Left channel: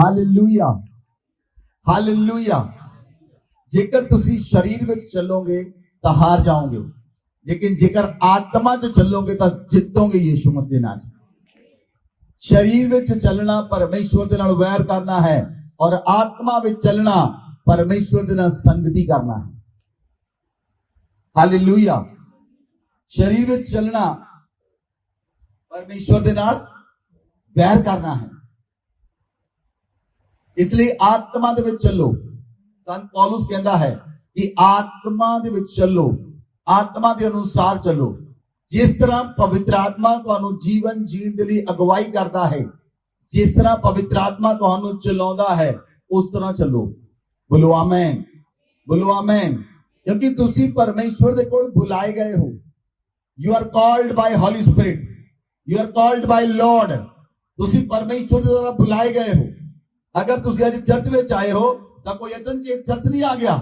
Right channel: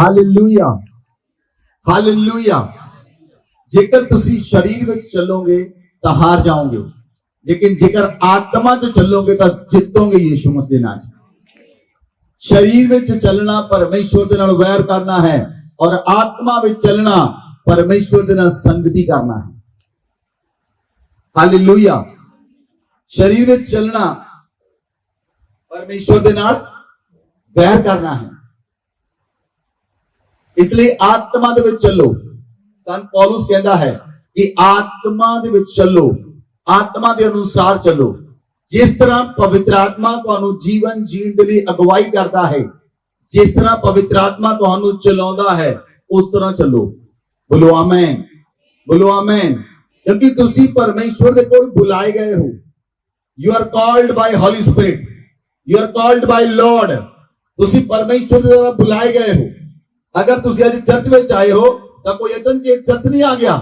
Hallelujah hallelujah. जेकर तुसी शरीर में चलोगे तो हार जाओगे, लेकिन जेकर आत्मा च चलोगे तो जितोगे यीशु मसीह दे नाल। शरीर में चलना परमेश्वर दे नाल वैर करना है, और आत्मा में चलना परमेश्वर दे नाल संगति करना है। हालेलुया। शरीर में चलना परमेश्वर दे नाल वैर करना है, इसलिए आत्मा दे विच चलो। संत पौलुस कहता है कि आत्मा दे विच चलो, आत्मा के अनुसार चलो। जिस तरह पवित्र आत्मा तुहानू जीवन जीण दे लई अगवाई करता है, जिस तरह पवित्र आत्मा तुहानू चलाउंदा है, उस तरह चलो। बोलो आमीन, बोलो आमीन। क्योंकि तुसी परमेश्वर दे कोल बुलाए गए हो। You are called by holy spirit, you are called by lord. तुसी परमेश्वर दे द्वारा बुलाए गए हो। अगर तुसी आज चर्च में आए हो तो कोई अचनचेत चर्च नहीं आ गया,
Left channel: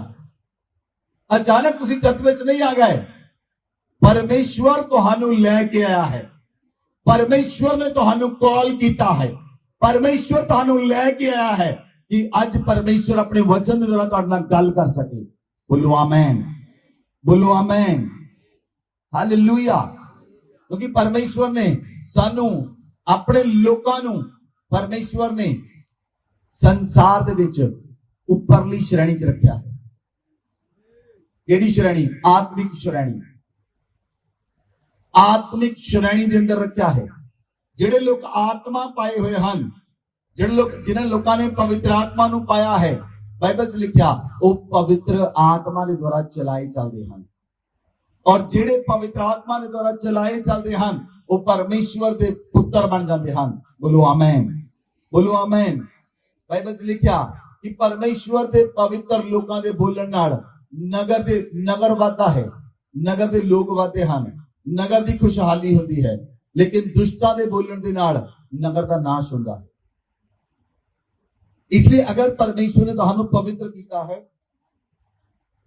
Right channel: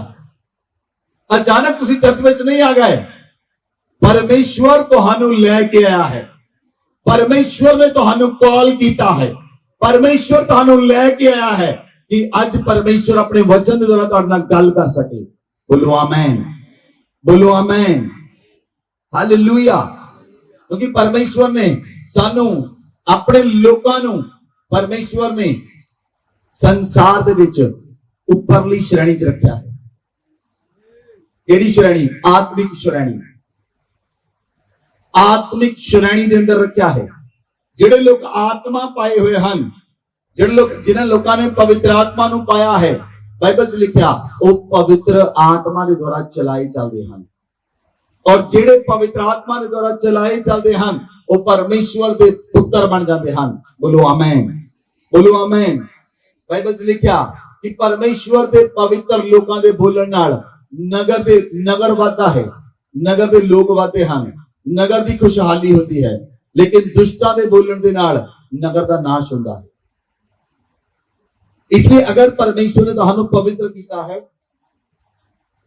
अचानक तुसी चर्च में नहीं आ गए। परमेश्वर तुहानू लेके आया है, परमेश्वर ने तुहानू कॉल कीता है, परमेश्वर तुहानू लेके आया है कि आज परमेश्वर अपने वचन के द्वारा तुहाडे नाल गल कर सके। बोलो आमीन, बोलो आमीन, हालेलुया। क्योंकि परमेश्वर ने सानू अपने लोकां नू परमेश्वर ने संसार दे विच उपरली श्रेणी च रखा है। केड़ी श्रेणी? आत्मिक श्रेणी। आत्मिक श्रेणी दे अंदर रखा है। जिहड़े लोग आत्मा पाए हुए हैं, जिहड़े लोग जिन्हां लोकां ने पवित्र आत्मा नू पाया है, बाइबल च लिखा वो पवित्र आत्मा के द्वारा चलाए चलते हैं। और जिहड़े पवित्र आत्मा के द्वारा चलाए चलते हैं वो परमेश्वर के पुत्र बन जाते हैं। बोलो आमीन, बोलो आमीन। बाइबल च लिखा कि परमेश्वर के पवित्र लोकां दे बोलण नाल नगर वादा है, नगर के लोग वादे हैं, नगर की खुशहाली होती है। लेकिन दुष्टां दे बोलण दे नाल नगर का नाश होता है। इसलिए अगर परमेश्वर ने तुहानू पवित्र किया है,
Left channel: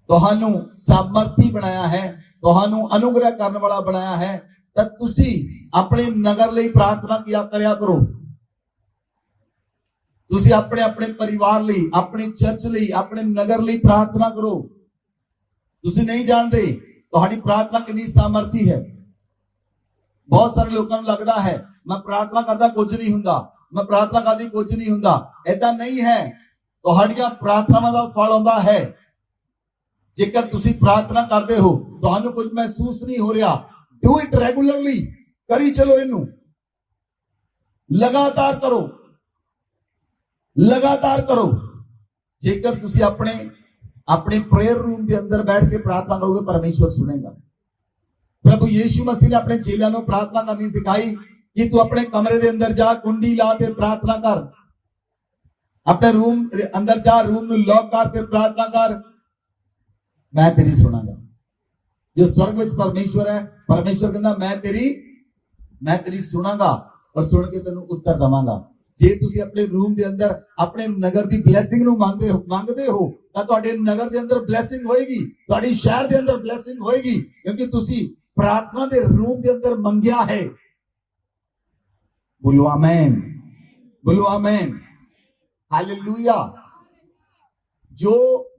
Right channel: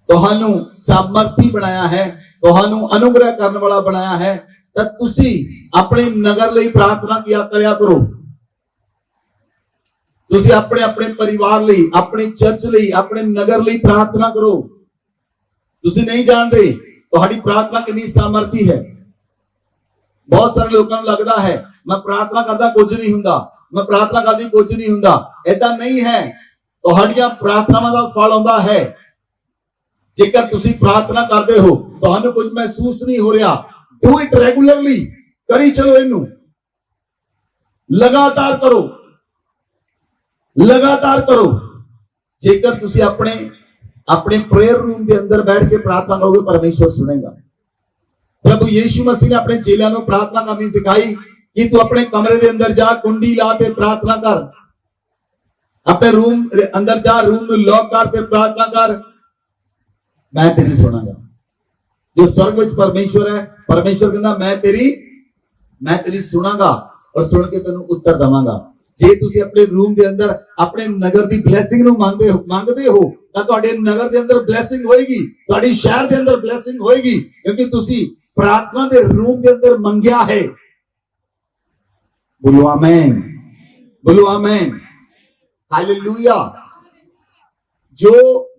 तुहानू सामर्थी बनाया है, तुहानू अनुग्रह करने वाला बनाया है, तो तुसी अपने नगर लई प्रार्थना किया करया करो। तुसी अपने अपने परिवार लई, अपने चर्च लई, अपने नगर लई प्रार्थना करो। तुसी नहीं जानते तुहाडी प्रार्थना कितनी सामर्थी है। बहुत सारे लोगों को लगता है मैं प्रार्थना करता कुछ नहीं हुंदा, मैं प्रार्थना करती कुछ नहीं हुंदा। ऐसा नहीं है। तुहाडियां प्रार्थनावां दा फल आउंदा है। जेकर तुसी प्रार्थना करते हो, तुहानू कुछ महसूस नहीं हो रहा, डू इट रेगुलरली, करी चलो, इनू लगातार करो, लगातार करो। जेकर तुसी अपने अपने प्रेयर रूम के अंदर बैठ के प्रार्थना करोगे, परमेश्वर सुनेगा। प्रभु यीशु मसीह ने अपने चेलियां को प्रार्थना करनी सिखाई कि तू अपने कमरे के अंदर जा, कुंडी ला के प्रार्थना कर, अपने रूम अंदर जा, रूम में लॉक करके प्रार्थना कर, मैं तेरी सुनागा। जो स्वर्ग विच परमेश्वर है, परमेश्वर कहता मैं तेरी सुनागा और सुन के तेनू उत्तर दवांगा। जे तुसी अपने रूम के अंदर अपने नगर की ब्लैसिंग नू मांगदे हो तां तुहाडे नगर के अंदर ब्लैसिंग होएगी, तुहाडी शहर के अंदर ब्लैसिंग होएगी, क्योंकि तुसी प्रार्थना के रूम के अंदर मंगया है। बोलो आमीन, बोलो आमीन, हालेलुया। जो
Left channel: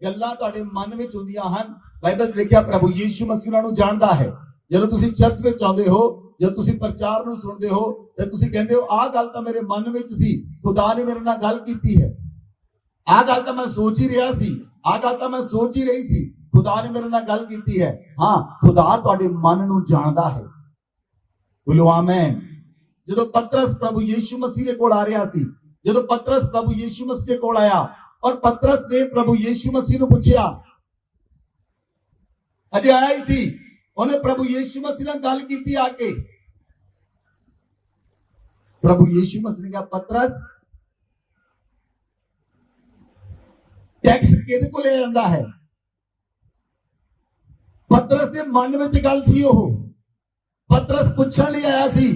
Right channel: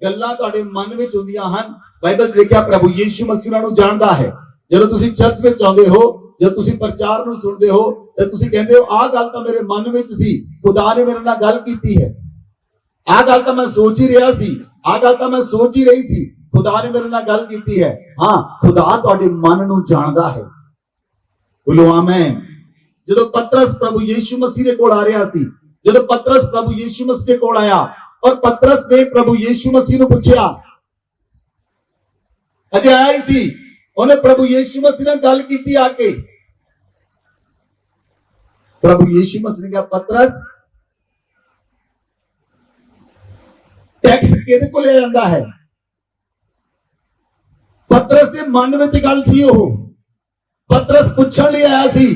गल्लां तुहाडे मन विच हुंदियां हन, बाइबल लिखिया प्रभु यीशु मसीह उन्हां नूं जाणदा है। जदों तुसी चर्च विच आउंदे हो, जब तुसी प्रचार नूं सुनदे हो, तो तुसी कहंदे हो आ गल तां मेरे मन विच सी, खुदा ने मेरे नाल गल कीती है। आ गल तां मैं सोच ही रहा सी, आ गल तां मैं सोच ही रही सी, खुदा ने मेरे नाल गल कीती है। हां, खुदा तुहाडे मन नूं जाणदा है। बोलो आमीन। जदों पतरस प्रभु यीशु मसीह दे कोल आ रहा सी, जदों पतरस प्रभु यीशु मसीह दे कोल आया और पतरस ने प्रभु यीशु मसीह नूं पुछया, अजे आया सी, उन्हें प्रभु यीशु मसीह ने गल कीती आके। प्रभु यीशु मसीह ने कहा पतरस टैक्स किहदे कोल आंदा है? पतरस के मन में गल सी, ओह पतरस पूछण लई आया सी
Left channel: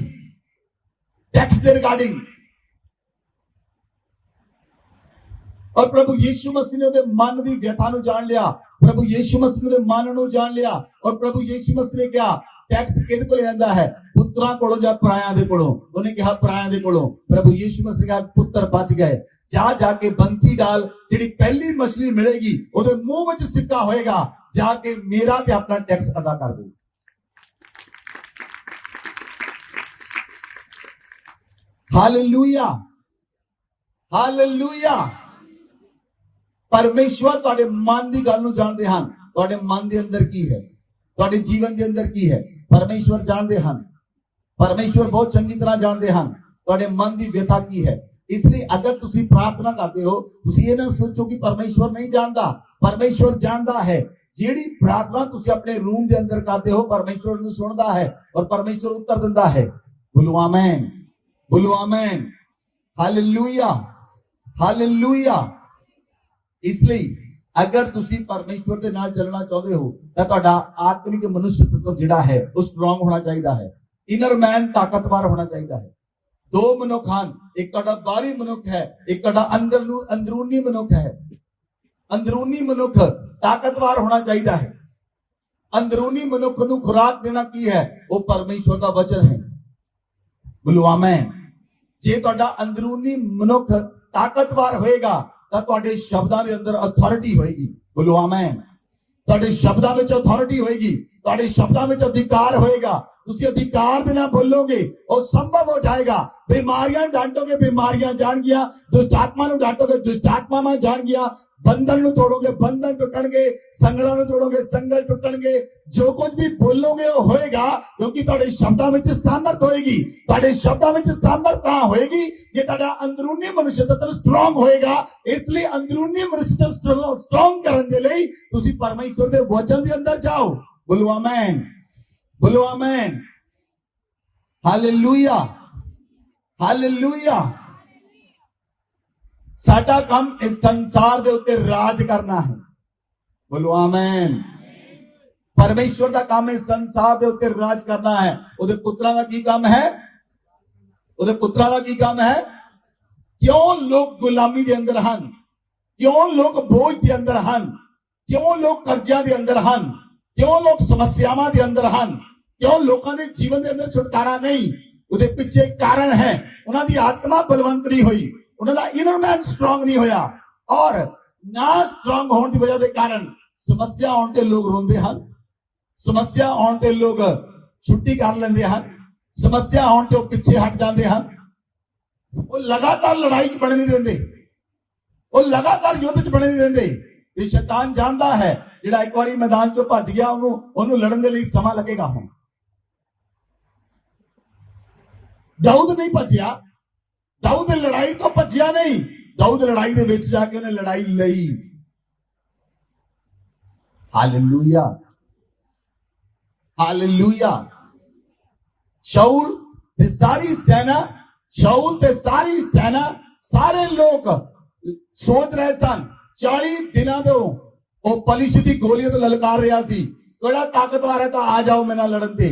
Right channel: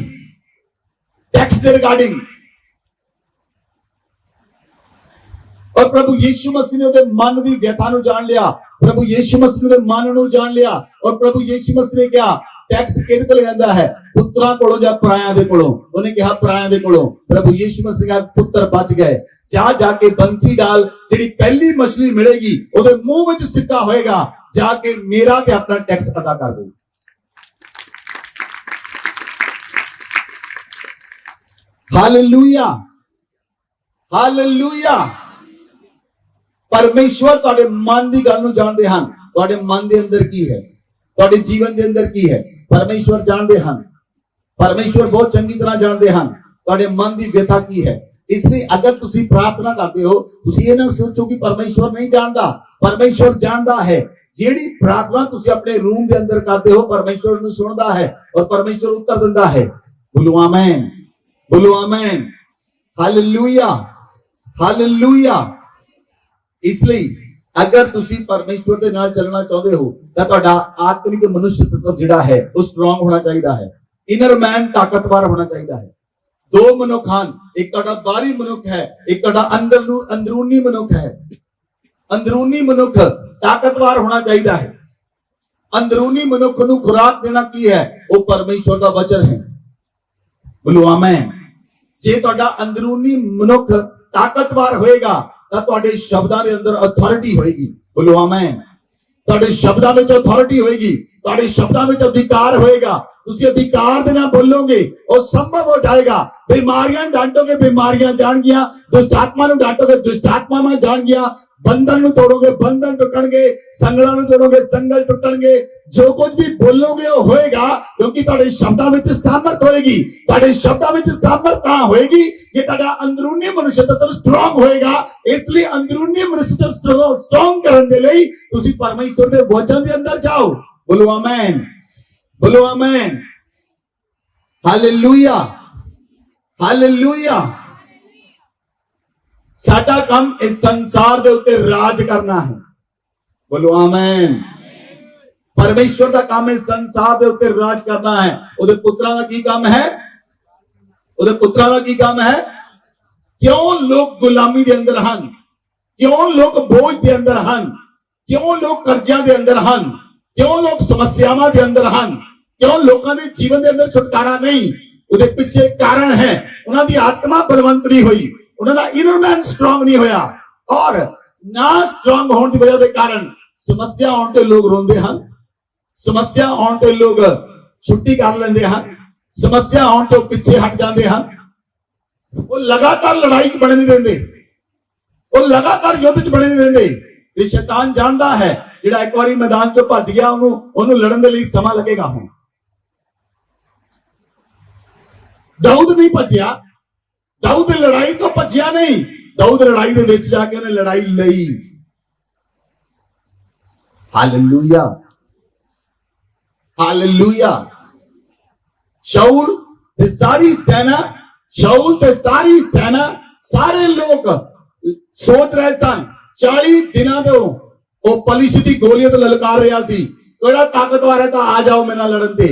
टैक्स के रिगार्डिंग। और प्रभु यीशु मसीह ने मन की व्यथा नूं जान लिया, प्रभु यीशु मसीह ने मन नूं जान लिया। और प्रभु यीशु मसीह ने कहा टैक्स किहदे कोल आंदा है? पुत्रां कोलों जां परायां दे कोलों? उन्हें कहा परायां दे कोलों। प्रभु यीशु मसीह ने कहा पुत्र बच गए। जा जाके बंसी डाल, जिहड़ी पहली मछली मिलेगी ਉਹਦੇ ਮੂੰਹ ਵਿੱਚ ਸਿੱਕਾ ਹੋਏਗਾ, जाके मेरा ते अपना टैक्स अदा कर दे। Hallelujah, hallelujah. परमेश्वर ਤੁਹਾਡੇ ਮਨ ਦੀ ਗੱਲ ਨੂੰ ਜਾਣਦੇ ਹਨ, ਤੁਹਾਡੇ ਮਨ ਦੇ ਅੰਦਰ ਕੀ ਹੈ, ਤੁਹਾਡੇ ਜੀਵਨ ਦੇ ਅੰਦਰ ਕੀ ਹੈ, परमेश्वर ਜਾਣਦੇ ਹਨ। परमेश्वर बहुत चंगी तरह जानते हैं ਤੁਹਾਡੇ मन की व्यथा की है। इसलिए अगर तुसी प्रार्थना करते हो, तुसी ये ना सोचो कि परमेश्वर नहीं जानता, परमेश्वर जानता है। जेड़ी प्रार्थना तुसी अपने रूम के अंदर करते हो, परमेश्वर उन्हें सुनता है और परमेश्वर उत्तर देता है। बोलो आमीन, बोलो आमीन, हालेलुया, हालेलुया। इसलिए अगर तुसी परमेश्वर के नाल चलना चाहते हो तो ਤੁਹਾਡਾ आत्मिक मनुष्य तत्व जिहड़ा है वो स्ट्रांग होना चाहिए है। इनर मैन ताकतवर होना चाहिए है। दो मनुख हैं, एक ਤੁਹਾਡਾ ਬਾਹਰੀ मनुख है, एक ਤੁਹਾਡਾ अंदरूनी मनुख है। अंदरूनी मनुख ताकतवर होना चाहिए है। अंदरूनी मनुख ਨੂੰ खुराक देना की है, वो परमेश्वर का वचन है। बोलो आमीन। जे ਤੁਹਾਡਾ अंदरूनी मनुख ताकतवर होएगा ਤਾਂ ਤੁਹਾਡੇ ਸ਼ਬਦਾਂ ਦੇ ਅੰਦਰ ਅਥਾਰਟੀ ਹੋਏਗੀ। बोलो आमीन। ਤੁਹਾਡੇ ਸ਼ਬਦਾਂ ਵਿੱਚ ਅਥਾਰਟੀ ਹੋਏਗੀ, ਤੁਹਾਡੇ ਸ਼ਬਦਾਂ ਵਿੱਚ ਅਧਿਕਾਰ ਹੋਏਗਾ। ਤੁਸੀਂ ਅਧਿਕਾਰ ਦੇ ਨਾਲ ਬੋਲੋਗੇ, ਉਹ ਸੰਭਵ ਹੋ ਜਾਏਗਾ। ਬਿਮਾਰੀਆਂ ਡਾਂਟੋਗੇ, ਬਿਮਾਰੀਆਂ ਜਾਣਗੀਆਂ। ਦੁਸ਼ਟ ਆਤਮਾ ਨੂੰ ਡਾਂਟੋਗੇ, ਦੁਸ਼ਟ ਆਤਮਾਵਾਂ ਜਾਣਗੀਆਂ। बंधन ਨੂੰ ਤੋੜੋਗੇ, बंधन ਟੁੱਟਣਗੇ। ਸੰਗਲਾਂ ਨੂੰ ਤੋੜੋਗੇ, ਸੰਗਲ ਟੁੱਟਣਗੇ। ਜੋ ਕੁਝ ਵੀ ਬੋਲੋਗੇ ਉਹ ਹੋਏਗਾ, ਕਿਉਂਕਿ ਤੁਹਾਡੇ ਸ਼ਬਦਾਂ ਵਿੱਚ ਸਾਮਰਥ ਹੋਏਗੀ। ਤੁਹਾਡੇ ਸ਼ਬਦਾਂ ਵਿੱਚ ਸਾਮਰਥ ਤਾਂ ਹੋਏਗੀ ਜੇ ਤੁਹਾਡਾ ਅੰਦਰੂਨੀ ਮਨੁੱਖ ਤੱਤ ਸਟਰੋਂਗ ਹੋਏਗਾ। ਇਸ ਲਈ ਅੰਦਰੂਨੀ ਮਨੁੱਖ ਤੱਤ ਸਟਰੋਂਗ ਕਰਨ ਦੇ ਲਈ ਤੁਸੀਂ ਪਰਮੇਸ਼ਰ ਦੇ ਵਚਨ ਦੇ ਅੰਦਰ ਜਾਓ। ਬੋਲੋ ਆਮੇਨ, ਬੋਲੋ ਆਮੇਨ, ਹਾਲੇਲੂਇਆ, ਹਾਲੇਲੂਇਆ। साडा काम इस संसार के उत्ते राज करना है। बोलो आमीन। परमेश्वर का काम इस संसार के उत्ते राज करना है। उहदे पुत्रां दा की काम है? उहदे पुत्रां दा की काम है? क्यों लोग गुलामी दे अंदर हन? क्यों लोग बोझ दे अंदर हन? क्यों लोग कर्जियां दे अंदर हन? क्यों लोग समस्यावां दे अंदर हन? क्यों लोगों के जीवन के अंदर छुटकारा नहीं? उहदे पीछे कारण है, उन्हां दी आत्मा बलवंत नहीं हुई, उन्होंने इनर मैन स्ट्रांग नहीं होया। और ना स्ट्रांग होने की वजह के कारण समस्या आने ते लोग रोंदे हैं, समस्या आने ते लोग छुट्टी कर लेंदे हैं, समस्या आने ते पीछे हट जाते हैं। वो लगातार लड़ाई च बने नहीं रहंदे, वो लगातार युद्ध च बने नहीं रहंदे। ये शैतान जानता है जिहड़ा एक बारी मैदान चों भज गया, ओनू लड़न दे लई समा लगेगा। हुण दाऊद नहीं भज्या, दाऊद लड़ाई तो भज्या नहीं, दाऊद लड़ाई दे विच जाके उन्हें लड़ाई लई। Hallelujah, hallelujah. शाऊल ते सारी सेना, शाऊल ते सारी सेना, सारे लोग सोच रहे सन 40 दिनों तो वो पलिश्ती दी गोलियां तो ललकार रहा सी, केड़ा ताकतवर है तो आ जाओ मेरे नाल लड़न ते।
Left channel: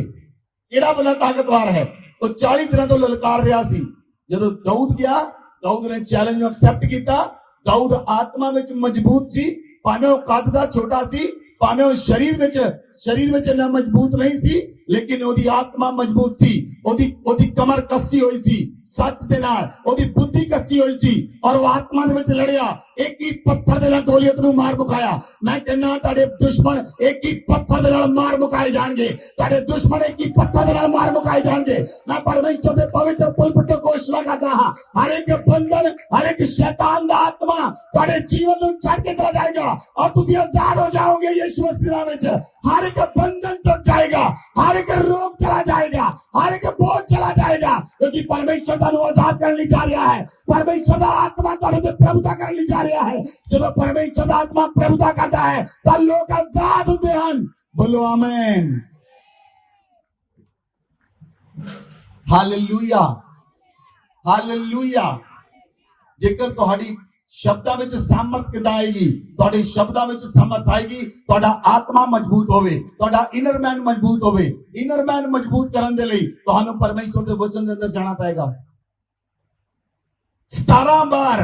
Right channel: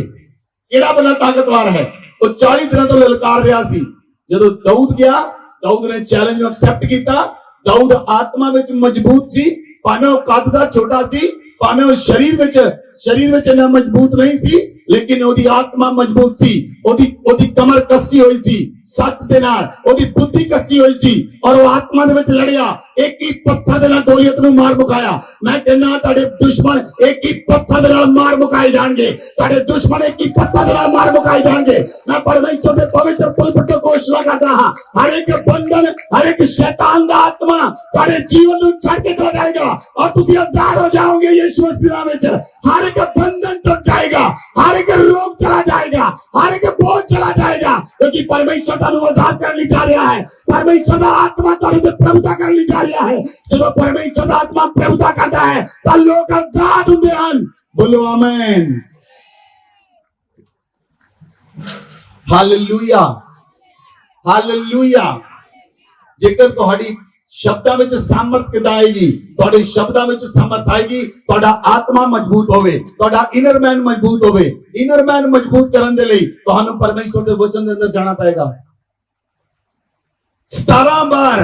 केड़ा बड़ा ताकतवर है? वो 40 दिनों तो ललकार रहा सी। ਜਦੋਂ दाऊद गया, दाऊद ने चैलेंज ਨੂੰ एक्सेप्ट ਕੀਤਾ। दाऊद आत्मा ਵਿੱਚ ਮਜ਼ਬੂਤ ਸੀ, ਭਾਵੇਂ ਉਹ ਕੱਦ ਦਾ ਛੋਟਾ ਸੀ, ਭਾਵੇਂ ਉਹ ਸਰੀਰ ਵਿੱਚ ਇੰਨਾ ਮਜ਼ਬੂਤ ਨਹੀਂ ਸੀ, लेकिन ओदी आत्मा मजबूत सी, ओदी कमर कसी हुई सी, सच दे नाल ओदी बुद्धि कसी हुई सी, और वो आत्मा दे विच लड़िया। एक ही पत्थर दे नाल गोलियत नूं मार मुकाया। मैं कहना तुहाडे दुश्मन एक ही पत्थर दे नाल मार मुकाए जाणगे, तुहाडे दुश्मन एक ही पत्थर दे नाल मार मुकाए जाणगे। मैं परमेश्वर दे पवित्र पुलपट तो घोषणा करदा हां, हर एक बंधन, हर एक शैतान दा आत्मा तुहाडे जीवन नूं छड़ के चला जाएगा और तुसीं आजाद हो जाओगे। यीशु मसीह नाम विच हर एक बंधन टूट जाएगा, हर एक रोग चला जाएगा, हर एक बोझ चला जाएगा, क्योंकि परमेश्वर तुहानू आजाद करने जा रहा है। परमेश्वर दा आत्मा तुहाडे ते प्रभुता करने जा रहा है। जब परमेश्वर दा आत्मा प्रभुता करता है तो लोग आजाद होते हैं। बोलो आमीन, हालेलुया, हालेलुया। जेकर तुहाडी शब्दां विच सामर्थ किदां आएगी, तुहाडे शब्दां विच सामर्थ आएगी, तुहाडा आत्मा मजबूत होवे, तुहाडा इनर मैन मजबूत होवे। इनर मैन मजबूत करन दे लई तुहानू परमेश्वर दे वचन दे अंदर जाना पएगा। 17 बार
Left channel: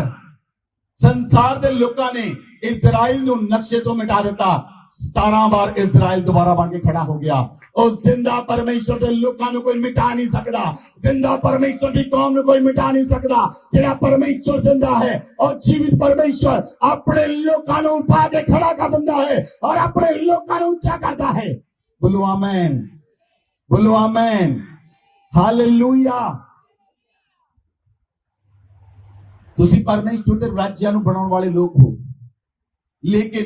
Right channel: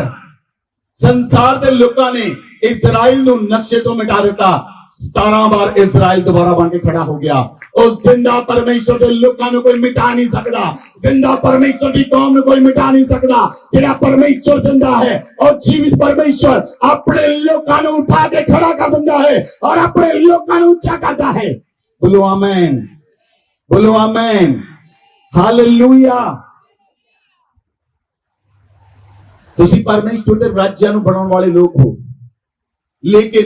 संसार दे लोकां ने इजराइल नू नक्शे तो मिटा दिता। 17 बार इजराइल दोबारा बन के खड़ा हो गया। उस जिंदा परमेश्वर के लोगों को कोई मिटा नहीं सकता, जिंदा परमेश्वर की कौम को कोई मिटा नहीं सकता। तेरा परमेश्वर जिंदा है और जीवित परमेश्वर अपने लोगों को उठा के खड़ा कर देता है और अपने लोगों को ऊंचा करता है। बोलो आमीन, बोलो आमीन, हालेलुया। ਤੁਸੀਂ ਪਰਮੇਸ਼ਵਰ ਦੇ ਰਾਜਿਆਂ ਨੂੰ ਬਣਾਉਣ ਵਾਲੇ ਲੋਕ ਹੋ, ਲੇਕਿਨ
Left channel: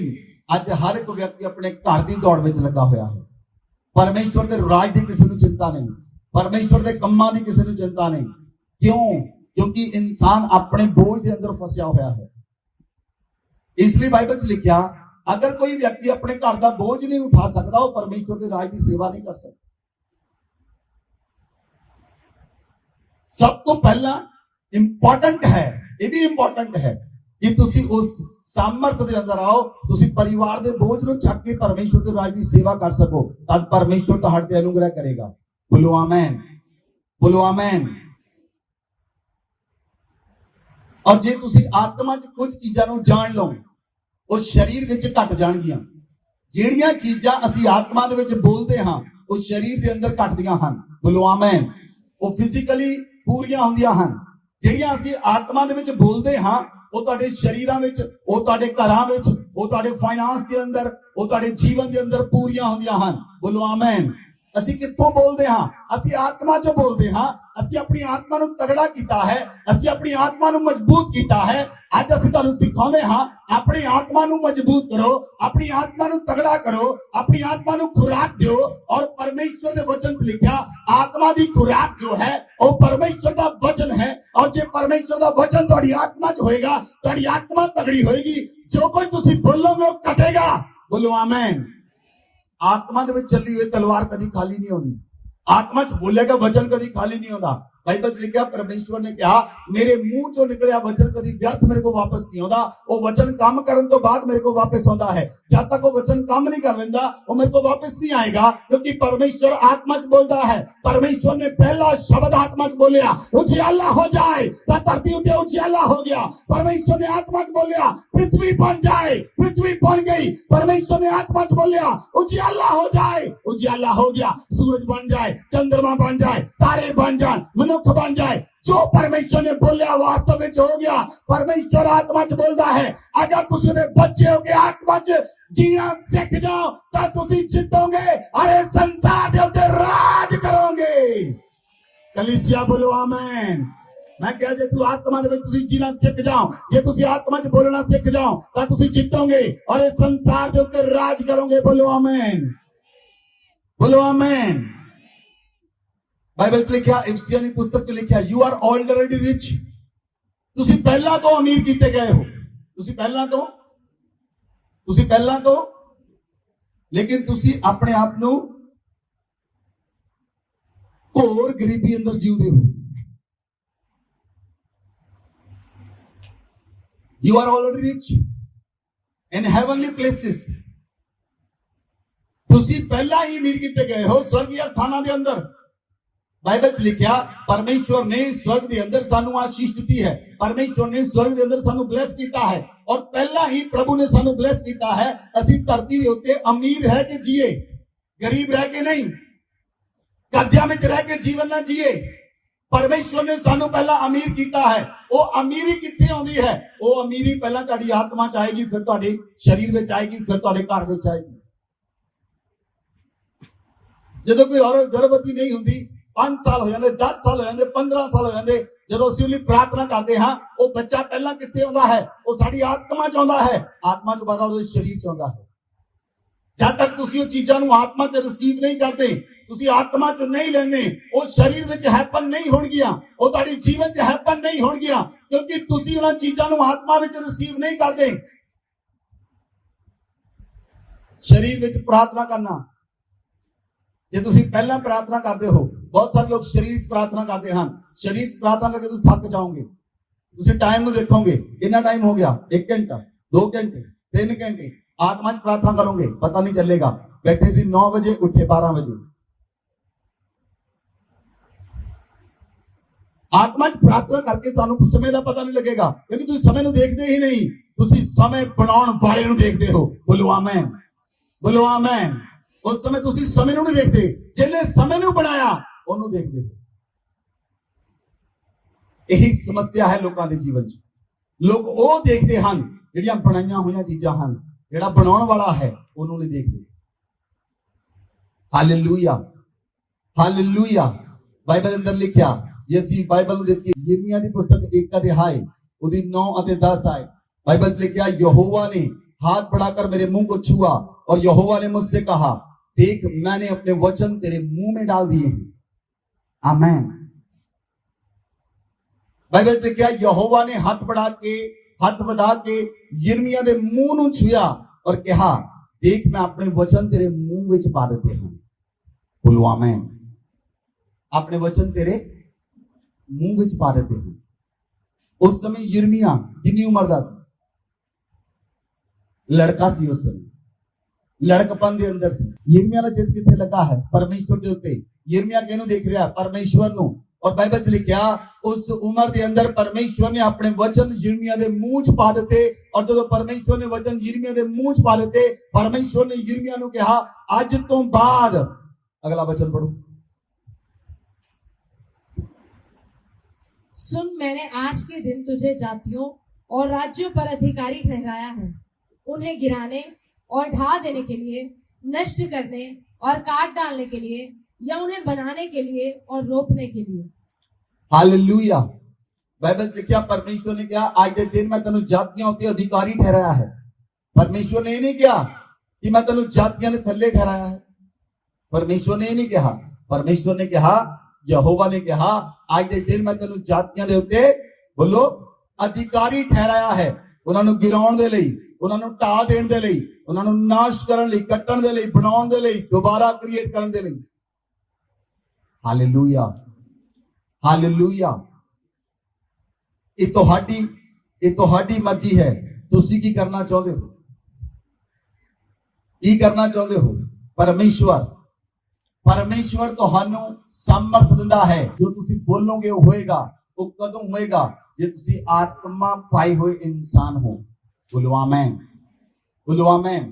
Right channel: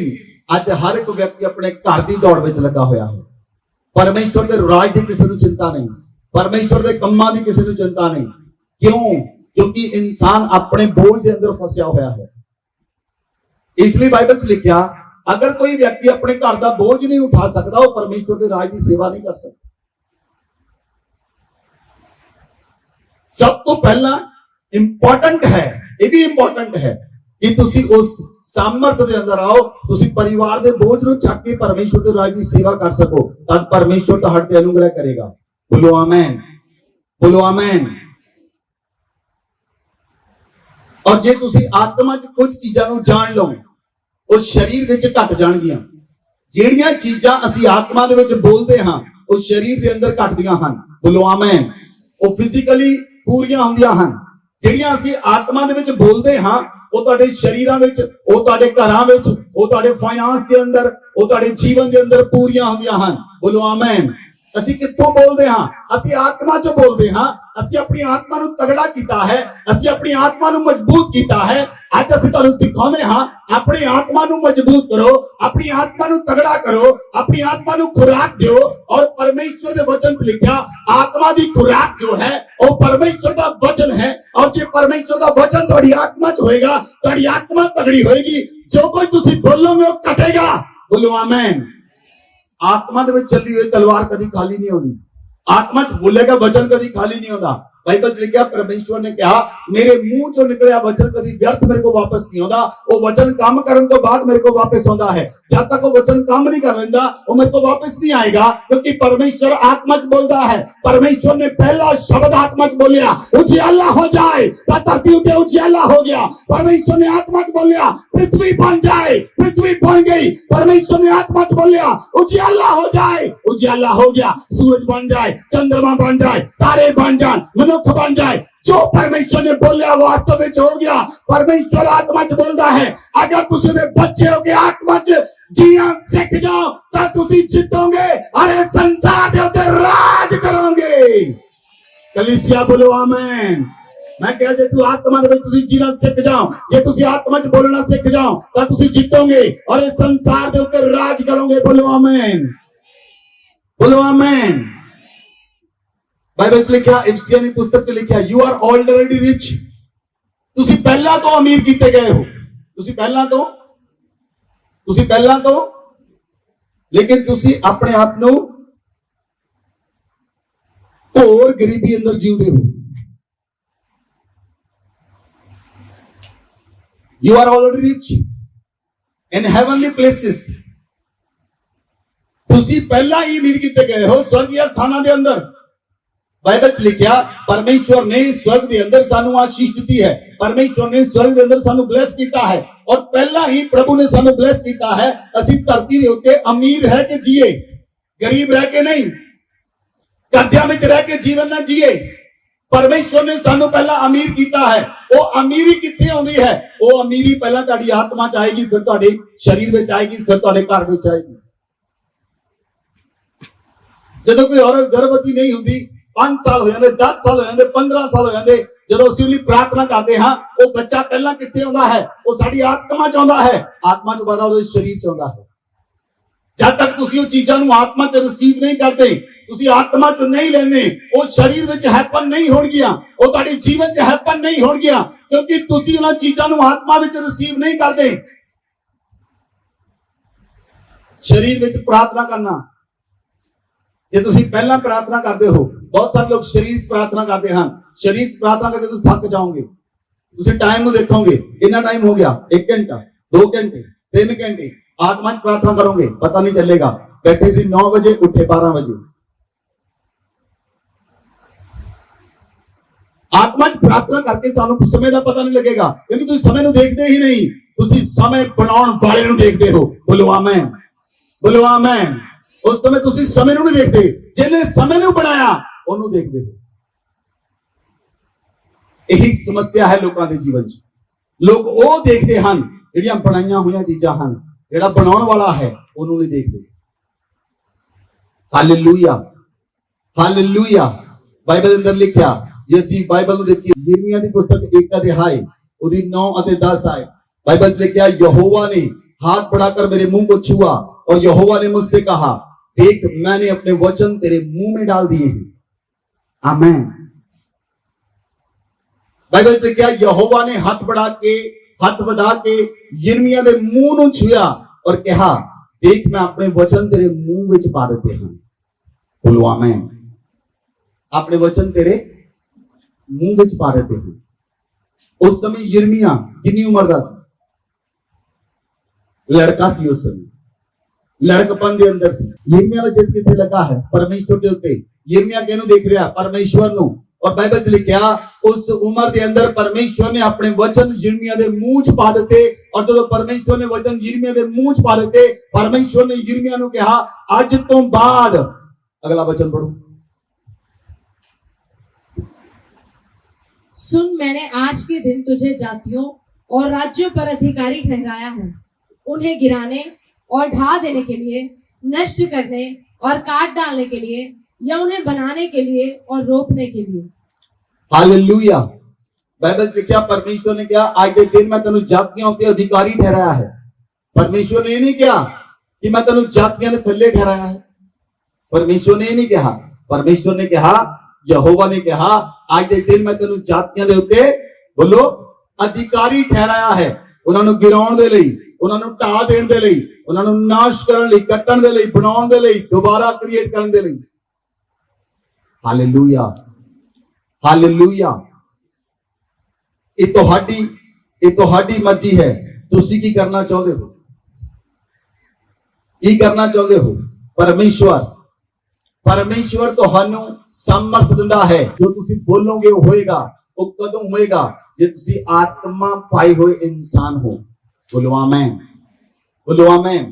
ਅੱਜ ਹਰ ਇੱਕ ਵਿਅਕਤੀ ਆਪਣੇ ਘਰ ਦੀ ਦੌੜ ਵਿੱਚ ਲੱਗਾ ਹੋਇਆ ਹੈ। ਪਰਮੇਸ਼ਵਰ ਦੇ ਰਾਜ ਦੀ ਕਿਸੇ ਨੂੰ ਚਿੰਤਾ ਨਹੀਂ, ਪਰਮੇਸ਼ਵਰ ਦੇ ਕੰਮਾਂ ਦੀ ਕਿਸੇ ਨੂੰ ਚਿੰਤਾ ਨਹੀਂ। ਕਿਉਂ? ਕਿਉਂਕਿ ਇਨਸਾਨ ਆਪਣੇ ਬੋਝ ਦੇ ਅੰਦਰ ਫਸਿਆ ਹੋਇਆ ਹੈ। ਇਸ ਲਈ ਬਾਈਬਲ 'ਚ ਲਿਖਿਆ, ਅਗਰ ਕੋਈ ਵਿਅਕਤੀ ਆਪਣੇ ਘਰ ਦਾ ਬੋਝ ਨਹੀਂ ਉਠਾ ਸਕਦਾ, ਉਹ ਪਰਮੇਸ਼ਵਰ ਦੇ ਰਾਜ ਦੀ ਸੇਵਾ ਨਹੀਂ ਕਰ ਸਕਦਾ। ਸਭ ਤੋਂ ਪਹਿਲਾਂ ਇੰਪੋਰਟੈਂਟ ਹੈ, ਇਹ ਵੀ ਇੰਪੋਰਟੈਂਟ ਹੈ ਕਿ ਤੁਸੀਂ ਉਸ ਸਾਮਰਥ ਦੇ ਅੰਦਰ ਆਓ, ਤੁਸੀਂ ਪਰਿਵਾਰ ਦੇ ਬੋਝ ਨੂੰ ਚੱਕ ਕੇ ਪਰਮੇਸ਼ਵਰ ਦੇ ਰਾਜ ਦੀ ਸੇਵਾ ਕਰ ਸਕੋ, ਤਾਂ ਪਰਮੇਸ਼ਵਰ ਤੁਹਾਡੇ ਤੇ ਅਨੁਗ੍ਰਹ ਕਰੇਗਾ। ਬੋਲੋ ਆਮੇਨ, ਬੋਲੋ ਆਮੇਨ। ਔਰ ਜੇ ਤੁਸੀਂ ਆਤਮਾ 'ਚ ਕੁਝ ਚੀਜ਼ਾਂ ਨੂੰ ਜਾਣ ਲਓ, ਉਹ ਸਰੀਰ ਵਿੱਚ ਘਟ ਜਾਣਗੀਆਂ। ਜਿਹੜੀਆਂ ਚੀਜ਼ਾਂ ਅਸੀਂ ਆਤਮਾ ਦੇ ਵਿੱਚ ਬੋਲਦੇ ਹਾਂ, ਉਹ ਸਰੀਰ ਦੇ ਅੰਦਰ ਘਟਦੀਆਂ ਹਨ। ਬੋਲੋ ਆਮੇਨ। ਉਹ ਫਿਜ਼ੀਕਲੀ ਪੂਰੀਆਂ ਹੁੰਦੀਆਂ ਹਨ। ਜਿਹੜੀਆਂ ਅਸੀਂ ਆਤਮਾ ਦੇ ਵਿੱਚ ਬੋਲਦੇ ਹਾਂ, ਉਹ ਤੁਹਾਡੇ ਸ਼ਰੀਰਾਂ ਵਿੱਚ, ਉਹ ਤੁਹਾਡੇ ਘਰਾਂ ਵਿੱਚ, ਉਹ ਤੁਹਾਡੇ ਫਾਈਨਾਂਸ ਦੇ ਅੰਦਰ, ਉਹ ਤੁਹਾਡੇ ਜੀਵਨ ਦੇ ਅੰਦਰ ਪੂਰੀਆਂ ਹੁੰਦੀਆਂ ਹਨ। ਬੋਲੋ ਆਮੇਨ। ਅਸੀਂ ਕਿੱਥੋਂ ਬੋਲਦੇ ਹਾਂ? ਅਸੀਂ ਆਤਮਾ 'ਚੋਂ ਬੋਲਦੇ ਹਾਂ। ਅਸੀਂ ਆਪਣੀ ਆਤਮਾ ਨੂੰ ਤਗੜਾ ਕੀਤਾ ਹੈ, ਅਸੀਂ ਆਪਣੀ ਆਤਮਾ ਨੂੰ ਮਜ਼ਬੂਤ ਕੀਤਾ ਹੈ। ਅੱਜ ਅਸੀਂ ਤੁਹਾਨੂੰ ਸਿਖਾਉਂਦੇ ਹਾਂ, ਆਪਣੀ ਆਤਮਾ ਨੂੰ ਮਜ਼ਬੂਤ ਕਰੋ, ਆਪਣੀ ਆਤਮਾ ਨੂੰ ਤਗੜਾ ਕਰੋ, ਆਪਣੀ ਆਤਮਾ ਨੂੰ ਖੁਰਾਕ ਦਿਓ। ਔਰ ਪਰਮੇਸ਼ਵਰ ਦੇ ਵਚਨ 'ਚ ਲਿਖਿਆ, ਆਤਮਾ ਦੀ ਖੁਰਾਕ ਜੋ ਹੈ ਉਹ ਪਰਮੇਸ਼ਵਰ ਦਾ ਵਚਨ ਹੈ। ਔਰ ਜੇ ਪਰਮੇਸ਼ਵਰ ਦਾ ਵਚਨ ਤੁਹਾਡੀ ਆਤਮਾ 'ਚ ਹੋਏਗਾ, ਤੁਹਾਡੀ ਆਤਮਾ ਤਗੜੀ ਹੋਏਗੀ। ਜੋ ਕੋਈ ਤੁਸੀਂ ਬੋਲੋਗੇ ਉਹ ਕਟੇਗਾ। ਬੋਲੋ ਆਮੇਨ। ਆਤਮਾ ਦੇ ਵਿੱਚ ਚੱਲੀ ਹੋਈ ਤਲਵਾਰ ਕਦੀ ਖਾਲੀ ਨਹੀਂ ਹੁੰਦੀ। ਆਤਮਾ 'ਚ ਬੋਲੇਗਾ ਵਚਨ ਕਦੀ ਖਾਲੀ ਨਹੀਂ ਹੁੰਦਾ। बाइबल से लिखा, परमेश्वर ने कहा, मेरे मुंह चो निकलिया वचन कभी व्यर्थ मेरे को वापस नहीं होता। वो वचन काम करने तो बाद मेरे को वापस होता है। जब तक वो वचन काम नहीं कर लेता, वो मेरे को वापस नहीं आएगा, क्योंकि परमेश्वर आत्मा च बोलता है। परमेश्वर ने पहला शब्द आत्मा च बोलिया, उजियाला हो जाए, धरती उते उजियाला हो गया। परमेश्वर ने आत्मा च बोलिया, पृथ्वी बन जाए, पृथ्वी बन गई। परमेश्वर ने आत्मा च बोलिया, उजियाला हो जाए, उजियाला हो गया। सूरज बन जाए, चंद्रमा बन जाए, तारे बन जाए, मनुष्य बन जाए। जो परमेश्वर ने बोलिया वास्तव में हो गया। परमेश्वर आत्मा च बोलता है, अगर तुसी दे बच्चे हो के आत्मा च जीना सीख जाओ तो तुसी जीतोगे, अरे संसार दे उत्ते राज करोगे। कलीसिया बोलो आमीन। मैं कह, जे तू आत्मा दे तुसी जीना सीख जाओ, जे तुसी आत्मा च बोलना सीख जाओ तो तुसी जीतोगे और इस संसार दे उत्ते राज करोगे। बोलो आमीन, बोलो आमीन। बाइबल च लिखा, इफिसियों की पुस्तक च लिखा, यू आर ऑलरेडी रिच। तुसी पहला तो अमीर कीते गए हो, तुसी पहला तो, लेकिन तुसी अपने आप ਨੂੰ ਘੋਰ ਗਰੀਬੀ ਅੰਦਰ ਜੀਉਂਦੇ ਹੋ। You are already rich in heavenly places। तुसी पहला ही अमीर कीते गए हो स्वर्गीय स्थानां ਦੇ ਅੰਦਰ। बाइबल च लिखा, परमेश्वर ने स्वर्ग के अंदर सानू आशीष दी है। परमेश्वर ने स्वर्ग के अंदर सानू ब्लेस किया है और पहला ही प्रभु ने सानू ब्लेस किया है। असी धरती के उत्ते अमीर रह के जिए, गरीब रह के नहीं, कर्जा में रह के जीवन ना जिए। परमेश्वर ने सानू पहला अमीर किया है। वो अमीरी कित्थे आउंदी है? वो अमीरी पहला तुहाडी आत्मा च आएगी, फिर तुहाडे शरीर विच आएगी, फिर तुहाडे घर विच आएगी। जदों कोई औरत गर्भवती नहीं हुंदी, 5 साल हो जाते, 10 साल हो जाते, 15 साल हो जाते, ਜਦੋਂ ਅਸੀਂ ਉਹਦੀ ਪ੍ਰਾਰਥਨਾ ਕਰਦੇ ਹਾਂ, ਉਹ ਬੱਚਾ ਪਹਿਲਾਂ ਕਿੱਥੇ ਆਉਂਦਾ ਹੈ? ਉਹ ਸਾਡੀ ਆਤਮਾ ਚ ਆਉਂਦਾ ਹੈ। ਆਤਮਾ ਤੋਂ ਬਾਅਦ ਉਹਦੇ ਸਰੀਰ ਚ ਆਉਂਦਾ ਹੈ। ਜਦ ਤੱਕ ਤੁਸੀਂ ਉਹ ਚੀਜ਼ਾਂ ਨੂੰ ਆਤਮਾ ਚ ਰਿਸੀਵ ਨਹੀਂ ਕਰਦੇ, ਤੁਸੀਂ ਆਤਮਾ ਚ ਨਹੀਂ ਲੈਂਦੇ, ਉਹ ਸਰੀਰ ਵਿੱਚ ਹੈਪਨ ਨਹੀਂ ਹੋਣਗੀਆਂ, ਉਹ ਤੁਹਾਡੇ ਜੀਵਨ ਚ ਹੈਪਨ ਨਹੀਂ ਹੋਣਗੀਆਂ, ਕਿਉਂਕਿ ਤੁਸੀਂ ਉਹਨਾਂ ਚੀਜ਼ਾਂ ਨੂੰ ਆਤਮਾ ਵਿੱਚ ਰਿਸੀਵ ਨਹੀਂ ਕਰਦੇ। ਸਰੀਰ ਵਿੱਚ ਪ੍ਰਾਰਥਨਾ ਕਰਨਾ, ਜੇ ਤੁਸੀਂ ਪਹਿਲਾਂ ਪ੍ਰਾਰਥਨਾ ਕਰਦੇ ਹੋ, ਬਹੁਤ ਸਾਰੇ ਲੋਕ ਸਰੀਰ 'ਚ ਪ੍ਰਾਰਥਨਾ ਕਰਦੇ ਹਨ। ਸਰੀਰ 'ਚ ਪ੍ਰਾਰਥਨਾ ਕਰਕੇ ਤੁਸੀਂ ਥੱਕ ਜਾਓਗੇ। ਤੁਸੀਂ ਟਾਈਮ ਨੂੰ ਦੇਖੋਗੇ, ਇੰਨਾ ਟਾਈਮ ਹੋ ਗਿਆ, 1 ਘੰਟਾ, 2 ਘੰਟੇ, 3 ਘੰਟੇ। आत्मा च प्रार्थना करोगे, पता नहीं चलेगा। बैठे सी 9 बजे, उठे 12 बजे। आत्मा च प्रार्थना करके सानू समय का पता नहीं लगेगा, क्योंकि तुम समय को देखते ही नहीं, तुम समय बनाने वाले को देखते हो। बोलो आमीन, बोलो आमेन। उस समय तुसी समय ਨੂੰ ਨਹੀਂ ਦੇਖਦੇ, ਜਿਹਨੇ ਸਮੇਂ ਨੂੰ ਬਣਾਇਆ ਉਹਨੂੰ ਦੇਖਦੇ ਹੋ। ਇਹੀ ਸਮੱਸਿਆ ਹੈ ਲੋਕਾਂ ਦੇ ਜੀਵਨ 'ਚ। ਲੋਕ ਉਹ ਦੇਖਦੇ ਹਨ ਜਿਹੜੀਆਂ ਬਣਾਈਆਂ ਹੋਈਆਂ ਚੀਜ਼ਾਂ ਹਨ, ਜਿਹੜਾ ਬਣਾਉਣ ਵਾਲਾ ਹੈ ਉਹਨੂੰ ਨਹੀਂ ਦੇਖਦੇ। Hallelujah, hallelujah. ਬਾਈਬਲ ਦੇ ਅੰਦਰ ਲਿਖਿਆ, ਜੇ ਅਸੀਂ ਬਾਈਬਲ ਨੂੰ ਦੇਖੀਏ, ਯਿਰਮੀਆ ਦੀ ਪੁਸਤਕ 1 ਅਧਿਆਇ ਉਹਦੀ 9 ਅਤੇ 10 ਆਏ, बाइबल में लिखा, यहोवा ने हाथ बढ़ाकर मेरे मुंह को छुआ और यहोवा ने मुझसे कहा, देख मैंने अपने वचन तेरे मुंह में डाल दिए हैं। आमीन। बाइबल में लिखा, यहोवा ने हाथ बढ़ा के यिर्मयाह के मुंह ਨੂੰ छुआ और कहा, देख मैं अपने वचन तेरे मुंह ਵਿੱਚ ਪਾ ਦਿੱਤੇ ਹਨ। बोलो आमीन। अपने वचन तेरे मुंह ਵਿੱਚ ਪਾ ਦਿੱਤੇ ਹਨ। उस समय यिर्मयाह कितनी उम्र ਦਾ ਸੀ? लड़का सी उस समय, लड़कपन के अंदर सी। यिर्मयाह ਦਾ ਚਿੱਤ ਕਿੱਥੇ ਲੱਗਾ ਹੈ? परमेश्वर के ਉੱਤੇ। यिर्मयाह ਕਿਹਨੂੰ ਦੇਖ ਰਿਹਾ? परमेश्वर ਨੂੰ। और बाइबल ਚ ਲਿਖਿਆ, उस उम्र के अंदर परमेश्वर ने अपने वचन यिर्मयाह ਦੇ ਮੂੰਹ ਚ ਪਾ ਦਿੱਤੇ। और ਜਦੋਂ परमेश्वर ने वचन यिर्मयाह ਦੇ ਮੂੰਹ ਚ ਪਾ ਦਿੱਤੇ, परमेश्वर ने यिर्मयाह ਨੂੰ ਕਿਹਾ, ਅੱਜ ਤੋਂ ਬਾਅਦ, अगला वचन पढ़ो। सुन, मैंने आज के दिन तुझे जातियों और राज्यों पर अधिकारी ठहराया है, उन्हें गिराने और ढा देने के लिए, नष्ट करने और काट डालने के लिए, या उन्हें बनाने के लिए और रोपने के लिए। हालेलुया। बाइबल में क्या परमेश्वर ने क्या, आज के दिन में तेनु जातियों के अधिकारी ठहराया है। परमेश्वर ने नहीं कहा कि मैं तेनु जातियों के थल्ले ठहराया है। परमेश्वर ने नहीं कहा। परमेश्वर ने कहा, यहोवा ने कहा, आज के दिन में तेनु जातियों के उत्ते बोलो अधिकारी ठहराया है। उन्होंने गिराउण दे लई, उन्होंने ढा देण दे लई, उन्होंने नाश करन लई, कट्टण दे लई, बनाउण दे लई, दोबारा क्रिएट करन दे लई। Hallelujah, hallelujah. ये ਤੁਹਾਡੀ ਮਰਜ਼ੀ है। ਤੁਸੀਂ ਕੀ ਕਰਨਾ ਚਾਹੁੰਦੇ ਹੋ? ਕੀ ਕਰਨਾ ਚਾਹੁੰਦੇ ਹੋ? परमेश्वर ਤੁਹਾਨੂੰ ਸਮਰਥ ਦਿੰਦਾ ਹੈ। ਜੋ ਤੁਸੀਂ ਬੋਲੋਗੇ ਉਹ ਹੋਏਗਾ। ਉਹ ਕਦੋਂ ਹੋਏਗਾ? ਜੇ ਤੁਸੀਂ ਆਤਮਾ ਪਾਈ ਹੋਏ ਇਨਸਾਨ ਹੋ। बोलो आमीन, बोलो आमीन।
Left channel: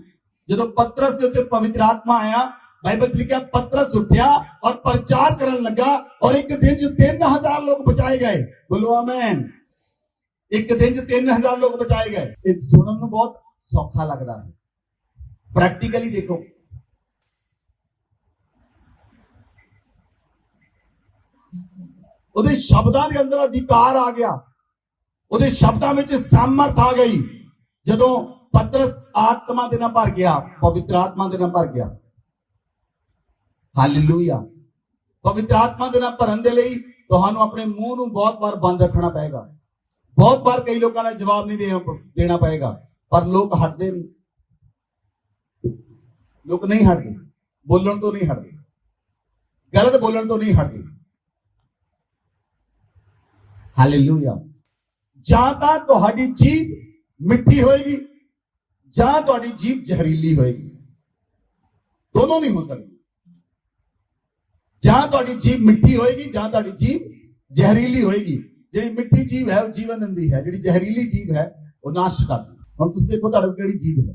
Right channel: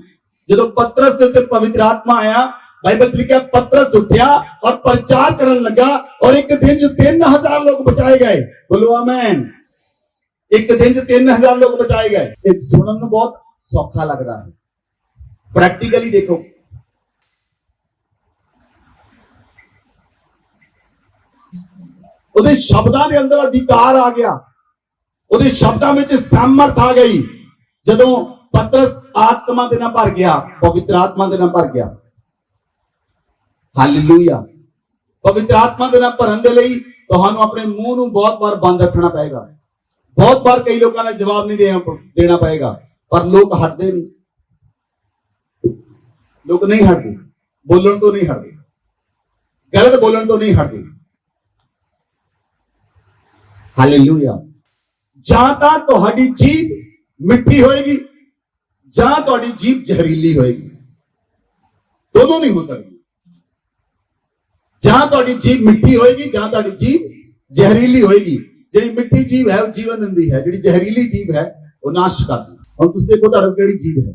ਜਦੋਂ ਪਤਰਸ ਦੇ ਉੱਤੇ ਪਵਿੱਤਰ ਆਤਮਾ ਆਇਆ, ਬਾਈਬਲ ਚ ਲਿਖਿਆ, ਪਤਰਸ ਉੱਠਿਆ और प्रचार ਕਰਨ ਲੱਗਾ और एक दिन ਚ 3000 लोग बचाए गए। बोलो आमीन। एक दिन ਚ 3000 लोग बचाए गए। ਇਹ ਸੁਣਨ ਨੂੰ ਬਹੁਤ ਸੌਖਾ ਲੱਗਦਾ ਹੈ। ਪ੍ਰੈਕਟੀਕਲੀ ਦੇਖੋ, ਉਹਦੇ ਸ਼ਬਦਾਂ ਦੇ ਅੰਦਰ ਅਧਿਕਾਰ ਆ ਗਿਆ, ਉਹਦੇ ਸ਼ਬਦਾਂ ਵਿੱਚ ਸਮਰਥ ਆ ਗਈ। ਜਦੋਂ ਪਤਰਸ ਆਤਮਾ ਦੇ ਨਾਲ ਭਰ ਗਿਆ, ਪਵਿੱਤਰ ਆਤਮਾ ਦੇ ਨਾਲ ਭਰ ਗਿਆ। ਹਾਲੇਲੂਇਆ। ਪਵਿੱਤਰ ਆਤਮਾ ਦੇ ਨਾਲ ਭਰਨ ਦੇ ਲਈ ਤੁਹਾਨੂੰ ਆਪਣੇ ਮੂੰਹ ਨੂੰ ਬਹੁਤ ਵਾਰ ਬੰਦ ਰੱਖਣਾ ਪਏਗਾ। ਬਹੁਤ ਵਾਰ ਕਈ ਲੋਕਾਂ ਨੇ ਜਵਾਬ ਨਹੀਂ ਦੇਣਾ ਪਏਗਾ, ਪਰ ਲੋਕ ਹਟਦੇ ਨਹੀਂ। ਲੋਕ ਨਹੀਂ ਹਟਦੇ, ਬੋਲਣ ਤੋਂ ਨਹੀਂ ਹਟਦੇ, ਗਲਤ ਬੋਲਣ ਤੋਂ ਨਹੀਂ ਹਟਦੇ। ਹਾਲੇਲੂਇਆ। ਜਾਂ ਤਾਂ ਤੁਹਾਡੀ ਜੀਭ ਮਿੱਠੀ ਹੋਏਗੀ ਜਾਂ ਤੁਹਾਡੀ ਜੀਭ ਜ਼ਹਿਰੀਲੀ ਹੋਏਗੀ। ਦੋਨੋਂ ਨਹੀਂ ਹੋ ਸਕਦੀ। ਜਾਂ ਤੁਹਾਡੀ ਜੀਭ ਮਿੱਠੀ ਹੋਏਗੀ ਜਾਂ ਤੁਹਾਡੀ ਜੀਭ ਜ਼ਹਿਰੀਲੀ ਹੋਏਗੀ। ਜਿਹੜੀ ਮਿੱਠੀ ਜੀਭ ਹੈ ਉਹ ਜੀਵਨ ਦਿੰਦੀ ਹੈ, ਜਿਹੜੀ ਜ਼ਹਿਰੀਲੀ ਜੀਭ ਹੈ ਉਹ ਨਾਸ਼ ਕਰਦੀ ਹੈ। ਹੁਣ ਤੁਸੀਂ ਦੇਖੋ ਤੁਹਾਡੀ ਕਿਹੜੀ ਜੀਭ ਹੈ।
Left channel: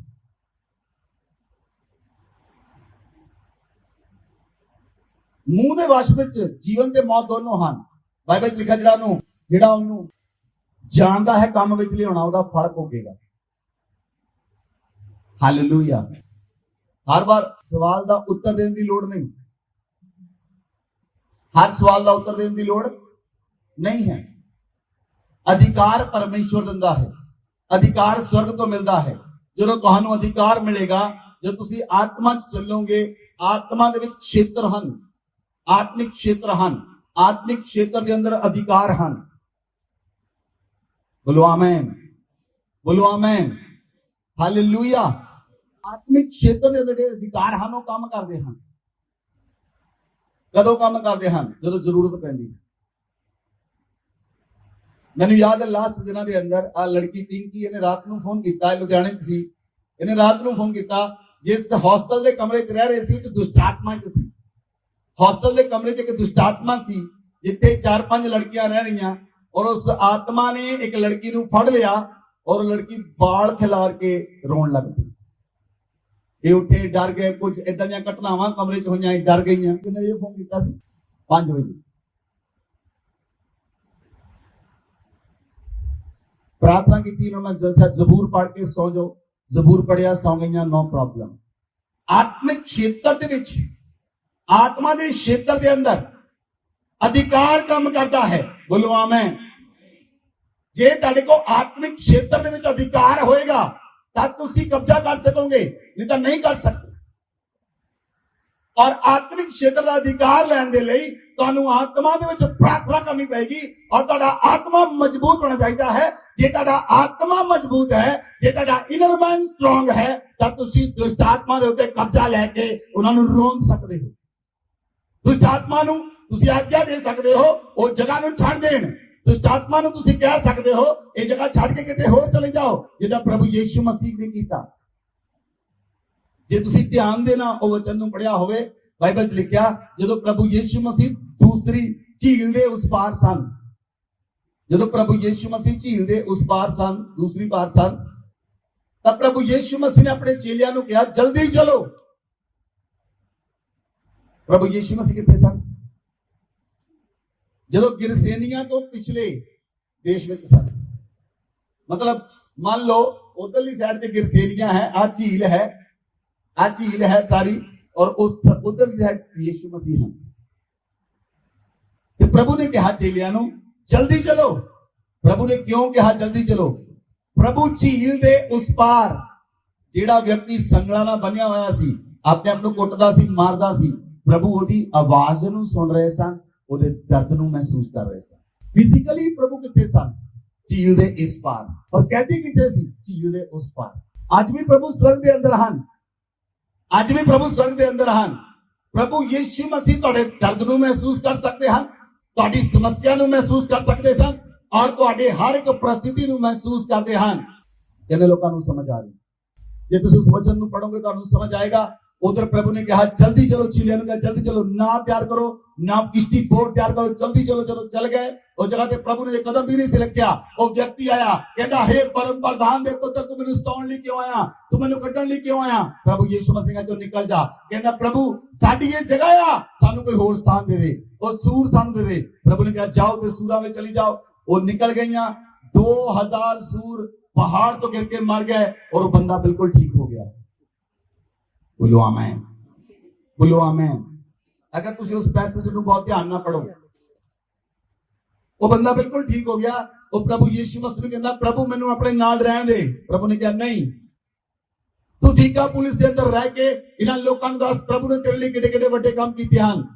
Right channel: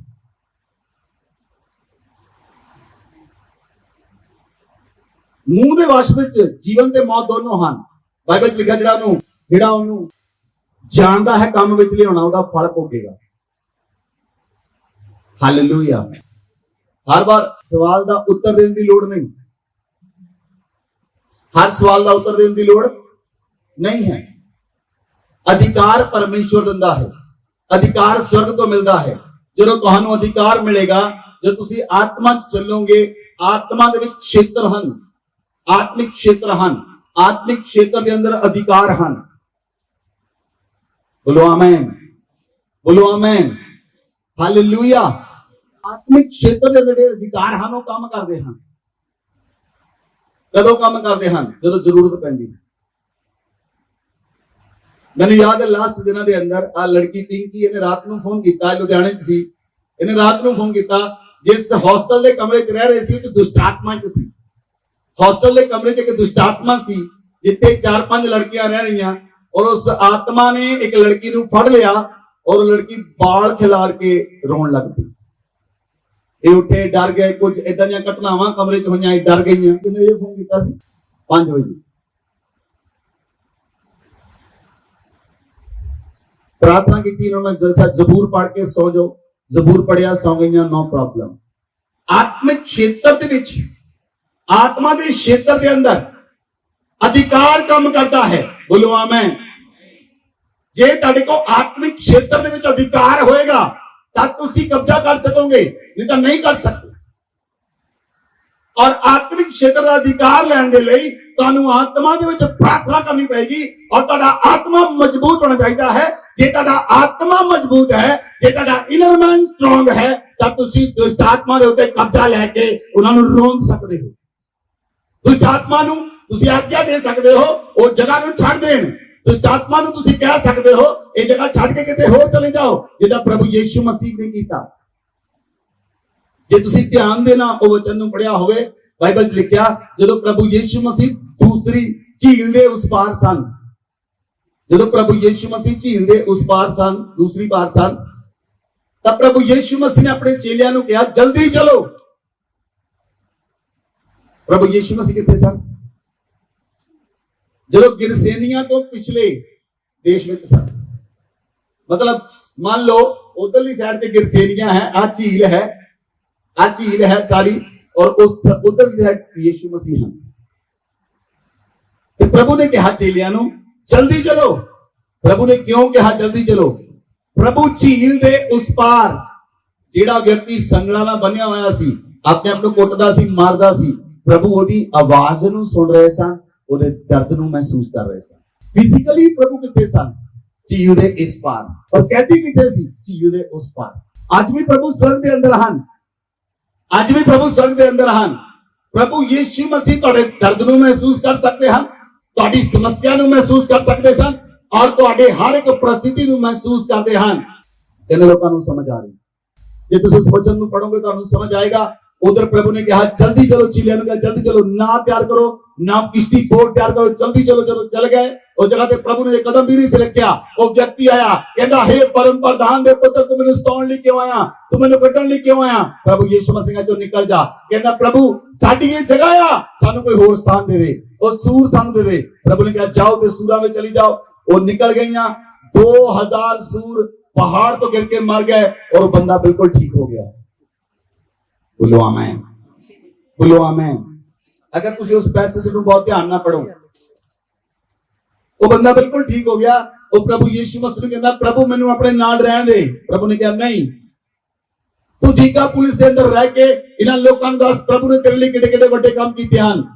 ਮੂੰਹ ਦੇ ਵਸ਼ ਵਿੱਚ ਜੀਵਨ ਤੇ ਮੌਤ ਦੋਨੋਂ ਹਨ। ਬਾਈਬਲ 'ਚ ਲਿਖਿਆ, ਜਿਹੜਾ ਉਹਨੂੰ ਜਾਣਦਾ ਹੈ ਕੰਮ ਵਿੱਚ ਲਿਆਉਣਾ, ਉਹਦਾ ਫਲ ਭੋਗੇਗਾ। ਹਾਲੇਲੂਇਆ। ਹਰ ਵਾਰ ਸਵਾਲ ਦਾ ਉੱਤਰ ਦੇਣ ਦੀ ਲੋੜ ਨਹੀਂ। हर सवाल का उत्तर देने की लोड़ नहीं है। अधिकार परमेश्वर दिंदा है, अधिकार स्वर्ग तो मिलता है। जो तुहानू अधिकार मिलेगा, जो तुसी आत्मा च चलोगे, आत्मा दे विच क्षेत्र हन, आत्मिक क्षेत्र हन, आत्मिक क्षेत्र के अंदर अधिकार हन। बोलो आमीन, बोलो आमीन, हालेलुया। आत्मिक क्षेत्र के अंदर अधिकार हन, वो काम करते हैं। कदों काम करते हैं? जो जरूरत पैंदी। मैंने याद है लास्ट दिनों के अंदर आ लड़की पिंकी इन्हें रात को फोन किया, लुधियाने सी। इन्हें रात को फोन किया, जिस हॉस्टल के कमरे च रह रहे सी तो दुष्टात्मा एक सी। हॉस्टल के कमरे च एक दुष्टात्मा सी, जिथे 4-5 लड़कियां रह रही और उस आत्मा ने एक लड़की को फड़ लिया और लड़की बाल खिलार के रोन लग पई। ਇਹ ਉੱਠੇ ਡਰ ਗਏ, ਕੁਝ ਇਦਾਂ ਦੀਆਂ ਘਟਨਾਵਾਂ ਕਮਰੇ 'ਚ ਹੋਈਆਂ, ਇਹ ਡਰ ਗਈਆਂ। ਕਿੰਨੇ ਵਜੇ ਫੋਨ ਕੀਤਾ ਸੀ? 5 ਵਜੇ। प्रार्थना की थी उन्होंने, जबूर पढ़ के सो जाओ, जबूर पढ़िया सो गई, नो प्रॉब्लम। आत्मिक क्षेत्र दे विच, आत्मा दे क्षेत्र दे अंदर अधिकार काम करता है। बोलो आमीन। जे तुहाडे को आत्मिक क्षेत्र दे विच अधिकार होएगा तब तुसी कब्जा कर सकोगे, नहीं तो नहीं कर सकते। और आत्मिक क्षेत्र का अधिकार लैण दे लई तुहानू आत्मा दे विच प्रार्थना करनी पएगी और तुहाडा आत्मा मजबूत होना चाहिए है। जे तुहाडा आत्मा मजबूत है, जे तुहाडा इनर मैन स्ट्रांग है, तब तुसी दुष्ट आत्मा दे उत्ते कब्जा लेके उन्हां नू रोक सकदे हो। दुष्ट आत्मा नू तुसी आज्ञा दे सकदे हो ओ जगह नू छੱਡ देण। दुष्ट आत्मा नू तुसी कह सकदे हो ये जगह छੱਡ के किते होर चले जाओ, जिदा प्रभु यीशु मसीह ने कीता। जे तुसी ध्यान देना ओ वचन नू पढ़िया होवे, बाइबल च लिखिया जदों प्रभु यीशु मसीह दूसरी झील दे उस पार सन, जदों प्रभु यीशु मसीह झील दे उस पार सन, दूसरी पार सन, तब प्रभु यीशु मसीह ने अपने चेलियां नू कहा जल्दी चलो। प्रभु यीशु मसीह किथे सन? जदों गिरसेनियां तो पिछले देश में सन। मतलब मान लो उधरली साइड पे गिरसेनियां है, आ झील है, आ झील है सारी, और उस उधरली साइड यीशु मसीह है। तो प्रभु ने कहा चेलियां नू जल्दी चलो। प्रभु ने क्यों कहा जल्दी चलो? प्रभु झील दे उस पार जेड़ा व्यक्ति संगला नाल बन्निया होया सी, अपने आप नू कुੱਟਦਾ ਸੀ, मारदा सी, प्रभु ओदी आवाज नू सुन रहे सन, ओदे दर्द नू महसूस कर रहे सन। फिजिकली प्रभु किथे सन? झील दे इस पार। और कहती किथे सी? झील दे उस पार। आज भी प्रभु स्वर्ग दे अंदर हन, आज भी प्रभु स्वर्ग दे अंदर हन। प्रभु यीशु मसीह तुहाडे दर्द नू महसूस कर सकते हैं, तुहाडी समस्या नू महसूस कर सकते सन, और तुहाडे हर एक परिस्थिति नू महसूस करते हैं। इन लोगों नू समझ आ रही? जे तुसीं उस वचन नू पढ़ोगे तुहानू समझ आएगा। उधर प्रभु ने कहा जल्दी चलो, चेलियां नू कहा जल्दी चलो, ना तैयार करो, ना किश्ती बोट तैयार करो, जल्दी चलो। चलो चल गए। उस जगह पे प्रभु ने एक कदम भी नहीं सिलकिया। वो व्यक्ति आया, कहता हे परम प्रधान दे पुत्र, तू मैनू सताउण लई क्यों आया? तू मैनू कट्टण लई क्यों आया? प्रभु यीशु मसीह ने जो निकल जा, कहता प्रभु साडी ये जगह आ, सानू कोई होर स्थान दे दे, और सूर सानू दे दे। प्रभु ने कहा जाओ ते सूरां में चली जाओ। वो निकल गईयां। 2000 सूर पहाड़ तो गिर के मर गए और बंदा बिल्कुल ठीक हो गया। बोलो आमीन, बोलो आमीन। अगर तुसी उस पैसेज नू बहुत ध्यान ना पढ़ो, वो बंदा बिल्कुल ठीक हो गया। और प्रभु यीशु मसीह ने कहना प्रभु मैनू अपने नाल रहन दे। प्रभु ने कहा नहीं, तू दीका पुलिस के अंदर रह के इन्हां लोकां नू दस प्रभु ने तेरे लिए किडे किडे वड्डे काम कीते हन।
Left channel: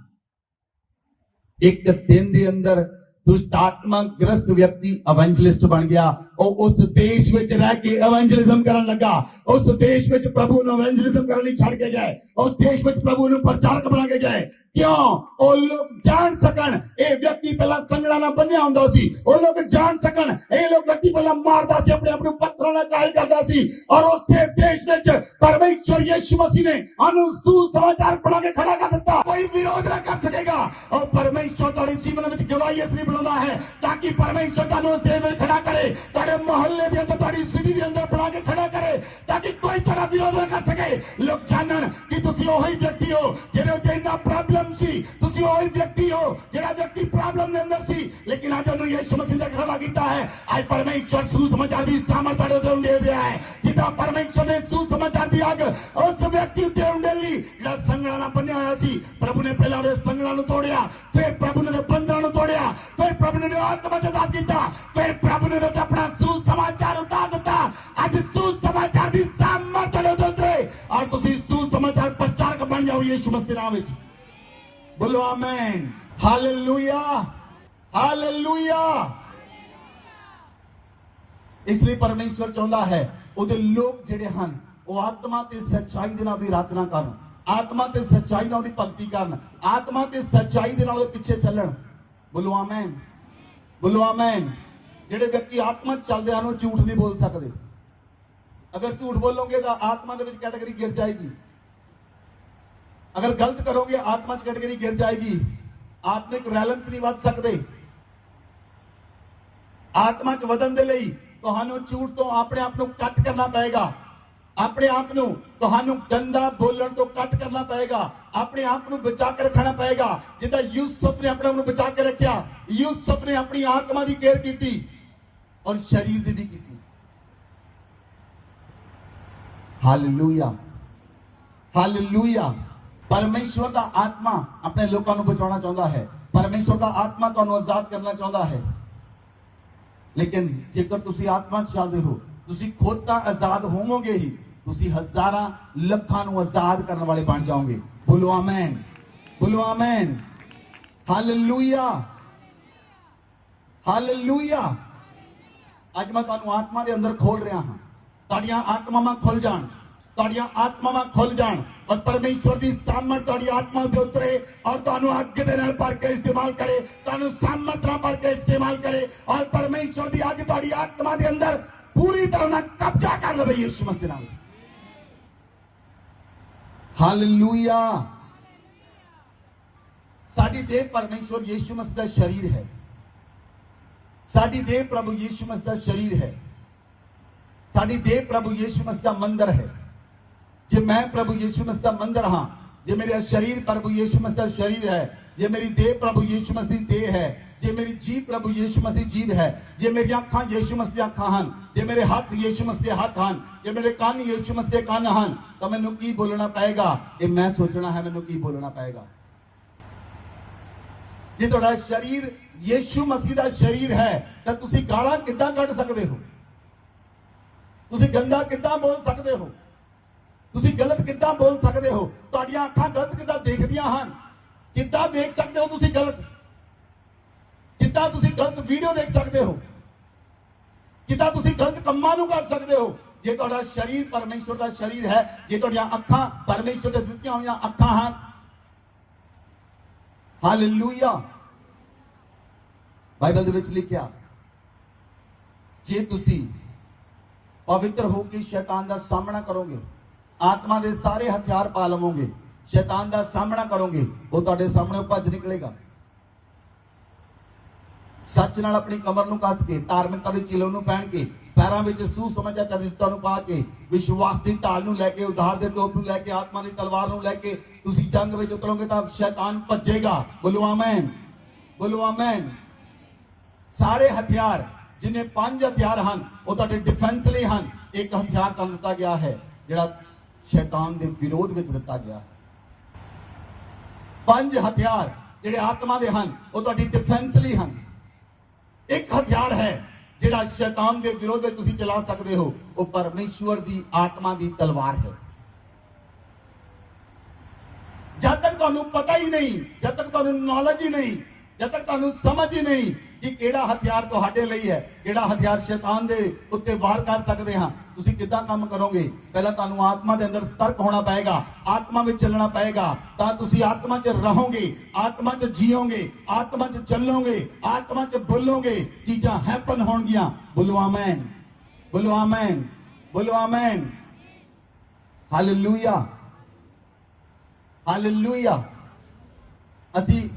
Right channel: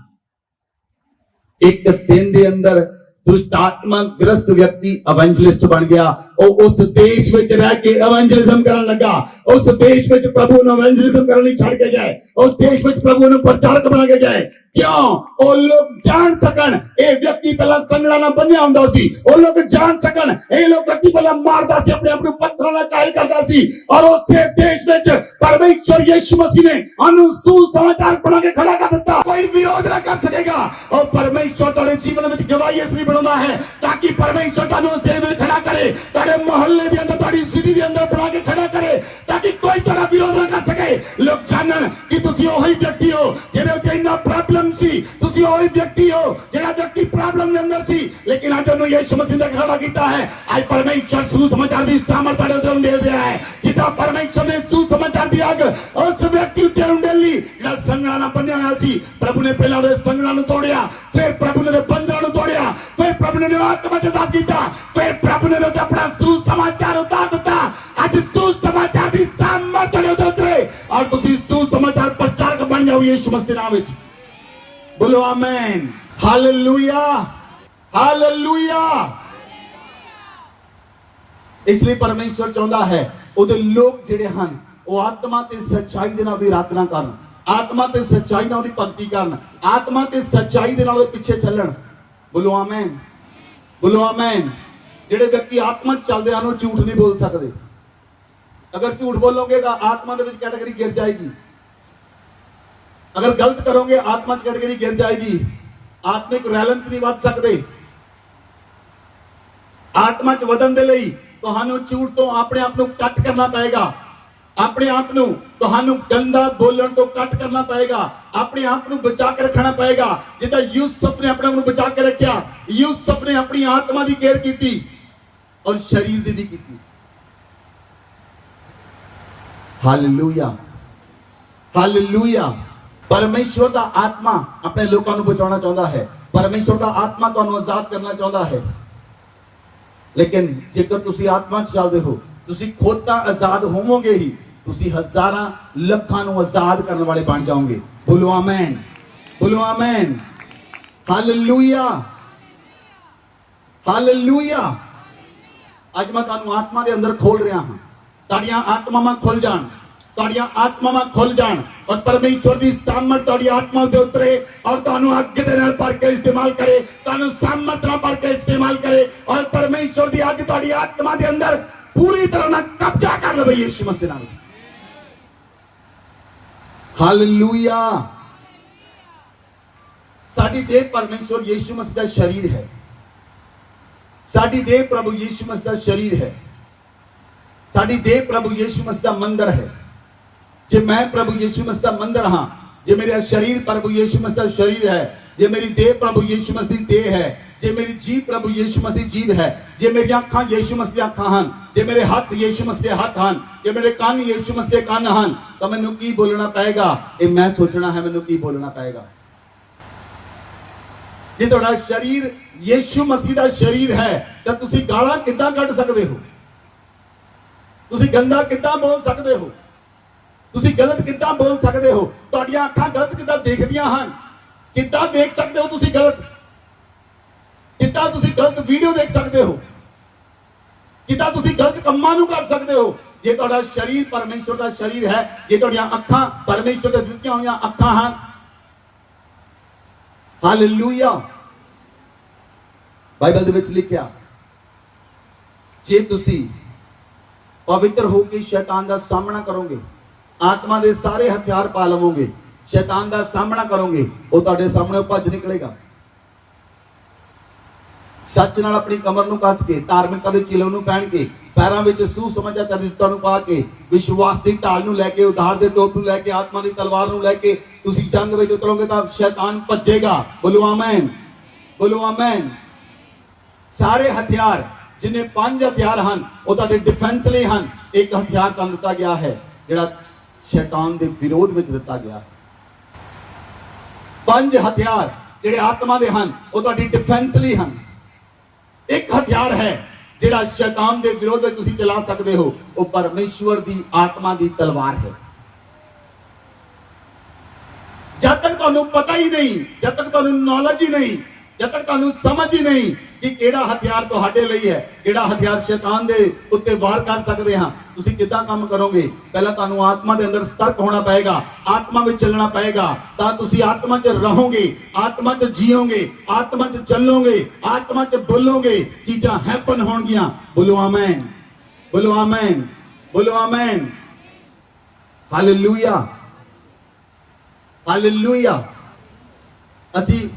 एक दिन दे अंदर दुष्ट आत्मा ग्रस्त व्यक्ति एवेंजलिस्ट बन गया और उस देश में रह के एवेंजलिज्म करने लगा। उस देश में प्रभु ने एवेंजलिज्म करने छड़ के गए, उस देश में प्रभु ने प्रचारक बना के गए। क्यों? वो लोग जान सकन ए व्यक्ति पहला संगला ना बन्या हुंदा सी, वो लोग जान सकन ए लोग व्यक्ति पहला मारदा सी, अपने आप को पत्थरां नाल कायल करदा सी। और उस देश में परमेश्वर यीशु मसीह ने अनु सुसमाचार बना के खड़ा कर दिता। कोई विरोध ना कर सकेगा। और परमेश्वर तेरे जीवन में गवाही इसलिए बनाना है ताकि परमेश्वर तानू उस देश में खड़ा करे, तेरे मोहल्ले के अंदर, तेरी सिटी के अंदर बना के खड़ा करे, ताकि कोई तेरा विरोध ना कर सके। लोग जानन कि तुसी ओही व्यक्ति हो जेदे उत्ते इन्ना प्रॉब्लम सी, तुसी ओही व्यक्ति हो जेड़ा व्यक्ति प्रॉब्लम के अंदर सी, लेकिन आज उन्होंने यीशु मसीह ने खड़ा कीता है। आज परमेश्वर सुसमाचार दी सामर्थ तेरे उत्ते दे रहा है। जिदा परमेश्वर ने सुसमाचार दी आग उस व्यक्ति उत्ते उंडेली जेड़ा संगला ना बन्या होया सी। प्रभु ने पहला उस संगला नु तोड़िया, फिर प्रभु ने बंधन नु तोड़िया, फिर प्रभु ने आत्मा के साथ कीता, फिर प्रभु ने अपना सुसमाचार उतार दिता। आज सुसमाचार दी सामर्थ तेरे उत्ते उतरे और तुसी सुसमाचार प्रचारक बन जाओ यीशु मसीह दे नाम विच। बोलो आमीन, हालेलुया, हालेलुया। इसलिए परमेश्वर चाहता है उहदे लोग जिहड़े हन वो आत्मा ते सच्चाई दे नाल उहदी आराधना करन, आत्मा ते सच्चाई नाल उहदी भगती करन, आत्मा ते सच्चाई दे नाल उहदे पिछे चलण। बोलो आमीन, बोलो आमीन। जिहड़े व्यक्ति आत्मा चलदे हन वो झूठ नहीं बोल सकदे। अगर झूठ बोलोगे तो आत्मा दे विच कैटेगरी गिर जाएगी। अगर गलत करोगे आत्मा च कैटेगरी गिर जाएगी। आत्मिक रैलन नहीं वध सकते। आत्मा च वधन दे लई तुहानू झूठ तो अपने आप को कट करना पड़ेगा। ਆਪਣੇ ਆਪ ਨੂੰ ਤੁਹਾਨੂੰ ਗੰਦਾ ਬੋਲਣ ਤੋਂ ਕੱਟ ਕਰਨਾ ਪਏਗਾ, ਆਪਣੇ ਆਪ ਨੂੰ ਬਚਾ ਕੇ ਰੱਖਣਾ ਪਏਗਾ। ਜਿੱਦਾਂ ਯੂਸਫ ਨੇ ਆਪਣੇ ਆਪ ਨੂੰ ਬਚਾ ਕੇ ਰੱਖਿਆ, ਯੂਸਫ ਨੇ ਆਪਣੀ ਆਤਮਾ ਦੀ ਕੇਅਰ ਕੀਤੀ ਔਰ ਸਰੀਰ ਦੀ ਵੀ ਕੀਤੀ। Hallelujah, hallelujah. ਪਰਮੇਸ਼ਵਰ ਦਾ ਆਤਮਾ ਆਪਣੇ ਲੋਕਾਂ ਨੂੰ ਬਚਾਉਣਾ ਚਾਹੁੰਦਾ ਹੈ, ਪਰਮੇਸ਼ਵਰ ਦਾ ਆਤਮਾ ਤੁਹਾਨੂੰ ਆਜ਼ਾਦ ਕਰਨਾ ਚਾਹੁੰਦਾ ਹੈ। ਲੇਕਿਨ ਜੇਕਰ ਤੁਸੀਂ ਆਤਮਾ 'ਚ ਚੱਲਦੇ ਹੋ, ਤੁਸੀਂ ਖੁਦ ਤਾਂ ਆਜ਼ਾਦ ਹੋਵੋਗੇ ਹੀ, ਤੁਸੀਂ ਹਜ਼ਾਰਾਂ ਲੱਖਾਂ ਨੂੰ ਆਜ਼ਾਦ ਕਰਨ ਵਾਲੇ ਬਣ ਜਾਓਗੇ। ਬੋਲੋ ਆਮੇਨ, ਬੋਲੋ ਆਮੇਨ, ਹਾਲੇਲੂਇਆ, ਹਾਲੇਲੂਇਆ। ਅੱਜ ਮੈਂ ਤੁਹਾਨੂੰ ਆਤਮਾ ਦੇ ਅੰਦਰ ਖੋਲ ਰਿਹਾ ਹਾਂ, ਤੁਹਾਡੀਆਂ ਆਤਮਾਵਾਂ ਖੁੱਲ ਜਾਣ, ਤੁਹਾਡੀਆਂ ਆਤਮਾਵਾਂ ਖੁੱਲ ਜਾਣ ਔਰ ਪਰਮੇਸ਼ਵਰ ਦੀ ਸਾਮਰਥ ਤੁਹਾਡੀ ਆਤਮਾ ਦੇ ਉਤਰੇ ਔਰ ਤੁਹਾਨੂੰ ਅੱਗ ਦੇ ਨਾਲ ਭਰ ਕੇ ਇਸਤੇਮਾਲ ਕਰੇ, ਤੁਹਾਨੂੰ ਸਾਮਰਥ ਨਾਲ ਭਰ ਕੇ ਇਸਤੇਮਾਲ ਕਰੇ ਔਰ ਪਰਮੇਸ਼ਵਰ ਦੀ ਅੱਗ ਤੁਹਾਡੀ ਆਤਮਾ ਦੇ ਅੰਦਰ ਪੂਰੀ ਤਰ੍ਹਾਂ ਨਾਲ ਕਬਜ਼ਾ ਕਰ ਲਵੇ ਯਿਸੂ ਮਸੀਹ ਦੇ ਨਾਮ ਵਿੱਚ। ਹਾਲੇਲੂਇਆ। ਸਾਡੀ ਦੇਹ ਪਰਮੇਸ਼ਵਰ ਯਿਸੂ ਮਸੀਹ ਦਾ ਸਰੀਰ ਹੈ, ਸਾਡੀ ਦੇਹ ਪ੍ਰਭੂ ਯਿਸੂ ਮਸੀਹ ਦਾ ਸਰੀਰ ਹੈ, ਸਾਡੀ ਦੇਹ ਪ੍ਰਭੂ ਯਿਸੂ ਮਸੀਹ ਦਾ ਮੰਦਰ ਹੈ। ਜੇ ਮੈਂ ਪ੍ਰਭੂ ਯਿਸੂ ਮਸੀਹ ਦਾ ਮੰਦਰ ਹਾਂ, ਜੇ ਮੇਰਾ ਸਰੀਰ ਪ੍ਰਭੂ ਯਿਸੂ ਮਸੀਹ ਦਾ ਸਰੀਰ ਹੈ, ਜੇ ਮੇਰੀ ਦੇਹ ਪ੍ਰਭੂ ਯਿਸੂ ਮਸੀਹ ਦੀ ਦੇਹ ਹੈ, ਜੇ ਮੇਰੀ ਜੀਭ ਪ੍ਰਭੂ ਯਿਸੂ ਮਸੀਹ ਦੀ ਜੀਭ ਹੈ, ਜੇ ਮੇਰੀਆਂ ਅੱਖਾਂ ਯਿਸੂ ਮਸੀਹ ਦੀਆਂ ਅੱਖਾਂ ਹਨ, ਜੇ ਮੇਰੇ ਹੱਥ ਯਿਸੂ ਮਸੀਹ ਦੇ ਹੱਥ ਹਨ, ਜੇ ਮੇਰੇ ਕੰਨ ਯਿਸੂ ਮਸੀਹ ਦੇ ਕੰਨ ਹਨ, ਤਾਂ ਮੈਨੂੰ ਕੀ ਬੋਲਣਾ ਪਏਗਾ? ਇਹ ਮੈਂ ਸੋਚਣਾ ਹੈ ਮੈਨੂੰ ਕੀ ਬੋਲਣਾ ਪਏਗਾ। ਜੇ ਤੁਹਾਡਾ ਸਰੀਰ ਯਿਸੂ ਮਸੀਹ ਦਾ ਸਰੀਰ ਹੈ ਤਾਂ ਤੁਸੀਂ ਗਾਲਾਂ ਕਿੱਦਾਂ ਕੱਢ ਸਕਦੇ ਹੋ? ਤੁਸੀਂ ਗੰਦਾ ਕਿੱਦਾਂ ਬੋਲ ਸਕਦੇ ਹੋ? ਤੁਸੀਂ ਗਲਤ ਕਿੱਦਾਂ ਬੋਲ ਸਕਦੇ ਹੋ? ਤੁਹਾਡੀਆਂ ਅੱਖਾਂ ਗਲਤ ਕਿੱਦਾਂ ਦੇਖਦੀਆਂ ਹਨ? ਕਿੱਦਾਂ ਦੇਖ ਸਕਦੇ ਹੋ ਤੁਸੀਂ ਗਲਤ? ਕਿੱਦਾਂ ਤੁਸੀਂ ਗਲਤ ਵੀਡੀਓ ਦੇਖ ਸਕਦੇ ਹੋ? ਕਿੱਦਾਂ ਤੁਸੀਂ ਗਲਤ ਕੰਮਾਂ ਨੂੰ ਕਰ ਸਕਦੇ ਹੋ? ਜੇ ਤੁਹਾਡਾ ਸਰੀਰ ਪਰਮੇਸ਼ਵਰ ਦਾ ਸਰੀਰ ਹੈ, ਜੇ ਤੁਹਾਡੀਆਂ ਅੱਖਾਂ ਪਰਮੇਸ਼ਵਰ ਦੇ ਦਿੱਤੀਆਂ ਹੋਈਆਂ ਅੱਖਾਂ ਹਨ, ਹਾਲੇਲੂਇਆ। ਬਾਈਬਲ ਦੇ ਵਿੱਚ ਲਿਖਿਆ, ਜੇ ਤੁਸੀਂ ਪਵਿੱਤਰ ਹੋ ਕੇ ਸ਼ੈਤਾਨ ਦਾ ਸਾਹਮਣਾ ਕਰੋਗੇ, ਆਤਮਾ ਦੇ ਸਾਰੇ ਹਥਿਆਰ ਪਾ ਲਵੋਗੇ, ਸ਼ੈਤਾਨ ਦਾ ਸਾਹਮਣਾ ਕਰੋਗੇ, ਉਹ ਤੁਹਾਡੇ ਸਾਹਮਣੇ ਭੱਜ ਨਿਕਲੇਗਾ। ਸੱਚ ਨਾਲ ਆਪਣੀ ਕਮਰ ਨੂੰ ਕੱਸ ਕੇ, ਧਾਰਮਿਕਤਾ ਦੇ ਚਿਲੋ ਨੂੰ ਪਹਿਨ ਕੇ, ਪੈਰਾਂ ਵਿੱਚ ਸੁਸਮਾਚਾਰ ਦਿੱਤਾ ਨੂੰ ਪਾ ਕੇ, ਵਿਸ਼ਵਾਸ ਦੀ ਢਾਲ ਨੂੰ ਲੈ ਕੇ, ਉਧਾਰ ਦੇ ਟੋਪ ਨੂੰ ਲੈ ਕੇ, ਆਤਮਾ ਦੀ ਤਲਵਾਰ ਨੂੰ ਲੈ ਕੇ ਤੁਸੀਂ ਜੰਗ ਵਿੱਚ ਉਤਰੋਗੇ ਤਾਂ ਸ਼ੈਤਾਨ ਭੱਜੇਗਾ। ਬੋਲੋ ਆਮੇਨ, ਬੋਲੋ ਆਮੇਨ। ਸਾਰੇ ਹਥਿਆਰ, ਜਿੰਨੇ 5 ਹਥਿਆਰ ਹਨ, ਉਹ ਤੁਹਾਡੇ ਡਿਫੈਂਸ ਲਈ ਹਨ। ਇੱਕ ਹਥਿਆਰ ਤੁਹਾਨੂੰ ਦਿੱਤਾ ਗਿਆ ਹੈ ਜਿਹੜਾ ਸ਼ੈਤਾਨ ਦੇ ਵਿਰੋਧ ਵਿੱਚ ਦਿੱਤਾ ਗਿਆ ਹੈ। 5 ਹਥਿਆਰ ਜਿਹੜੇ ਆਤਮਾ ਦੇ ਹਨ, ਉਹ ਤੁਹਾਡੀ ਡਿਫੈਂਸ ਲਈ ਹਨ। ਇੱਕ ਹਥਿਆਰ ਹੈ ਜਿਹੜਾ ਸ਼ੈਤਾਨ ਦੇ ਵਿਰੋਧ ਵਿੱਚ ਤੁਸੀਂ ਚਲਾ ਸਕਦੇ ਹੋ, ਉਹ ਪਰਮੇਸ਼ਵਰ ਦੀ ਆਤਮਾ ਦੀ ਤਲਵਾਰ ਹੈ। ਜਦ ਤੱਕ ਤੁਹਾਨੂੰ ਪਤਾ ਹੀ ਨਹੀਂ, ਜਦ ਤੱਕ ਤੁਹਾਨੂੰ ਨੌਲੇਜ ਹੀ ਨਹੀਂ, ਜਦ ਤੱਕ ਤੁਹਾਨੂੰ ਸਮਝ ਹੀ ਨਹੀਂ ਕਿ ਕਿਹੜਾ ਹਥਿਆਰ ਤੁਹਾਡੇ ਲਈ ਹੈ, ਕਿਹੜਾ ਹਥਿਆਰ ਸ਼ੈਤਾਨ ਦੇ ਉੱਤੇ ਵਾਰ ਕਰ ਸਕਦੇ ਹਾਂ, ਤੁਸੀਂ ਕਿੱਦਾਂ ਕੰਮ ਕਰੋਗੇ? ਪਹਿਲਾਂ ਤੁਹਾਨੂੰ ਆਤਮਾ ਦੇ ਅੰਦਰ ਸਤਰਕ ਹੋਣਾ ਪਏਗਾ, ਆਤਮਾ ਵਿੱਚ ਚੱਲਣਾ ਪਏਗਾ, ਤਾਂ ਤੁਸੀਂ ਆਤਮਾ 'ਚ ਰਹੋਗੇ, ਆਤਮਾ 'ਚ ਜੀਓਗੇ, ਆਤਮਾ 'ਚ ਚੱਲੋਗੇ, ਆਤਮਾ 'ਚ ਬੋਲੋਗੇ, ਚੀਜ਼ਾਂ ਹੈਪਨ ਹੋਣਗੀਆਂ। ਬੋਲੋ ਆਮੇਨ, ਬੋਲੋ ਆਮੇਨ, ਬੋਲੋ ਆਮੇਨ, ਹਾਲੇਲੂਇਆ, ਹਾਲੇਲੂਇਆ। ਅਸੀਂ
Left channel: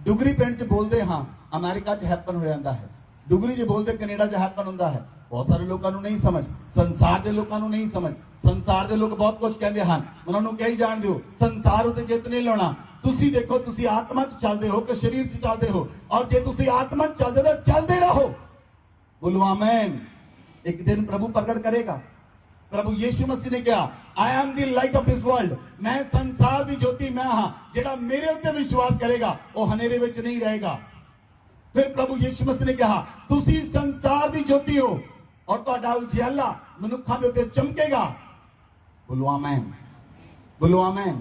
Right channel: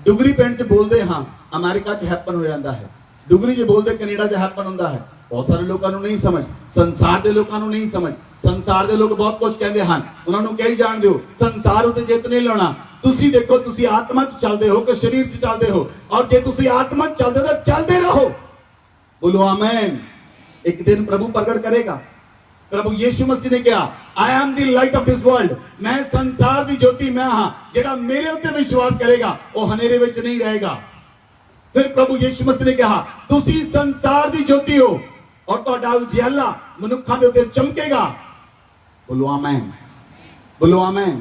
ਡੁਗਰੀ ਪਿੰਡ 'ਚ ਬੋਲਦੇ ਹਾਂ, ਅਮਰੀਕਾ 'ਚ ਹੈਪਨ ਹੋ ਜਾਂਦਾ ਹੈ। ਡੁਗਰੀ 'ਚ ਬੋਲਦੇ ਕੈਨੇਡਾ 'ਚ ਹੈਪਨ ਹੁੰਦਾ ਹੈ। ਬਹੁਤ ਸਾਰੇ ਲੋਕਾਂ ਨੂੰ ਨਹੀਂ ਸਮਝ, ਸੰਸਾਰ ਦੇ ਲੋਕਾਂ ਨੂੰ ਨਹੀਂ ਸਮਝ। ਸੰਸਾਰ ਦੇ ਲੋਕ ਬਹੁਤ ਕੁਝ ਕਹਿੰਦੇ ਹਨ, ਉਹਨਾਂ ਨੂੰ ਕਹੀ ਜਾਣ ਦਿਓ, ਸੰਸਾਰ ਉਤੇ ਜਿੱਤ ਨਹੀਂ ਲੈਣਾ। ਤੁਸੀਂ ਦੇਖੋ, ਤੁਸੀਂ ਆਤਮਾ 'ਚ ਚੱਲਦੇ ਹੋ ਕਿ ਸਰੀਰ 'ਚ ਚੱਲਦੇ ਹੋ? ਔਰ ਜੇ ਤੁਸੀਂ ਆਤਮਾ 'ਚ ਚੱਲਦੇ ਹੋ ਤਾਂ ਚੱਲਦੇ ਰਹੋ। ਬੋਲੋ ਆਮੇਨ। ਇੱਕ ਦਿਨ ਪ੍ਰਭੂ ਪ੍ਰਗਟ ਕਰੇਗਾ। ਪ੍ਰਭੂ ਯਿਸੂ ਮਸੀਹ ਨੇ ਕਿਹਾ, I am the light of this world, ਮੈਂ ਸੰਸਾਰ ਦੀ ਜੋਤੀ ਮੈਂ ਹਾਂ। ਜਿਹੜਾ ਮੇਰੇ ਉੱਤੇ ਵਿਸ਼ਵਾਸ ਕਰੇਗਾ ਉਹ ਹਨੇਰੇ ਵਿੱਚ ਨਹੀਂ ਰਹੇਗਾ। ਫਿਰ ਪ੍ਰਭੂ ਯਿਸੂ ਮਸੀਹ ਨੇ ਕਿਹਾ, ਤੁਸੀਂ ਸੰਸਾਰ ਦੀ ਜੋਤੀ ਹੋ ਔਰ ਤੁਹਾਡਾ ਉਜਿਆਲਾ ਮਨੁੱਖਾਂ ਦੇ ਉੱਤੇ ਚਮਕੇਗਾ। ਬੋਲੋ ਆਮੇਨ, ਬੋਲੋ ਆਮੇਨ।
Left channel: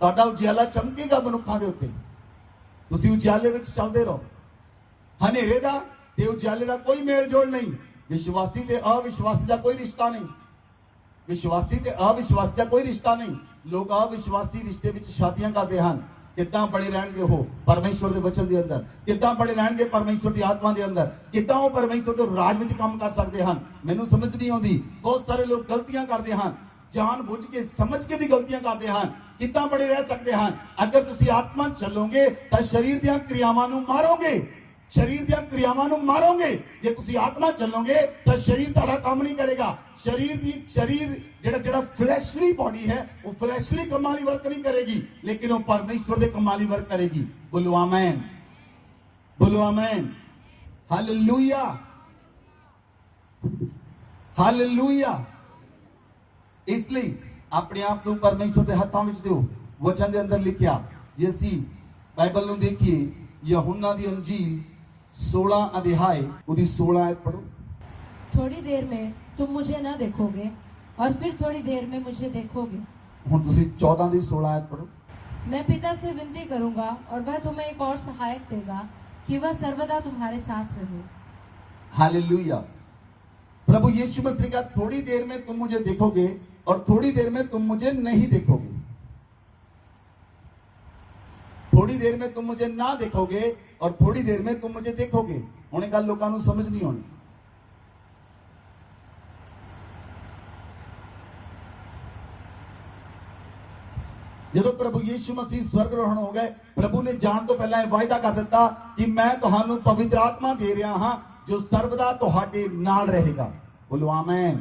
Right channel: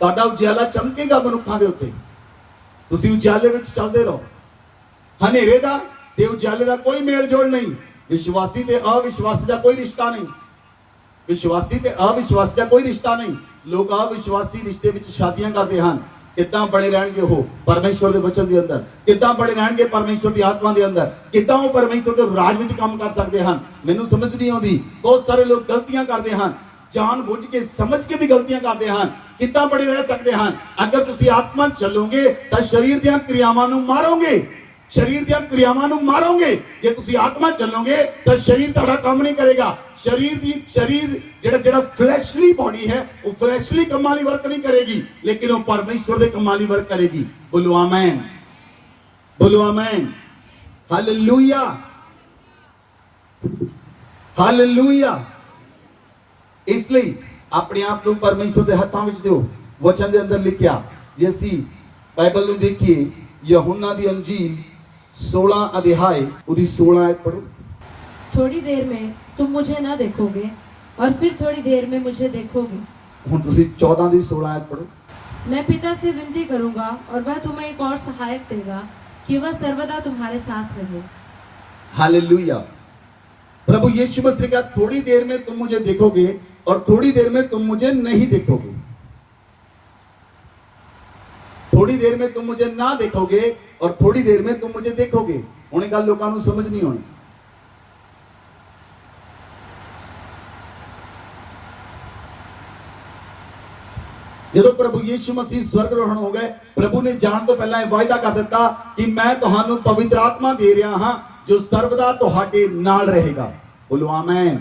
ਤੁਹਾਡਾ ਉਜਿਆਲਾ ਚਮਕੇਗਾ ਮਨੁੱਖਾਂ ਦੇ ਉੱਤੇ। ਤੁਸੀਂ ਉਜਿਆਲੇ ਵਿੱਚ ਚੱਲਦੇ ਰਹੋ। ਹਨੇਰੇ ਦਾ ਤੇ ਉਜਿਆਲੇ ਦਾ ਕੋਈ ਮੇਲ ਜੋੜ ਨਹੀਂ। ਵਿਸ਼ਵਾਸੀ ਤੇ ਅਵਿਸ਼ਵਾਸੀ ਦਾ ਕੋਈ ਰਿਸ਼ਤਾ ਨਹੀਂ। ਵਿਸ਼ਵਾਸੀ ਤੇ ਅਵਿਸ਼ਵਾਸੀ ਦਾ ਕੋਈ ਰਿਸ਼ਤਾ ਨਹੀਂ। ਲੋਕ ਅਵਿਸ਼ਵਾਸੀ ਰਿਸ਼ਤੇ ਵਿੱਚ ਸ਼ਾਦੀਆਂ ਕਰਦੇ ਹਨ। ਕਿੱਦਾਂ ਬਣੇ ਰਹਿਣਗੇ ਉਹ ਪਰਮੇਸ਼ਵਰ ਦੇ ਵਚਨ ਦੇ ਅੰਦਰ? ਕਿੱਦਾਂ ਬਣੇ ਰਹਿਣਗੇ ਪਰਮੇਸ਼ਵਰ ਦੀ ਆਤਮਾ ਦੇ ਅੰਦਰ? ਕਿੱਦਾਂ ਉਹ ਪਰਮੇਸ਼ਵਰ ਦੇ ਰਾਜ ਵਿੱਚ ਕੰਮ ਕਰ ਸਕਦੇ ਹਨ? ਮੈਨੂੰ ਸਮਝ ਨਹੀਂ ਆਉਂਦੀ। ਬਹੁਤ ਸਾਰੇ ਲੋਕ ਗਲਤੀਆਂ ਕਰਦੇ ਹਨ, ਜਾਣ ਬੁੱਝ ਕੇ ਸਮਝ ਕੇ ਵੀ ਗਲਤੀਆਂ ਕਰਦੇ ਹਨ। ਕਿੱਦਾਂ ਬਣੇ ਰਹਿ ਸਕਦੇ ਹਨ? ਅਗਰ ਤੁਸੀਂ ਆਤਮਾ 'ਚ ਚੱਲੋਗੇ ਤਾਂ ਸਰੀਰ ਦੀਆਂ ਕਿਰਿਆਵਾਂ ਨੂੰ ਮਾਰੋਗੇ। शरीर ਦੀਆਂ क्रियावां ਨੂੰ ਮਾਰੋਗੇ। ਜੇ ਤੁਸੀਂ ਆਤਮਾ ਚੱਲੋਗੇ ਤਾਂ ਸ਼ਰੀਰ ਤੁਹਾਡਾ ਕੰਮ ਨਹੀਂ ਕਰੇਗਾ। ਸ਼ਰੀਰ ਜਿਹੜਾ ਫਲੈਸ਼ਲੀ ਬੋਡੀ ਹੈ ਉਹ ਫਲੈਸ਼ਲੀ ਕੰਮਾਂ ਲਈ ਵਰਕ ਨਹੀਂ ਕਰੇਗੀ, ਲੇਕਿਨ ਉਹ ਪਰਮੇਸ਼ਵਰ ਦੇ ਕੰਮਾਂ ਲਈ ਵਰਕ ਕਰੇਗੀ। ਬੋਲੋ ਆਮੇਨ, ਬੋਲੋ ਆਮੇਨ, ਹਾਲੇਲੂਇਆ, ਹਾਲੇਲੂਇਆ। ਇਸ ਲਈ ਆਪਣੇ ਆਪ ਨੂੰ ਪਰਮੇਸ਼ਵਰ ਦੇ ਹੱਥਾਂ ਵਿੱਚ ਦਿਓ। ਵਚਨ ਦੇ ਅੰਦਰ ਲਿਖਿਆ, ਜੇ ਅਸੀਂ ਬਾਈਬਲ ਨੂੰ ਦੇਖੀਏ, यूहन्ना दी अंजील 16 अध्याय उदी 16 आयत पढ़ो। थोड़ी देर में तुम मुझे न देखोगे और फिर थोड़ी देर में मुझे देखोगे। हुण तुसी 14 दी 16 आयत पढ़ो। मैं पिता से विनती करूंगा और वह तुम्हें एक और सहायक देगा कि वह सर्वदा तुम्हारे साथ रहे। हालेलुया। प्रभु यीशु मसीह ने कहा, थोड़ी देर में तुम मुझे देखोगे और थोड़ी देर में तुम मुझे नहीं देखोगे। थोड़ी देर में तुम मुझे ना देखोगे और थोड़ी देर में तुम मुझे देखोगे। हुणे गल लोकां नूं समझ नहीं आउणी। ਜਦੋਂ ਪ੍ਰਭੂ ਯੀਸ਼ੂ ਮਸੀਹ ਸਵਰਗਾਰੋਹਣ ਹੋ ਗਏ, ਪ੍ਰਭੂ ਨੇ ਜਾਣ ਤੋਂ ਪਹਿਲਾਂ ਇਹ ਵਾਅਦਾ ਕਰ ਦਿੱਤਾ ਕਿ ਮੈਂ ਤੁਹਾਨੂੰ ਪਵਿੱਤਰ ਆਤਮਾ ਦੇ ਰਿਹਾ ਹਾਂ ਜੋ ਸਰਵਦਾ ਤੁਹਾਡੇ ਨਾਲ ਰਹੇਗਾ। ਬੋਲੋ ਆਮੇਨ,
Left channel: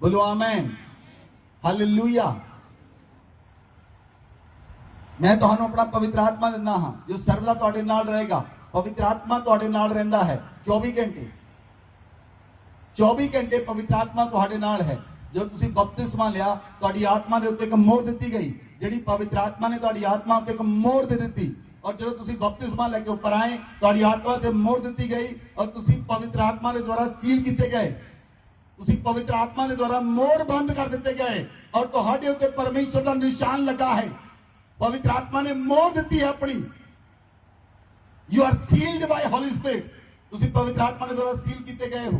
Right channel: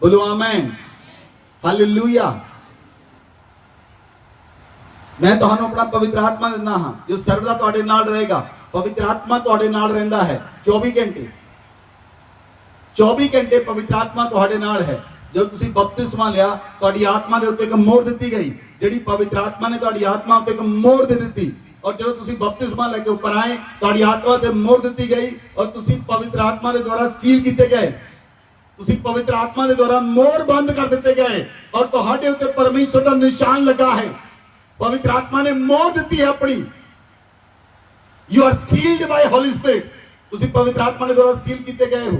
ਬੋਲੋ ਆਮੇਨ, ਹਾਲੇਲੂਇਆ। ਮੈਂ ਤੁਹਾਨੂੰ ਆਪਣਾ ਪਵਿੱਤਰ ਆਤਮਾ ਦਿੰਦਾ ਹਾਂ ਜੋ ਸਰਵਦਾ ਤੁਹਾਡੇ ਨਾਲ ਰਹੇਗਾ। ਪਵਿੱਤਰ ਆਤਮਾ ਤੁਹਾਡੇ ਨਾਲ ਰਹਿੰਦਾ ਹੈ 24 ਘੰਟੇ, 24 ਘੰਟੇ ਪਵਿੱਤਰ ਆਤਮਾ ਤੁਹਾਡੇ ਨਾਲ ਹੈ। ਜਦੋਂ ਤੁਸੀਂ ਬਪਤਿਸਮਾ ਲਿਆ, ਤੁਹਾਡੀ ਆਤਮਾ ਦੇ ਉੱਤੇ ਇੱਕ ਮੋਹਰ ਦਿੱਤੀ ਗਈ, ਜਿਹੜੀ ਪਵਿੱਤਰ ਆਤਮਾ ਨੇ ਤੁਹਾਡੀ ਆਤਮਾ ਉੱਤੇ ਇੱਕ ਮੋਹਰ ਦੇ ਦਿੱਤੀ। ਔਰ ਜਦੋਂ ਤੁਸੀਂ ਬਪਤਿਸਮਾ ਲੈ ਕੇ ਉੱਪਰ ਆਏ, ਤੁਹਾਡੀ ਆਤਮਾ ਤੇ ਮੋਹਰ ਦਿੱਤੀ ਗਈ ਔਰ ਤੁਸੀਂ ਪਵਿੱਤਰ ਆਤਮਾ ਦੇ ਦੁਆਰਾ ਸੀਲ ਕੀਤੇ ਗਏ। ਤੁਸੀਂ ਪਵਿੱਤਰ ਆਤਮਾ ਦੇ ਦੁਆਰਾ ਮੋਹਰ ਬੰਦ ਕਰ ਦਿੱਤੇ ਗਏ ਔਰ ਤੁਹਾਡੇ ਉੱਤੇ ਪਰਮੇਸ਼ਰ ਦਾ ਨਿਸ਼ਾਨ ਲੱਗਾ ਹੈ। पवित्र आत्मा ने मोहर दी है अपनी। You are sealed by holy spirit. तुसी पवित्र आत्मा के द्वारा सील किए गए हो।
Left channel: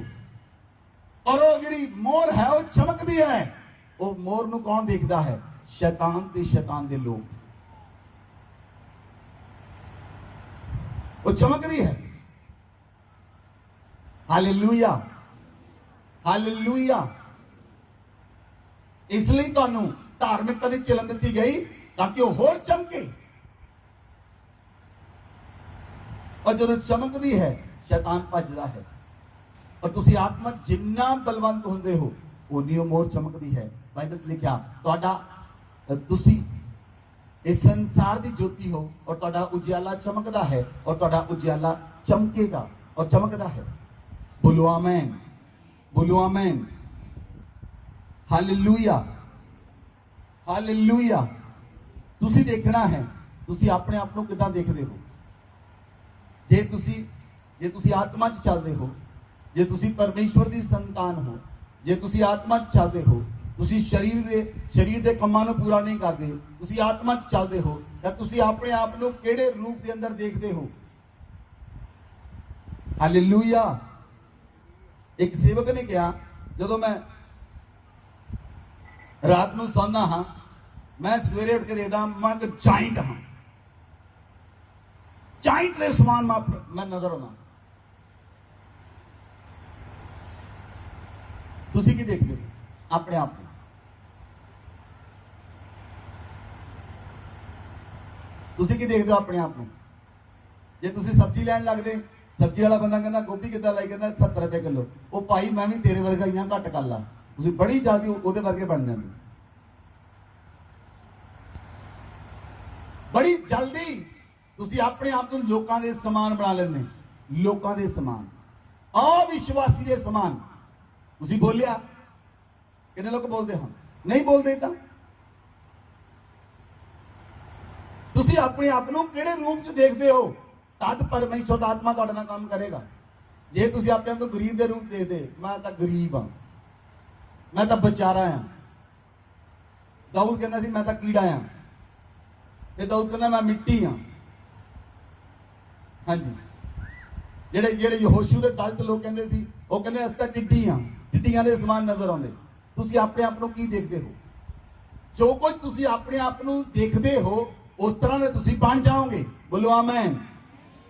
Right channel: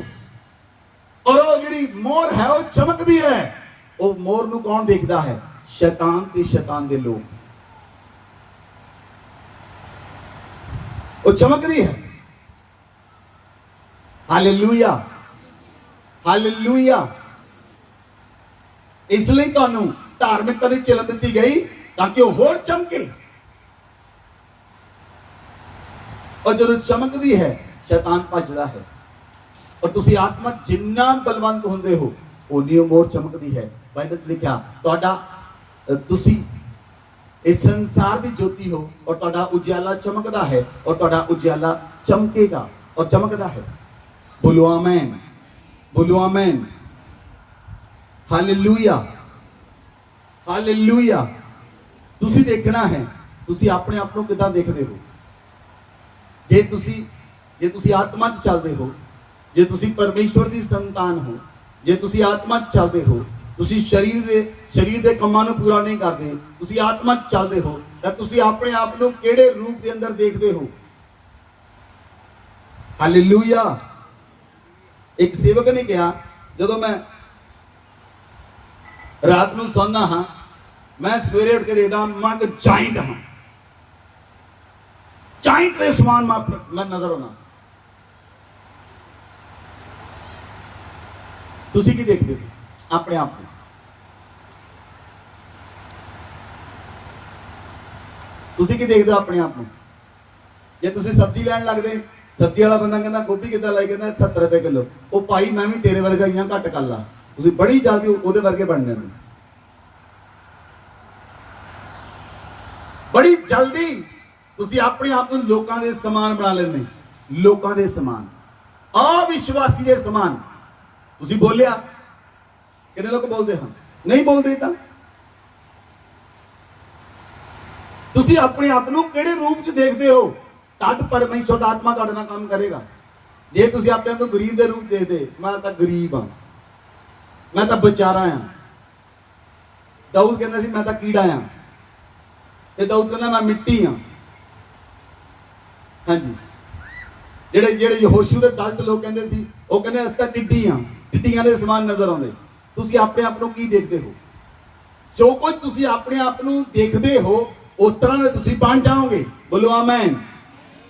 और वो जिहड़ी मोहर है वो चमकदी है। वो मोहर नूं कौन देखदा है? शैतान ते शैतान दे लोग। वो चमकदी है। Hallelujah, hallelujah. इसलिए तुहानूं धार्मिकता दी चलन दी गई ताकि वो होर चमके। और जब चमकदी है शैतान भजदा है। और तुसी आत्मा जिन्ना बलवंत होंदे हो उन्नी मोर चमकदी है। बाइबल च लिखा, तुहाडा तुसी इस संसार दी ज्योति हो और तुहाडा उजियाला चमकदा है और तुहाडा उजियाला चमकेगा और चमकदा है। बोलो आमीन, बोलो आमीन, हालेलुया, हालेलुया। ਤੁਸੀਂ ਦੇਖਣਾ ਹੈ ਤੁਸੀਂ ਆਪਣੇ ਆਪ ਨੂੰ ਕਿਦਾਂ ਦੇਖਦੇ ਹੋ। ਜੇ ਤੁਸੀਂ ਆਤਮਾ 'ਚ ਚੱਲਦੇ ਹੋ, ਜੇ ਤੁਸੀਂ ਪਰਮੇਸ਼ਵਰ ਦੀ ਸੰਤਾਨ ਹੋ, ਜੇ ਤੁਸੀਂ ਆਤਮਾ 'ਚ ਚੱਲਦੇ ਹੋ, ਤੁਸੀਂ ਸਰੀਰ ਦੇ ਕੰਮਾਂ ਨੂੰ ਪੂਰਾ ਨਹੀਂ ਕਰਦੇ, ਤੁਸੀਂ ਆਤਮਾ 'ਚ ਚੱਲਦੇ ਹੋ, ਤਾਂ ਤੁਸੀਂ ਆਪਣੇ ਆਪ ਨੂੰ ਕਿਹੜੇ ਰੂਪ ਦੇ ਅੰਦਰ ਦੇਖਦੇ ਹੋ। ਹਾਲੇਲੂਇਆ। ਇੱਕ ਸੇਵਕ ਨੇ ਕਿਹਾ, ਜਦੋਂ ਮੈਂ ਰਾਤ ਨੂੰ ਸੌਂਦਾ ਹਾਂ, मैं सवेरे उठ के देखता मैं तो जाइंट हाँ, जाइंट के समान मैं नजर आना। तुसी की देखते हो अपने आप को? तुसी की देखते हो अपने आप में? जे तुसी सब्जी लैन लगते, सब्जी वाला बंदा कहना गोभी कितना लाई, कहना 70 रुपए किलो। वो भाई मैं भी तेरे वर्गा ही घट कर ला, तुसी बड़ी जल्दी ਉਹਦੇ वर्गे बन जाते। बड़ी जल्दी तुसी अपने आप को लोकां दे समान बना लेने, लोकां दे समान, अविश्वासी दे समान। तुसी बोलिया, कितने लोग बोलते हैं? नहीं बोलते। तां तुसी अपने आप को किहड़े रूप च देखते हो, तद परमेश्वर दा आत्मा तुहाडे नाल काम करेगा। जे तुसी अपने आप को गरीब दे रूप देखदे, मैं तां गरीब हां, मैं तां बेचारा हां। दाऊद कहंदा सी मैं तां कीड़ा हां, ਤੇ ਦਾਊਦ ਕਹਿੰਦਾ ਮੈਂ ਮਿੱਟੀ ਹਾਂ। ਹਾਂਜੀ, ਜਿਹੜੇ ਯਹੋਸ਼ੂ ਦੇ ਦਲ ਚ ਲੋਕ ਕਹਿੰਦੇ ਸੀ, ਉਹ ਕਹਿੰਦੇ ਅਸੀਂ ਤਾਂ ਟਿੱਡੀ ਹਾਂ, ਟਿੱਡੀਆਂ ਦੇ ਸਮਾਨ ਨਜ਼ਰ ਆਉਂਦੇ। ਤੁਸੀਂ ਆਪਣੇ ਆਪ ਨੂੰ ਕੀ ਦੇਖਦੇ ਹੋ? ਜੋ ਕੁਝ ਤੁਸੀਂ ਆਪਣੇ ਆਪ ਨੂੰ ਦੇਖਦੇ ਹੋ ਉਸ ਤਰ੍ਹਾਂ ਦੇ ਤੁਸੀਂ ਬਣ ਜਾਓਗੇ। ਬੋਲੋ ਆਮੀਨ।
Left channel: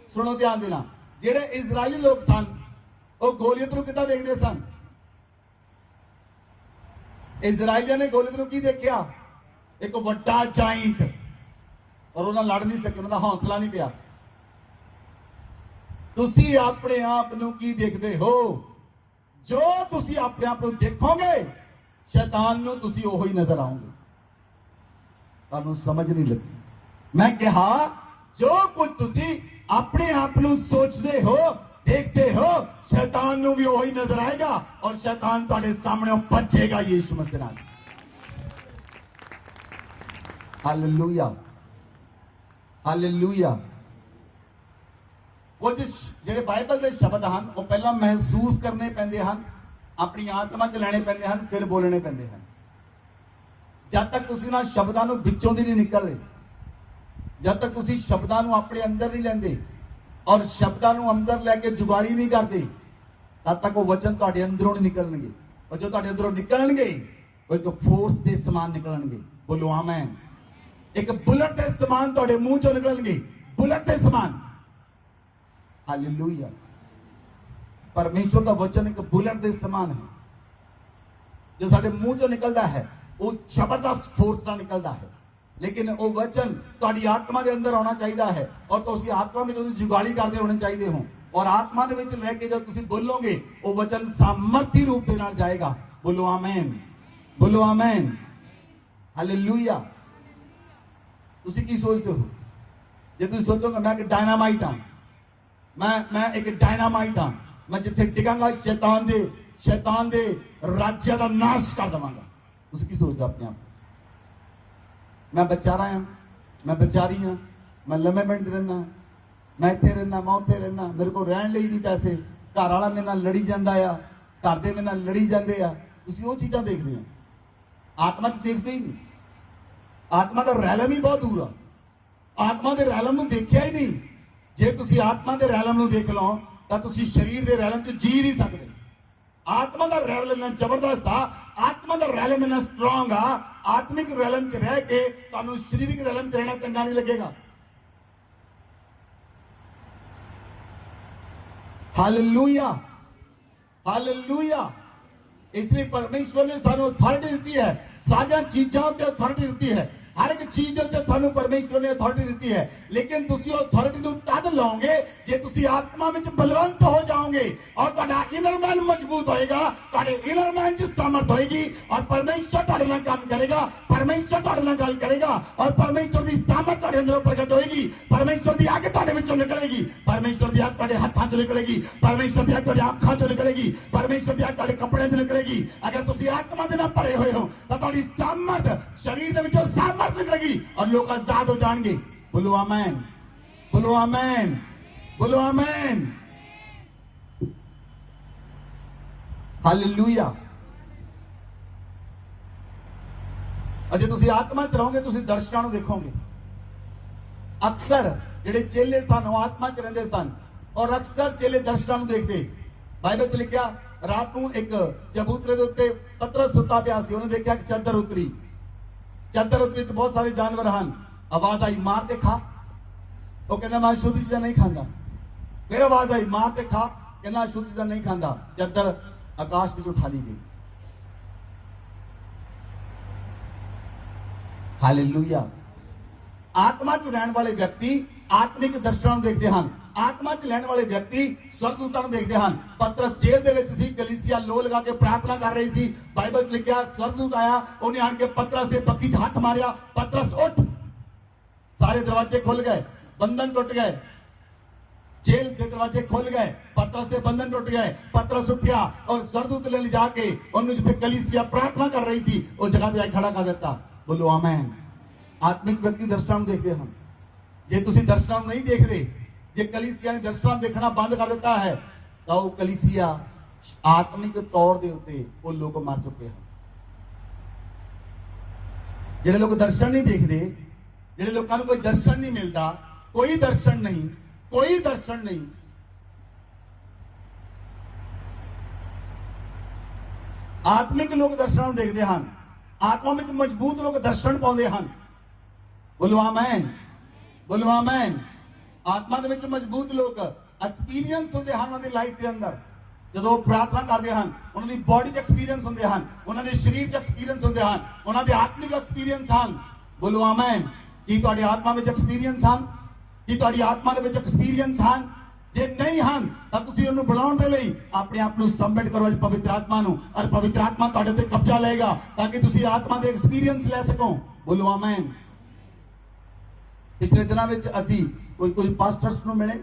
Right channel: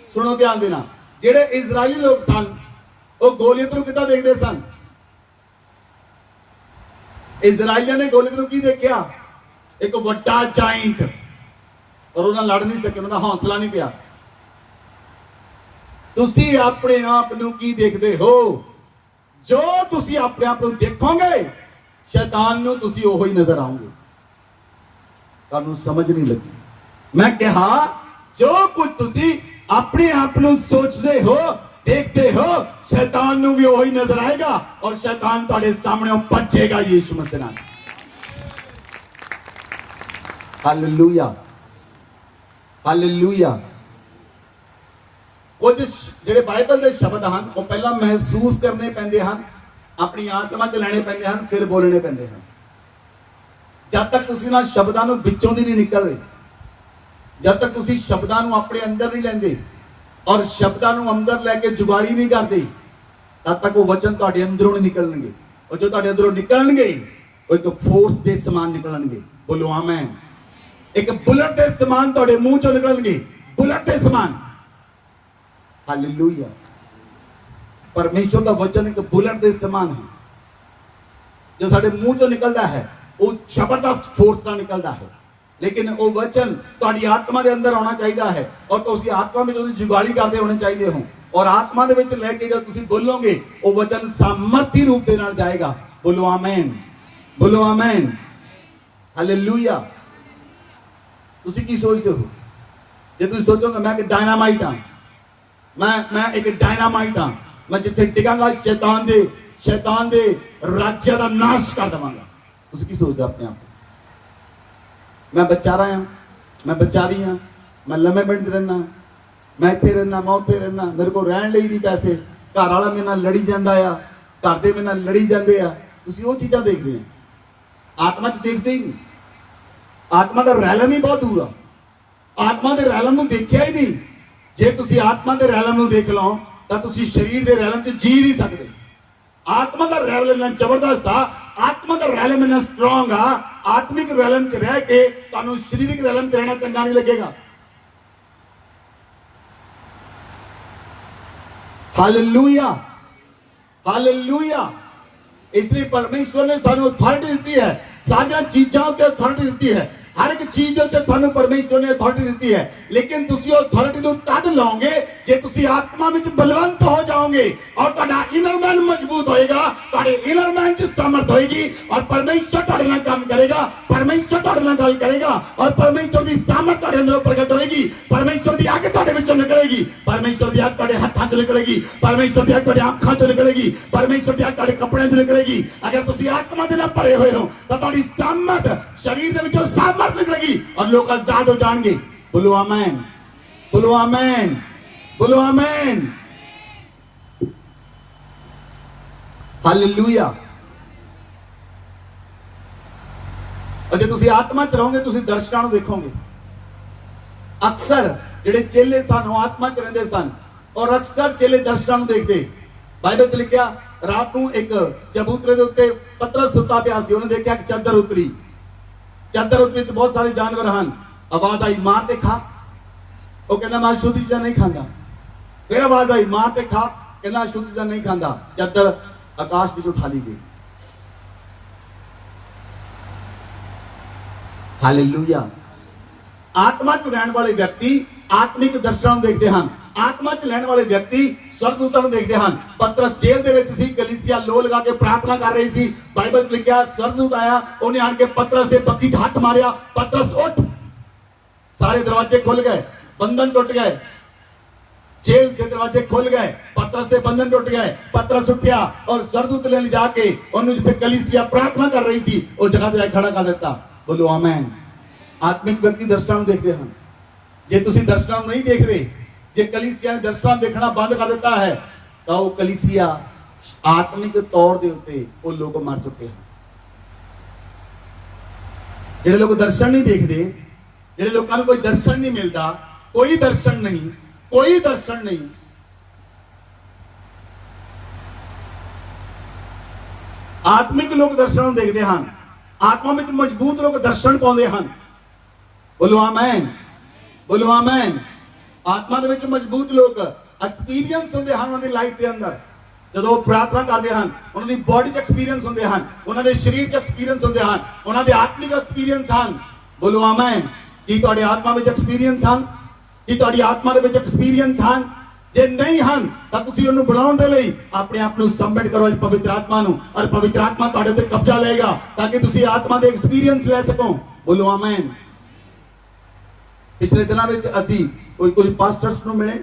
ਸੁਣੋ ਧਿਆਨ ਦੇ ਨਾਲ, ਜਿਹੜੇ ਇਜ਼ਰਾਈਲੀ ਲੋਕ ਸਨ ਉਹ ਗੋਲੀਅਤ ਨੂੰ ਕਿੱਦਾਂ ਦੇਖਦੇ ਸਨ? ਇਜ਼ਰਾਈਲੀਆਂ ਨੇ ਗੋਲੀਅਤ ਨੂੰ ਕੀ ਦੇਖਿਆ? ਇੱਕ ਵੱਡਾ ਜਾਇੰਟ। और उन्हें लड़ नहीं सके, उनका हौसला नहीं पिया। ਤੁਸੀਂ ਆਪਣੇ ਆਪ ਨੂੰ ਕੀ ਦੇਖਦੇ ਹੋ? ਜੋ ਤੁਸੀਂ ਆਪਣੇ ਆਪ ਨੂੰ ਦੇਖੋਗੇ ਸ਼ੈਤਾਨ ਨੂੰ ਤੁਸੀਂ ਉਹੋ ਹੀ ਨਜ਼ਰ ਆਓਗੇ। ਤੁਹਾਨੂੰ ਸਮਝ ਨਹੀਂ ਲੱਗੀ। ਮੈਂ ਕਿਹਾ ਜੋ ਕੁਝ ਤੁਸੀਂ ਆਪਣੇ ਆਪ ਨੂੰ ਸੋਚਦੇ ਹੋ ਦੇਖਦੇ ਹੋ ਸ਼ੈਤਾਨ ਨੂੰ ਵੀ ਉਹੀ ਨਜ਼ਰ ਆਏਗਾ ਔਰ ਸ਼ੈਤਾਨ ਤੁਹਾਡੇ ਸਾਹਮਣੇ ਭੱਜੇਗਾ ਯीशु मसीह ਦੇ ਨਾਮ। Hallelujah hallelujah. ਕੁਝ ਜਿਹੜੇ ਬਾਈਬਲ ਦੇ ਸ਼ਬਦ ਹਨ ਉਹ ਪਹਿਲਾਂ ਮਹਿਸੂਸ ਕਰਨੇ ਪੈਂਦੇ ਹਨ, ਆਪਣੀ ਆਤਮਾ 'ਚ ਲੈਣੇ ਪੈਂਦੇ ਹਨ, ਫਿਰ ਬੋਲਣੇ ਪੈਂਦੇ ਹਨ। ਜਦ ਤੱਕ ਤੁਸੀਂ ਨਾ ਸ਼ਬਦਾਂ ਨੂੰ ਵਿੱਚੋਂ ਦੀ ਨਹੀਂ ਨਿਕਲਦੇ, ਜਦ ਤੱਕ ਤੁਸੀਂ ਸ਼ਬਦਾਂ ਨੂੰ ਆਪਣੇ ਅੰਦਰ ਨਹੀਂ ਲੈਂਦੇ ਔਰ ਸ਼ਬਦਾਂ ਨੂੰ ਅੰਦਰ ਲੈ ਕੇ ਜੁਗਾੜੀ ਨਹੀਂ ਕਰਦੇ, ਤਦ ਤੱਕ ਉਹ ਵਚਨ ਤੁਹਾਡੇ ਅੰਦਰੋਂ ਨਹੀਂ ਨਿਕਲਣਗੇ। ਔਰ ਜੋ ਤੁਹਾਡੇ ਅੰਦਰੋਂ ਨਿਕਲਣਗੇ ਉਹ ਇੱਕ ਫੋਰਸ ਦੇ ਸਮਾਨ ਨਿਕਲਣਗੇ। ਬੋਲੋ ਆਮੇਨ। ਇੱਕ ਬੁਲਟ ਦੇ ਸਮਾਨ ਤੁਹਾਡੇ ਮੂੰਹ ਚੋਂ ਨਿਕਲਣਗੇ, ਬੁਲਟ ਦੇ ਸਮਾਨ। ਹਾਲੇਲੂਇਆ। ਪਰਮੇਸ਼ਰ ਦਾ ਵਚਨ ਇੱਕ ਬੁਲਟ ਦੇ ਸਮਾਨ ਹੈ ਜੋ ਸਾਡੇ ਮੂੰਹ ਚੋਂ ਨਿਕਲਦਾ ਹੈ, ਉਹ ਜ਼ਬਰਦਸਤ ਫੋਰਸ ਨਾਲ ਨਿਕਲਦਾ ਹੈ। ਲੇਕਿਨ ਉਹ ਵਚਨ ਤੁਹਾਡੀ ਆਤਮਾ ਦੇ ਅੰਦਰ ਆਉਣਾ ਚਾਹੀਦਾ ਹੈ ਔਰ ਤੁਸੀਂ ਆਤਮਾ ਵਿੱਚ ਉਹਦੀ ਜੁਗਾੜੀ ਕਰਦੇ ਹੋਣੇ ਚਾਹੀਦੇ ਹੋ। ਔਰ ਆਤਮਾ ਦੇ ਵਿੱਚ ਲੈ ਕੇ ਜਦ ਤੁਸੀਂ ਬੋਲੋਗੇ ਉਹ ਵਚਨ ਸਾਮਰਥੀ ਰੂਪ ਦੇ ਨਾਲ ਜਾਏਗਾ। ਬੋਲੋ ਆਮੇਨ, ਬੋਲੋ ਆਮੇਨ, ਹਾਲੇਲੂਇਆ। ਤੁਸੀਂ ਕੀ ਸੋਚਦੇ ਹੋ? ਜੇ ਤੁਸੀਂ ਸੋਚੋਗੇ ਮੈਂ ਇੱਕ ਡਾਇਨਾਮਾਈਟ ਹਾਂ, ਮੈਂ ਇੱਕ ਡਾਇਨਾਮਾਈਟ ਹਾਂ, ਮੈਂ ਜਿੱਥੇ ਡਿਗਾਂਗਾ ਸ਼ੈਤਾਨ ਦੇ ਰਾਜਿਆਂ ਦਾ ਨਾਸ਼ ਕਰ ਦੇਵਾਂਗਾ। ਤੁਸੀਂ ਕੀ ਸੋਚਦੇ ਆਪਣੇ ਆਪ? ਮੈਂ ਵਿਚਾਰਾ ਹਾਂ, ਮੈਂ ਵਿਚਾਰੀ ਹਾਂ, ਮੈਂ ਲੰਮੇ ਪਿੰਡ ਰਹਿਣਾ, ਮੈਂ ਇੱਥੇ ਰਹਿਣਾ, ਮੈਂ ਉੱਥੇ ਰਹਿਣਾ, ਮੇਰੇ ਕੋਲ ਰਹਿਣ ਲਈ ਨਹੀਂ ਪੈਸੇ, ਘਰ ਵਾਲਾ ਮੇਰੇ ਨਾਲ ਲੜੀ ਜਾਂਦਾ ਆ, ਘਰ ਦੇ ਮੇਰੇ ਨਾਲ ਲੜੀ ਜਾਂਦੇ ਆ। ਤੁਸੀਂ ਉਹ ਚੀਜ਼ਾਂ ਦੇਖਦੇ ਹੋ, ਆਤਮਾ 'ਚ ਦੇਖਦੇ ਹੀ ਨਹੀਂ। ਆਤਮਾ ਦਾ ਰੈਲਮ ਹੀ ਬਹੁਤ ਦੂਰ ਆ। ਆਤਮਾ ਦੇ ਰੈਲਮ ਨੂੰ ਦੇਖਿਆ ਹੀ ਨਹੀਂ। ਜੇ ਤੁਸੀਂ ਆਤਮਾ ਦੇ ਰੈਲਮ ਨੂੰ ਦੇਖ ਲਓ ਤਾਂ ਤੁਸੀਂ ਸਰੀਰ ਦੇ ਰੈਲਮ 'ਚ ਜੀ ਨਹੀਂ ਸਕਦੇ। ਆਤਮਾ ਦਾ ਰੈਲਮ ਇੰਨਾ ਜ਼ਬਰਦਸਤ ਆ, ਆਤਮਾ ਦਾ ਰੈਲਮ ਇੰਨਾ ਸਟਰੋਂਗ ਆ। ਆਤਮਿਕ ਰੈਲਮ 'ਚ ਰਹਿ ਕੇ ਤੁਹਾਨੂੰ ਸਰੀਰਕ ਰੈਲਮ 'ਚ ਰਹਿਣਾ ਚੰਗਾ ਨਹੀਂ ਲੱਗੇਗਾ। Hallelujah hallelujah. इसलिए परमेश्वर ने सानू अथॉरिटी दी है, सारियां चीज़ों ते अथॉरिटी दी है, हर एक चीज उत्ते सानू परमेश्वर ने अथॉरिटी दी है। लेकिन तुसी अथॉरिटी नू तद लाओगे जे तुसी आत्मा विच बलवंत हो जाओगे और तुहाडा इनर मैन मजबूत होएगा, तुहाडे इनर मैन च सामर्थ होएगी और परमेश्वर तुहाडे नाल काम करेगा, परमेश्वर तुहाडे नाल गल करेगा और परमेश्वर दी सामर्थ तुहाडे अंदर प्रगट होएगी। परमेश्वर दी आग तुहाडे विचों निकलेगी, परमेश्वर दी आग तुहाडे हत्थां च निकलेगी, परमेश्वर दी आग तुहाडे आंखां च निकलेगी, परमेश्वर दी आग तुहाडे कपड़िਆਂ च निकलेगी। अगर तुसी आत्मा दे नाल भरे होए हो तां तुहाडी सामर्थ शरीर दे विचों सामर्थ निकलेगी और लोग आजाद हो जाएंगे। बोलो आमीन, बोलो आमीन, बोलो आमीन, हालेलुया। और जे तुसी आत्मा च रहोगे तुसी दर्शनां नूं देखोगे। अक्सर जेडे चेले सन वो आत्मा च रहिंदे सन और अक्सर चेले दर्शनां नूं देखदे। बाइबल च लिखिया रात नूं एक चबूतरे दे उत्ते पतरस सुत्ता पिया सी, उन्हें देखिया कि चादर उतरी, चादर उतरी तो बहुत सारे जानवर हैं। आवाज आई मार ते खा, वो कहना मैं शुद्ध चीज़ां नहीं खाता। फिर आवाज आई मार ते खा, कहना शुद्ध चीज़ां नहीं खाता। चादर आकाश में उठा ली गई। हालेलुया। आत्मा च रहने वाले व्यक्ति आत्मिक दर्शन देखते हैं, आत्मा च रहने वाले व्यक्ति स्वर्गदूतां नूं देखते हैं। पतरस जेल दे विच सी, कलीसिया लो लगा के प्रार्थना कर रही सी। बाइबल च लिखिया स्वर्गदूत आया, उन्हें आण के पतरस दे पक्की च हाथ मारिया, पतरस उठ। सारे दरवाजे खुल गए, बंधन टूट गए, जेल के दरवाजे खुल गए, पतरस के बंधन टूट गए। पतरस उठा और स्वर्गदूत ने जाके उन्हें जिथे कलीसिया प्रार्थना कर रही सी उस जगह पे खड़ा कर देता। बोलो आमीन। आत्मिक व्यक्ति दर्शनां देखते हैं। जे तुसी दर्शनां नहीं देखते, जे कलीसिया ने दर्शनां देखना बंद कर देता है तो वो कलीसिया आत्मिक तौर के उत्ते वो लोग मर चुके हैं। जिहड़े लोग दर्शन नहीं देखते, जिहड़े लोगों को कोई दर्शन नहीं मिलता, कोई दर्शन नहीं, कोई दर्शन नहीं, आत्मिक लोग दर्शन देखते हैं, आत्मा में मजबूत लोग दर्शन पाते हैं। बोलो आमीन, बोलो आमीन। आत्मा दे विच मजबूत लोग एक्सपीरियंस होंदे हैं उन्हां दी लाइफ दे अंदर। जदों प्रार्थना करते हैं उन्हां दी बॉडी च एक्सपीरियंस होंदे हैं, उन्हां दे शरीर च एक्सपीरियंस होंदे हैं, उन्हां दे आत्मिक एक्सपीरियंस हैं। बोलो आमीन। की तुहाडी आत्मा विच एक्सपीरियंस हैं, की तुहाडी आत्मा दे विच एक्सपीरियंस हैं। ਜੇ ਨਹੀਂ ਹਨ ਤਾਂ ਤੁਸੀਂ ਉਹਨੂੰ ਬਣਾਉਣ ਦੇ ਲਈ ਆਪਣੇ ਆਪ ਨੂੰ ਸਬਮਿਟ ਕਰੋ ਇਸ ਪਵਿੱਤਰ ਆਤਮਾ ਨੂੰ, ਔਰ ਪਵਿੱਤਰ ਆਤਮਾ ਤੁਹਾਡੇ ਉੱਤੇ ਕਬਜ਼ਾ ਲਏਗਾ ਤਾਂ ਕਿ ਤੁਸੀਂ ਆਤਮਾ ਦੇ ਐਕਸਪੀਰੀਅੰਸ ਲੈ ਸਕੋ। ਬੋਲੋ ਆਮੇਨ। ਪਿਛਲੇ ਦਿਨਾਂ ਵਿੱਚ ਅਸੀਂ ਕੋਈ ਪਾਸਟਰਸ ਨੂੰ ਮਿਲੇ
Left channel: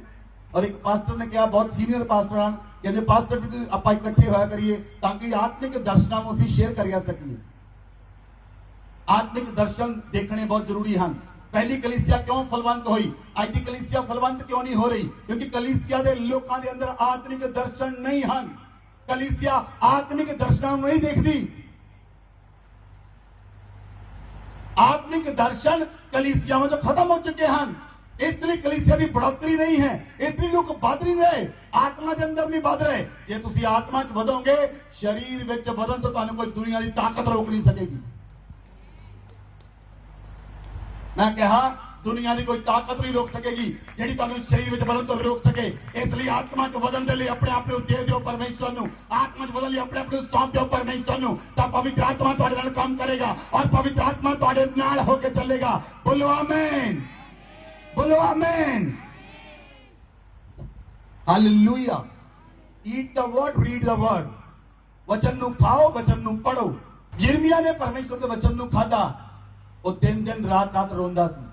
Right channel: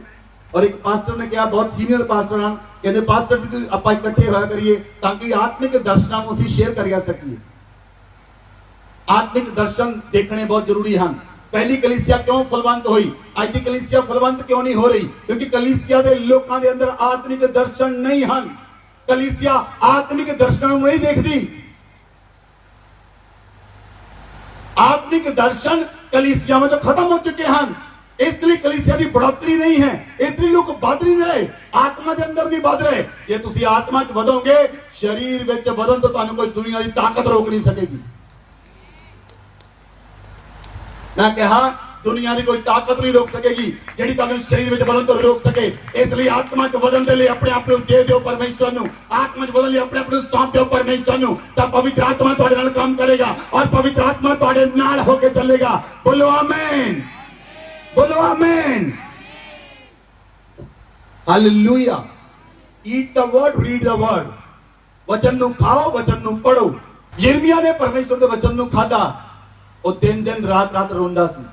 ਔਰ ਇੱਕ ਪਾਸਟਰ ਨੇ ਕਿਹਾ, ਬਹੁਤ ਸੀਨੀਅਰ ਪਾਸਟਰ ਹਨ, ਕਹਿੰਦੇ ਪਾਸਟਰ ਜੀ ਆਪਾਂ ਇਕੱਠੇ ਹੋਇਆ ਕਰੀਏ ਤਾਂ ਕਿ ਆਤਮਿਕ ਦਰਸ਼ਨਾਂ ਨੂੰ ਅਸੀਂ ਸ਼ੇਅਰ ਕਰਿਆ ਸਕੀਏ। ਆਤਮਿਕ ਦਰਸ਼ਨ ਦੇਖਣੇ ਬਹੁਤ ਜ਼ਰੂਰੀ ਹਨ। ਪਹਿਲੀ ਕਲੀਸਿਆ ਕਿਉਂ ਫਲਵੰਤ ਹੋਈ, ਅੱਜ ਦੀ ਕਲੀਸਿਆ ਫਲਵੰਤ ਕਿਉਂ ਨਹੀਂ ਹੋ ਰਹੀ? ਕਿਉਂਕਿ ਕਲੀਸਿਆ ਦੇ ਲੋਕਾਂ ਦੇ ਅੰਦਰ ਆਤਮਿਕ ਦਰਸ਼ਨ ਨਹੀਂ ਹਨ। ਕਲੀਸਿਆ ਆਤਮਿਕ ਦਰਸ਼ਨਾਂ ਨੂੰ ਨਹੀਂ ਦੇਖਦੀ। ਆਤਮਿਕ ਦਰਸ਼ਨ ਕਲੀਸਿਆ ਵਿੱਚ ਖਤਮ ਹੋ ਚੁੱਕੇ ਹਨ। ਇਸ ਲਈ ਕਲੀਸਿਆ ਦੀ बढ़ोतरी नहीं है, ਇਸ ਲਈ ਲੋਕ ਵੱਧ ਨਹੀਂ ਰਹੇ, ਆਤਮਾ ਦੇ ਅੰਦਰ ਨਹੀਂ ਵੱਧ ਰਹੇ। ਜੇ ਤੁਸੀਂ ਆਤਮਾ 'ਚ ਵਧੋਗੇ, ਸਰੀਰ ਵਿੱਚ ਵਧਣ ਤੋਂ ਤੁਹਾਨੂੰ ਕੋਈ ਦੁਨੀਆ ਦੀ ਤਾਕਤ ਰੋਕ ਨਹੀਂ ਸਕੇਗੀ। ਮੈਂ ਕਿਹਾ ਦੁਨੀਆ ਦੀ ਕੋਈ ਤਾਕਤ ਨਹੀਂ ਰੋਕ ਸਕੇਗੀ ਜਿਹੜੀ ਤੁਹਾਨੂੰ ਸਰੀਰ ਵਿੱਚ ਵਧਣ ਤੋਂ ਰੋਕ ਸਕੇ। ਇਸ ਲਈ ਆਤਮਾ 'ਚ ਵਧਣ ਦੇ ਲਈ ਆਪਣੇ ਆਪ ਨੂੰ ਦੇ ਦਿਓ ਪਰਮੇਸ਼ਰ ਨੂੰ। ਆਤਮਾ 'ਚ ਵਧਣ ਲਈ ਆਪਣੇ ਆਪ ਨੂੰ ਸੌਂਪ ਦਿਓ ਪਰਮੇਸ਼ਰ ਨੂੰ, ਤਾਂ ਪਵਿੱਤਰ ਆਤਮਾ ਤੁਹਾਡੇ ਨਾਲ ਕੰਮ ਕਰੇਗਾ ਔਰ ਪਵਿੱਤਰ ਆਤਮਾ ਤੁਹਾਡੇ ਨਾਲ ਹੋ ਕੇ ਚੱਲੇਗਾ। ਬੋਲੋ ਆਮੇਨ, बोलो amen, hallelujah. Eat the word, read the word. वचन ਨੂੰ ਖਾਓ, वचन ਨੂੰ ਪੜੋ। ਯਿਰਮੀਆ ਨੇ ਪਰਮੇਸ਼ਰ ਦੇ वचन ਨੂੰ ਖਾਧਾ। ਉਹ ਦਿਨ ਦਿਨ ਰਾਤ ਰਾਤ ਰੋਂਦਾ ਸੀ,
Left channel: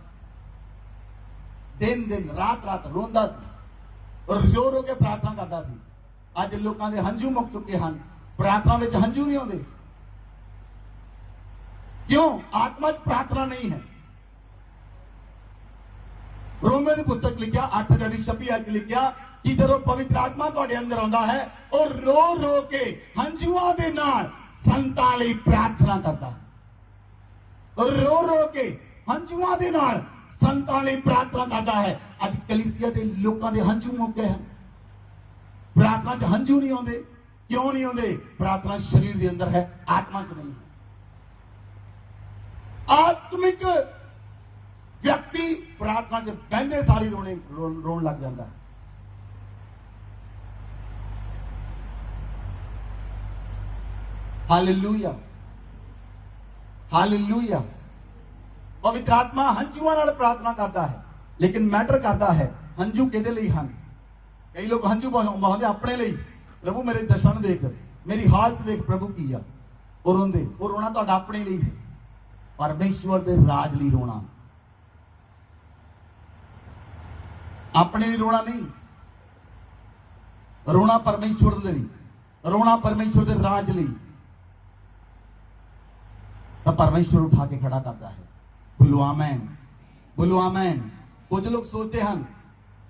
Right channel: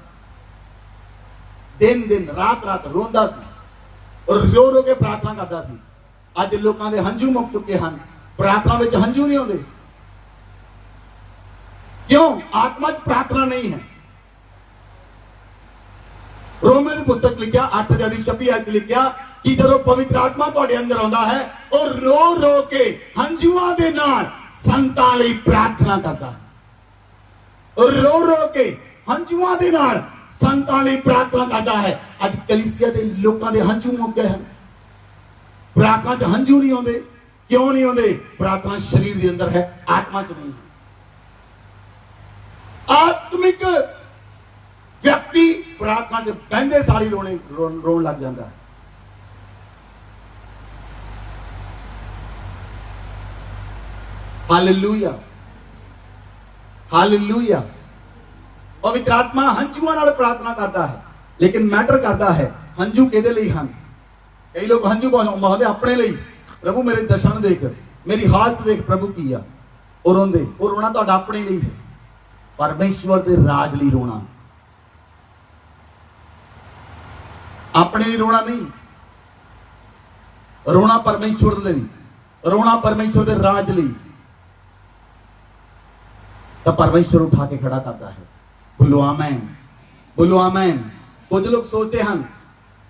ਦਿਨ ਦਿਨ ਰਾਤ ਰਾਤ ਰੋਂਦਾ ਸੀ ਔਰ ਰੋ ਰੋ ਕੇ ਪ੍ਰਾਰਥਨਾ ਕਰਦਾ ਸੀ। ਅੱਜ ਲੋਕਾਂ ਦੇ ਹੰਝੂ ਮੁੱਕ ਚੁੱਕੇ ਹਨ, ਪ੍ਰਾਰਥਨਾ ਵਿੱਚ ਹੰਝੂ ਨਹੀਂ ਆਉਂਦੇ। ਕਿਉਂ? ਆਤਮਾ 'ਚ ਪ੍ਰਾਰਥਨਾ ਨਹੀਂ ਹੈ। रोमे की पुस्तक लिखा 8:26 लिखा कि जब पवित्र आत्मा तुहाडे अंदर आंदा है और रो रो के हंझुआं दे नाल संतां लई प्रार्थना करता है और रो रो के हंझुआं दे नाल संतां लई प्रार्थना करता है। अज कलीसिया दे लोकां दे हंझू मुक गए हैं, प्रार्थना च हंझू नहीं आउंदे। क्यों नहीं आउंदे? प्रार्थना शरीर दे अंदर है, आत्मा च नहीं है। आत्मिक व्यक्ति प्रार्थना च बहंदे सारी रोन लग जाता है। Hallelujah, hallelujah. पवित्र आत्मा हंझुआं नाल प्रार्थना करता है, लेकिन मैटर करता है हंझू किहदे लई हन। कई लोग हंझू बहाउंदे अपने लई, प्रभु मेरे दर्शन देख, मेरी हालत देख प्रभु की आ, और रोंदे। और रोना तुहाडा अपने लई है, परमेश्वर दे राज लई रोना, अपने लिए रोना नहीं। रोना परमेश्वर दे लिए, रोना परमेश्वर दे राज लिए, तब परमेश्वर उठा के खड़ा करता है। बोलो आमेन, बोलो आमेन। कुछ लोग सोचते हैं,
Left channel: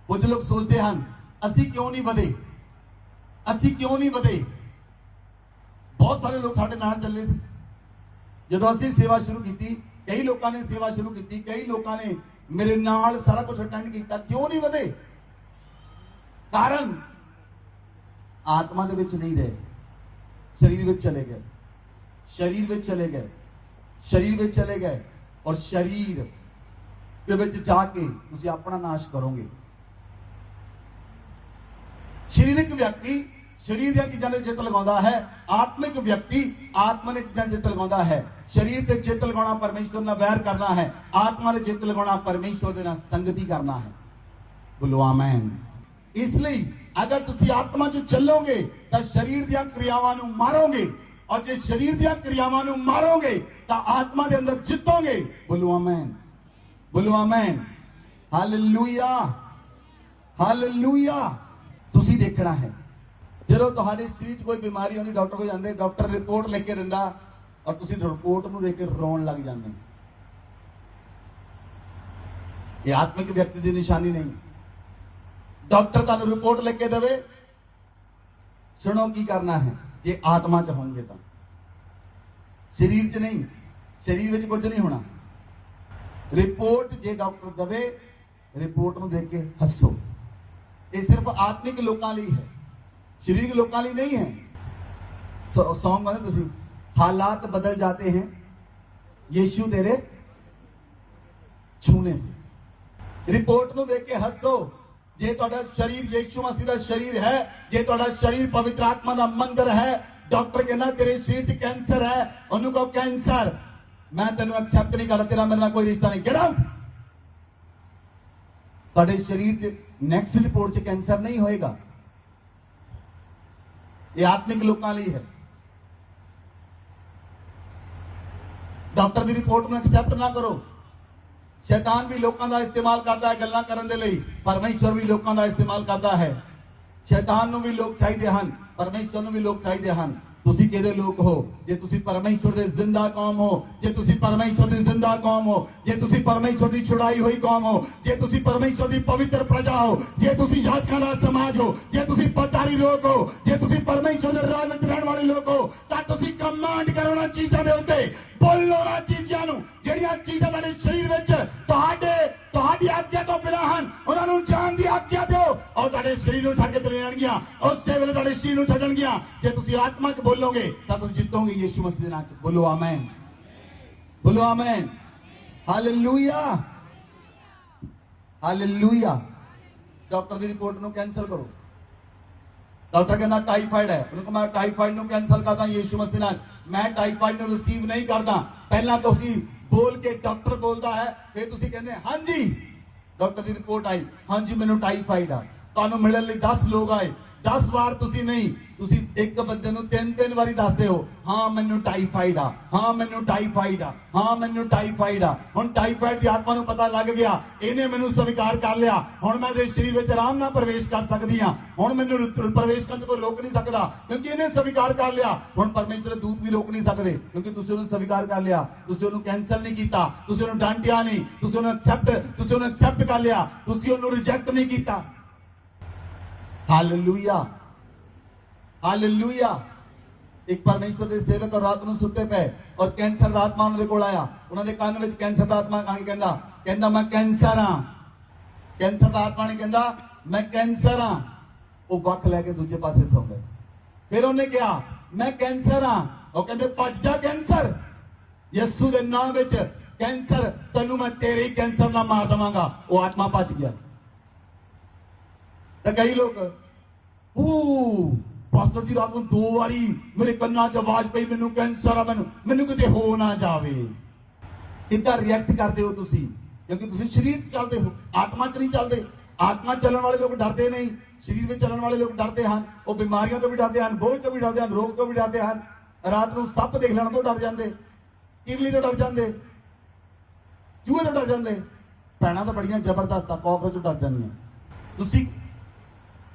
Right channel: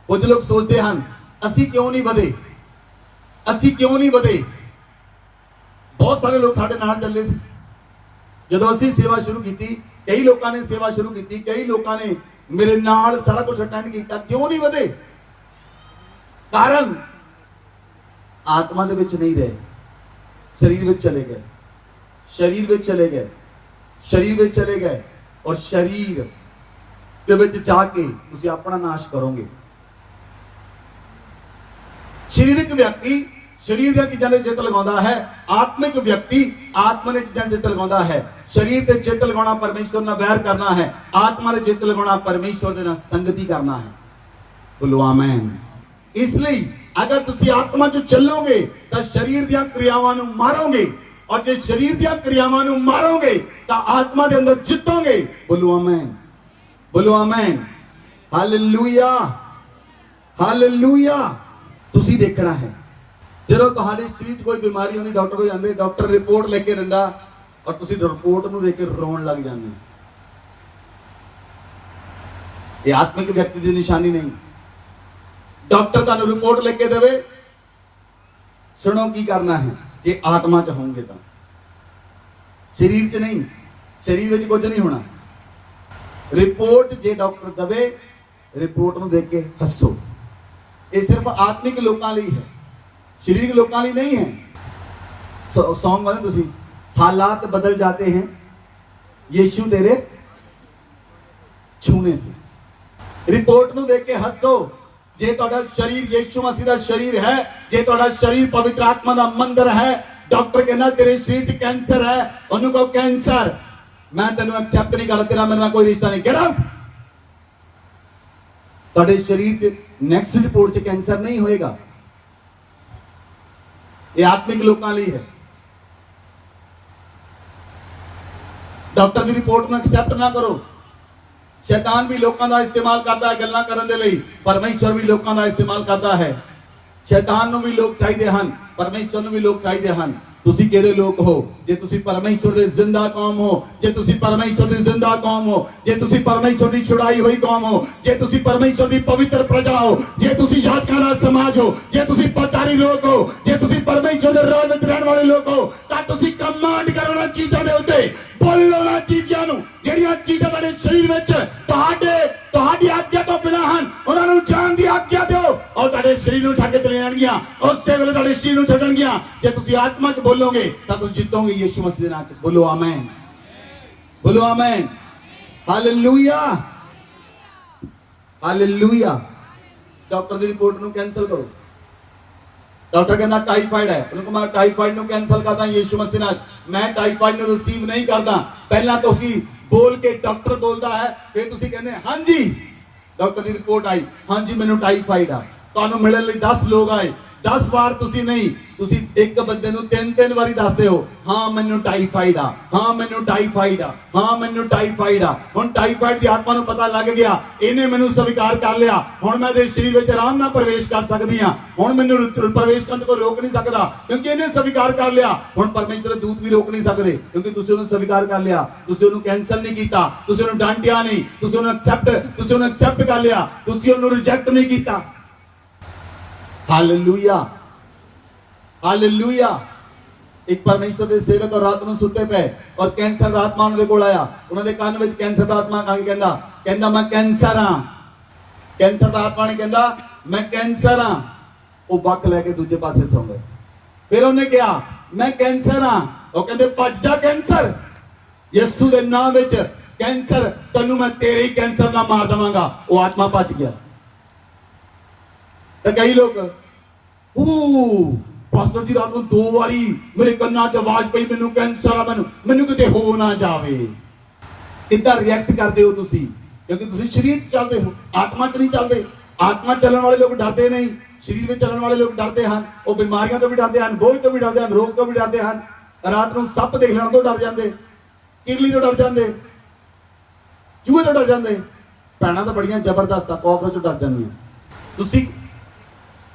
कुछ लोग सोचते हैं असी क्यों नहीं वधे, असी क्यों नहीं वधे। बहुत सारे लोग साडे नाल चले सी जदों असी सेवा शुरू की। कई लोगों ने सेवा शुरू की, कई लोगों ने मेरे नाल सारा कुछ अटेंड किया। क्यों नहीं वधे? कारण आत्मा दे विच नहीं रहे, शरीर विच चले गए, शरीर विच चले गए, शरीर विच चले गए। और शरीर के विच जाके तुसी अपना नाश करोगे। शारीरिक व्यक्ति शरीर दी चीज़ां दे चित्त लगाउंदा है, आत्मिक व्यक्ति आत्मा ने चीज़ां दे चित्त लगाउंदा है। शरीर ते चित्त लगाना परमेश्वर नाल वैर करना है, आत्मा ने चित्त लगाना परमेश्वर दे नाल संगति करना है। बोलो आमीन। इसलिए अगर तुसी आत्मा च चलोगे तो शरीर दी क्रियावां नूं मारोगे, और जे शरीर दी क्रियावां नूं मारोगे तो आत्मा दे अंदर जितोगे। बोलो आमीन, बोलो आमीन। Hallelujah, hallelujah. तुसी देखना है ਜਦੋਂ ਤੁਹਾਡੇ ਸਰੀਰ 'ਚ ਕੋਈ ਬਿਮਾਰੀ ਆਉਂਦੀ, ਡਾਕਟਰ ਕੋਲ ਜਾਂਦੇ, ਡਾਕਟਰ ਰਿਪੋਰਟ ਲੈ ਕੇ ਦਿੰਦਾ ਔਰ ਤੁਸੀਂ ਰਿਪੋਰਟ ਨੂੰ ਦੇਖ ਕੇ ਰੋਣ ਲੱਗ ਜਾਂਦੇ। ਇਹ ਆਤਮਿਕ ਵਿਅਕਤੀ ਦੀ ਨਿਸ਼ਾਨੀ ਨਹੀਂ। ਡਾਕਟਰ ਤੁਹਾਨੂੰ ਰਿਪੋਰਟ ਲੈ ਕੇ ਦੇਵੇ, ਸੁਣੋ ਕੀ ਕਰਨਾ ਹੈ। ਜੇ ਆਤਮਾ 'ਚ ਹੋਣਗੇ ਤਾਂ ਸਰੀਰ 'ਚ ਨਹੀਂ, ਸਰੀਰ ਵਿੱਚ ਕੁਝ ਨਹੀਂ ਹੋਣਾ। ਰਿਪੋਰਟ ਜੇ ਡਾਕਟਰ ਦੇਵੇ, ਰਿਪੋਰਟ ਨੂੰ ਦੇਖ ਕੇ ਹੱਸੋ। ਇਹ ਸਿਰਫ ਆਤਮਿਕ ਲੋਕਾਂ ਲਈ ਹੈ, शरीर लोगों लिए नहीं है। सॉन्ग वाले तुसी हालात बदल जाते हैं यीशु तेरे छूने से। रिपोर्ट ਨੂੰ देख के हसो। जे ਤੁਹਾਡਾ शरीर यीशु मसीह ਦਾ शरीर है, जे ਤੁਹਾਡਾ शरीर पवित्र आत्मा ਦਾ ਮੰਦਰ है, डॉक्टर कहना तेरे शरीर 'ਚ कैंसर है, ਉਹਨੂੰ ਕਹੋ कैंसर मैं ਤੈਨੂੰ एक्सेप्ट नहीं करता, तेरा मेरे ਨਾਲ कोई रिश्ता नहीं, गेट आउट। ਤੁਹਾਡੇ ਸਰੀਰ 'ਚ ਨੈਕਸਟ ਰਿਪੋਰਟ 'ਚ ਕੈਂਸਰ ਨਹੀਂ ਹੋਏਗਾ। ਇਹ ਆਤਮਿਕ ਲੋਕਾਂ ਲਈ ਹੈ। ਡਾਕਟਰ ਦੀ ਰਿਪੋਰਟ ਨੂੰ ਐਕਸੈਪਟ ਨਾ ਕਰੋ। ਸ਼ੈਤਾਨ ਵੀ ਲੋਕਾਂ ਦਾ ਇਸਤੇਮਾਲ ਕਰਦਾ ਹੈ ਗੱਲਾਂ ਕਰਨ ਦੇ ਲਈ, ਪਰਮੇਸ਼ਰ ਵੀ ਲੋਕਾਂ ਦਾ ਇਸਤੇਮਾਲ ਕਰਦਾ ਹੈ। ਸ਼ੈਤਾਨ ਨੂੰ ਵੀ ਲੋਕ ਚਾਹੀਦੇ ਹਨ, ਪਰਮੇਸ਼ਰ ਨੂੰ ਵੀ ਲੋਕ ਚਾਹੀਦੇ ਹਨ। ਤੁਸੀਂ ਕਿਹੜੇ ਲੋਕ ਹੋ? ਜੇ ਤੁਸੀਂ ਪਰਮੇਸ਼ਰ ਦੇ ਜ਼ਿੰਦਾ ਕੌਮ ਹੋ, ਜੇ ਤੁਸੀਂ ਪਰਮੇਸ਼ਰ ਦੀ ਜ਼ਿੰਦਾ ਕੌਮ ਹੋ, ਜੇ ਤੁਸੀਂ ਪਰਮੇਸ਼ਰ ਦੀ ਛੁਡਾਈ ਹੋਈ ਕੌਮ ਹੋ, ਜੇ ਤੁਸੀਂ ਪਰਮੇਸ਼ਰ ਦੀ ਪਵਿੱਤਰ ਪ੍ਰਜਾ ਹੋ, ਜੇ ਤੁਸੀਂ ਯਾਜਕਾਂ ਦਾ ਸਮਾਜ ਹੋ, ਜੇ ਤੁਸੀਂ ਪਤਾਰੀ ਲੋਕ ਹੋ, ਜੇ ਤੁਸੀਂ ਪਰਮੇਸ਼ਰ ਦੇ ਰਾਜ ਵਿੱਚ ਰਹਿਣ ਵਾਲੇ ਲੋਕ ਹੋ, ਤਾਂ ਤੁਸੀਂ ਕਮਾਂਡ ਕਰੋ ਨਾ ਚੀਜ਼ਾਂ ਦੇ ਉੱਤੇ, ਬੋਲੋ ਨਾ ਚੀਜ਼ਾਂ ਨੂੰ ਜਿਹੜੀਆਂ ਚੀਜ਼ਾਂ ਤੁਹਾਡੇ ਸਰੀਰ ਵਿੱਚ ਤੁਹਾਡੀ ਆਗਿਆ ਤੋਂ ਬਿਨਾਂ ਹਨ, ਉਹਨਾਂ ਨੂੰ ਜਾਣ ਦੀ ਆਗਿਆ ਦਿਓ ਔਰ ਤੁਹਾਡੇ ਸਰੀਰ ਨੂੰ ਛੱਡ ਕੇ ਚਲੇ ਜਾਣਗੀਆਂ। ਉਸੇ ਵੇਲੇ ਤੁਹਾਡੇ ਸਰੀਰ ਨੂੰ ਛੱਡਣਗੀਆਂ। ਜੇ ਤੁਸੀਂ ਆਤਮਾ 'ਚ ਬੋਲੋਗੇ ਤਾਂ ਤੁਸੀਂ ਜਿੱਤੋਗੇ ਯਿਸੂ ਮਸੀਹ ਦੇ ਨਾਮ 'ਚ। ਬੋਲੋ ਆਮੇਨ, ਬੋਲੋ ਆਮੇਨ, ਹਾਲੇਲੂਇਆ, ਹਾਲੇਲੂਇਆ। ਡਾਕਟਰ ਦੀ ਰਿਪੋਰਟ ਨੂੰ ਕੈਂਸਲ ਕਰੋ। ਡਾਕਟਰ ਕਹਿੰਦਾ ਟਾਈਫਾਇਡ ਹੈ, ਉਹਨੂੰ ਕਹਾਂ ਟਾਈਫਾਇਡ ਨੂੰ ਕੈਂਸਲ ਕਰਦਾ ਯਿਸੂ ਮਸੀਹ ਨਾਲ। ਮੈਂ ਟਾਈਫਾਇਡ ਨੂੰ ਰਿਸੀਵ ਨਹੀਂ ਕਰਦਾ। ਪਹਿਲਾਂ ਤੁਸੀਂ ਬੋਲ ਕੇ ਡਾਕਟਰ ਬੋਲਦਾ ਹੈ, ਫਿਰ ਤੁਸੀਂ ਕਹਿੰਦੇ ਹਾਂਜੀ। ਡਾਕਟਰ ਦੀ ਰਿਪੋਰਟ ਆਈ, ਹਾਂਜੀ ਮੈਨੂੰ ਟਾਈਫਾਇਡ ਆ। ਤੁਹਾਨੂੰ ਮਿਲਣ ਲਈ 10 ਲੋਕ ਆਏ, 10 ਵਾਰ ਤੁਸੀਂ ਨਹੀਂ, ਤੁਸੀਂ ਇੱਕ ਬੰਦੇ ਨੂੰ 3-3 ਵਾਰੀ ਦੱਸਦੇ ਹੋ, ਹਾਂ ਮੈਨੂੰ ਟਾਈਫਾਇਡ ਆ, ਹਾਂ ਮੈਨੂੰ ਟਾਈਫਾਇਡ ਆ, ਹਾਂ ਮੈਨੂੰ ਟਾਈਫਾਇਡ ਆ। ਹੁਣ ਟਾਈਫਾਇਡ ਦੀ ਆਤਮਾ ਨੂੰ ਪਤਾ ਲੱਗ ਗਿਆ, ਇਹਨੇ ਮੈਨੂੰ ਸਵੀਕਾਰ ਕਰ ਲਿਆ। ਹੁਣ ਮੈਂ ਇਹਦੇ ਸਰੀਰ ਵਿੱਚ ਆਰਾਮ ਨਾਲ ਪ੍ਰਵੇਸ਼ ਕਰ ਸਕਦੀ ਹਾਂ। ਹੁਣ ਮੈਨੂੰ ਪ੍ਰਵੇਸ਼ ਕਰਨ ਤੋਂ ਕੋਈ ਰੋਕ ਨਹੀਂ ਸਕਦਾ, ਕਿਉਂਕਿ ਇਹਨੇ ਸਵੀਕਾਰ ਕਰ ਲਿਆ। ਹੁਣ ਪਰਮੇਸ਼ਰ ਦੇ ਦੂਤ ਵੀ ਰੋਕ ਨਹੀਂ ਸਕਦੇ, ਕਿਉਂਕਿ ਤੁਸੀਂ ਉਹਨੂੰ ਸਵੀਕਾਰ ਕਰ ਲਿਆ। ਤੁਸੀਂ ਉਹਨੂੰ ਕੈਂਸਲ ਨਹੀਂ ਕੀਤਾ, ਤੁਸੀਂ ਉਹਨੂੰ ਡਾਂਟਿਆ ਨਹੀਂ, ਤੁਸੀਂ ਉਹਨੂੰ ਐਕਸੈਪਟ ਕਰ ਲਿਆ, ਤੁਸੀਂ ਉਹਨੂੰ ਰਿਜੈਕਟ ਨਹੀਂ ਕੀਤਾ। Hallelujah, hallelujah. ਇੱਕ ਪਰਮੇਸ਼ਰ ਦੇ ਸੇਵਕ ਰਾਤ ਨੂੰ ਸੁੱਤੇ ਪਏ ਔਰ ਕੈਂਸਰ ਦਾ ਆਤਮਾ ਉਹਨਾਂ ਦੇ ਕੋਲ ਆਇਆ। ਉਹਨਾਂ ਦੇ ਕੰਨ ਵਿੱਚ ਕੈਂਸਰ ਦਾ ਆਤਮਾ ਆ ਕੇ ਕਹਿੰਦਾ ਮੈਂ ਕੈਂਸਰ ਹਾਂ। ਕੈਂਸਰ ਦਾ ਆਤਮਾ ਨੇ ਕਹਿੰਦਾ ਮੈਂ ਕੈਂਸਰ ਹਾਂ। ਉਹ ਵੱਖ ਲੈ ਕੇ ਦੂਜੇ ਪਾਸੇ ਸੌਂ ਗਏ। ਫਿਰ ਉਹਨੇ ਕਿਹਾ ਮੈਂ ਕੈਂਸਰ ਹਾਂ। ਉਹ ਕਹਿੰਦੇ ਭੱਜ ਜਾ ਕੈਂਸਰ, ਯਿਸੂ ਦੇ ਨਾਮ ਵਿੱਚ ਕੈਂਸਰ, ਤੈਨੂੰ ਮੈਂ ਤੇਰੇ ਹੀ ਕੈਂਸਰ ਨਾਲ ਮਾਰ ਦਵਾਂਗਾ। ਉਹ ਆਤਮਾ ਭੱਜ ਗਿਆ। ਤਾਂ ਕਈ ਲੋਕ ਪਾਸਟਰ ਜੀ ਰਾਤ ਨੂੰ 2 ਵਾਰੀ ਮੇਰੇ ਕੰਨਾਂ 'ਚ ਆਵਾਜ਼ ਪਈ ਮੈਨੂੰ ਕੈਂਸਰ ਆ, ਮੈਨੂੰ ਕਿਤੇ ਹੋ ਨਾ ਜਾਵੇ। ਕਿੱਦਾਂ ਰਿਐਕਟ ਕਰਦੇ ਹੋ ਤੁਸੀਂ? ਕਿਉਂਕਿ ਤੁਸੀਂ ਸਰੀਰ 'ਚ ਚੱਲਦੇ ਹੋ, ਆਤਮਾ 'ਚ ਨਹੀਂ ਚੱਲਦੇ। ਆਤਮਾ ਚੱਲਣ ਵਾਲੇ ਲੋਕ ਡਰਦੇ ਨਹੀਂ, ਸਰੀਰ ਵਿੱਚ ਚੱਲਣ ਵਾਲੇ ਲੋਕ ਡਰਦੇ ਹਨ। ਉਹ ਬਿਮਾਰੀਆਂ ਤੋਂ ਵੀ ਡਰਦੇ ਹਨ, ਬੋਝ ਤੋਂ ਵੀ ਡਰਦੇ ਹਨ, ਰੋਗ ਤੋਂ ਵੀ ਡਰਦੇ ਹਨ। ਰਾਤ ਨੂੰ ਸੱਪ ਦੇਖ ਲੈਣ ਤੋਂ ਡਰ ਜਾਂਦੇ, ਕਿਰਲੀ ਤੋਂ ਡਰ ਜਾਂਦੇ, ਚੂਹੇ ਤੋਂ ਡਰ ਜਾਂਦੇ। ਭੈਣਾਂ ਤਾਂ ਬੜੀਆਂ ਜ਼ਬਰਦਸਤ ਆ, ਕਾਕਰੋਚ ਤੋਂ ਡਰ ਜਾਂਦੀਆਂ। ਤੁਸੀਂ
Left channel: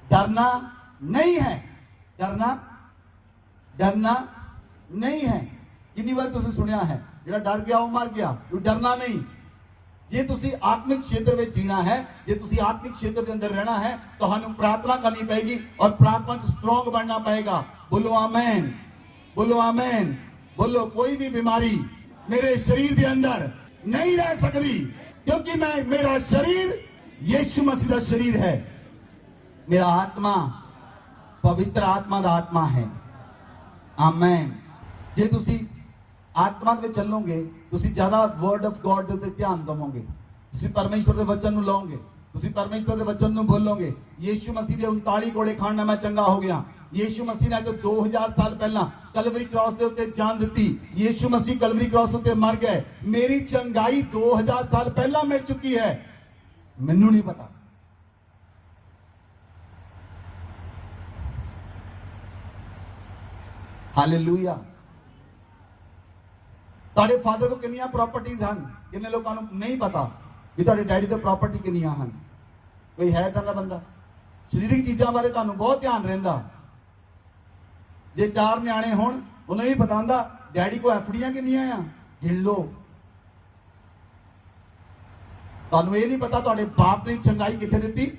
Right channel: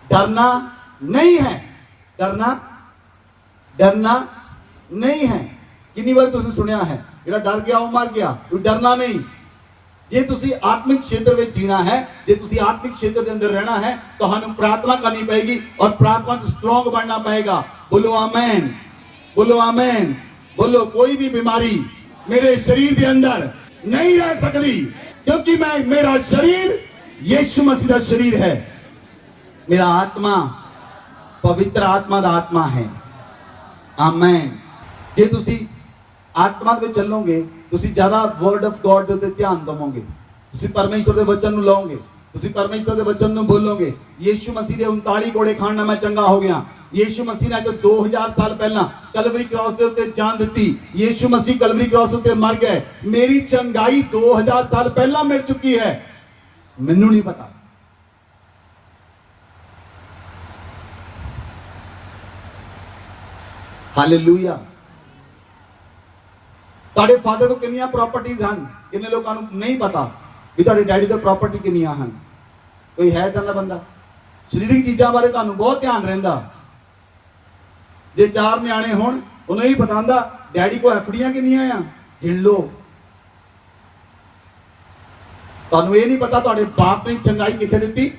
डरना नहीं है, डरना नहीं है। कितनी बार तुसी सुनिया है जेड़ा डर गया वो मर गया। कोई डरना नहीं। जे तुसी आत्मिक क्षेत्र में जीना है, जे तुसी आत्मिक क्षेत्र के अंदर रहना है, तो हमें प्रार्थना करनी पड़ेगी और प्रार्थना से स्ट्रॉन्ग बनना पड़ेगा। बोलो आमेन, बोलो आमेन, बोलो। कोई भी बीमारी मेरे शरीर के अंदर नहीं रह सकती, क्योंकि मेरा शरीर यीशु मसीह का शरीर है। मेरा आत्मा पवित्र आत्मा ਦਾ ਆਤਮਾ ਹੈ। ਆਮੇਨ। ਜੇ ਤੁਸੀਂ ਆਤਮਾ ਵਿੱਚ ਚੱਲੋਗੇ, ਤੁਸੀਂ ਜ਼ਿਆਦਾ ਵਰਡ ਆਫ ਗੋਡ ਦੇ ਉੱਤੇ ਧਿਆਨ ਦੇਵੋਗੇ, ਤੁਸੀਂ ਪਰਮੇਸ਼ਰ ਦੇ ਵਚਨ ਨੂੰ ਲਓਗੇ, ਤੁਸੀਂ ਪਰਮੇਸ਼ਰ ਦੇ ਵਚਨ ਨੂੰ ਬੋਲੋਗੇ। ਯੀਸ਼ੂ ਮਸੀਹ ਦੇ 39 ਕੋੜੇ ਖਾਣ ਨਾਲ ਮੈਂ ਚੰਗਾ ਹੋ ਗਿਆ। ਯੀਸ਼ੂ ਮਸੀਹ ਨੇ 2000 ਸਾਲ ਪਹਿਲਾਂ ਕਲਵਰੀ ਕ੍ਰਾਸ ਦੇ ਉੱਤੇ ਜਾਨ ਦਿੱਤੀ। ਯੀਸ਼ੂ ਮਸੀਹ ਕਲਵਰੀ ਕ੍ਰਾਸ ਉੱਤੇ ਮਰ ਗਏ। ਮੇਰੀ ਚੰਗਾਈ 2000 ਸਾਲ ਪਹਿਲਾਂ ਮਿਲ ਚੁੱਕੀ ਹੈ। ਮੈਨੂੰ ਨਹੀਂ ਪਤਾ। हालेलुया। ਤੁਹਾਡੇ ਫਾਦਰ ਕੋਲ ਕਿੰਨੀਆਂ ਪ੍ਰਾਪਰਟੀਆਂ ਹਨ? ਕਿੰਨੇ ਲੋਕਾਂ ਨੂੰ ਨਹੀਂ ਪਤਾ ਵੀ ਤੁਹਾਡੇ ਡੈਡੀ ਦੀ ਪ੍ਰਾਪਰਟੀ ਕਿੰਨੀਆਂ ਹਨ? ਕੋਈ ਹੈ ਤਾਂ ਨਾ ਬੰਦਾ? ਸਰੀਰਕ ਚੀਜ਼ਾਂ ਬਾਰੇ ਤੁਹਾਨੂੰ ਬਹੁਤ ਧਿਆਨ ਰਹਿੰਦਾ। ਜੇ 4 ਨਿਆਣੇ ਹੋਣ, ਉਹਨੂੰ ਹੀ ਪਤਾ ਹੁੰਦਾ ਡੈਡੀ ਕੋ ਐਫਡੀਆਂ ਕਿੰਨੀਆਂ ਆ, ਗਿਣ ਲਓ। ਤੁਹਾਨੂੰ ਇਹ ਨਹੀਂ ਪਤਾ ਤੁਹਾਡੇ ਬਾਪ ਨੇ ਚੰਗਾਈ ਕਿੱਥੇ ਦਿੱਤੀ?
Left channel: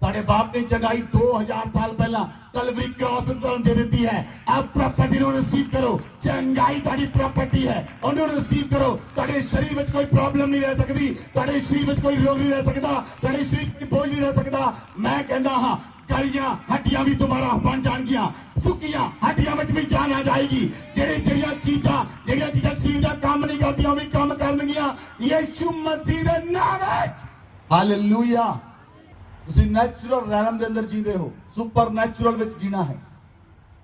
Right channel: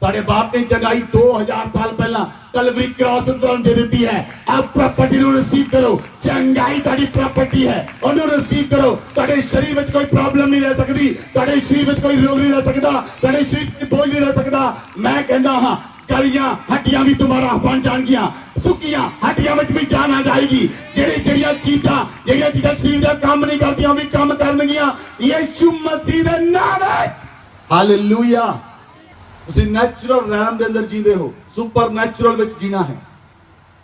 ਤੁਹਾਡੇ ਬਾਪ ਨੇ ਚੰਗਾਈ 2000 ਸਾਲ ਪਹਿਲਾਂ ਕਲਵਰੀ ਕ੍ਰਾਸ ਉੱਤੇ ਦੇ ਦਿੱਤੀ ਹੈ। ਆਪ ਪ੍ਰਾਪਰਟੀ ਨੂੰ ਰਿਸੀਵ ਕਰੋ। ਚੰਗਾਈ ਤੁਹਾਡੀ ਪ੍ਰਾਪਰਟੀ ਹੈ, ਉਹਨੂੰ ਰਿਸੀਵ ਕਰੋ। ਤੁਹਾਡੇ ਸਰੀਰ ਵਿੱਚ ਕੋਈ ਪ੍ਰੋਬਲਮ ਨਹੀਂ ਰਹਿ ਸਕਦੀ, ਤੁਹਾਡੇ ਸਰੀਰ ਵਿੱਚ ਕੋਈ ਰੋਗ ਨਹੀਂ ਰਹਿ ਸਕਦਾ, ਤੁਹਾਡੇ ਸਰੀਰ ਵਿੱਚ ਕੋਈ ਬੋਝ ਨਹੀਂ ਰਹਿ ਸਕਦਾ। ਮੈਂ ਕਹਿੰਦਾ ਹਾਂ ਗਲੀਆਂ ਹੱਡੀਆਂ ਵੀ ਤੁਹਾਡਾ ਬਣ ਜਾਣਗੀਆਂ, ਸੁੱਕੀਆਂ ਹੱਡੀਆਂ ਵਿੱਚ ਵੀ ਜਾਨ ਆ ਜਾਏਗੀ। ਜਿਹੜੀਆਂ ਚੀਜ਼ਾਂ ਸਰੀਰ ਦਾ ਕੰਮ ਨਹੀਂ ਕਰਦੀਆਂ, ਵੀ ਕੰਮ ਕਰਨਗੀਆਂ ਯਿਸੂ ਮਸੀਹ ਦੇ ਨਾਮ ਵਿੱਚ। ਹਾਲੇਲੂਇਆ। ਤੁਸੀਂ ਨੈਚੁਰਲ ਰੈਲਮ ਦੇ ਅੰਦਰ ਜੀਂਦੇ ਹੋ, ਸੁਪਰ ਨੈਚੁਰਲ ਵਿੱਚ ਜੀਣਾ ਹੈ।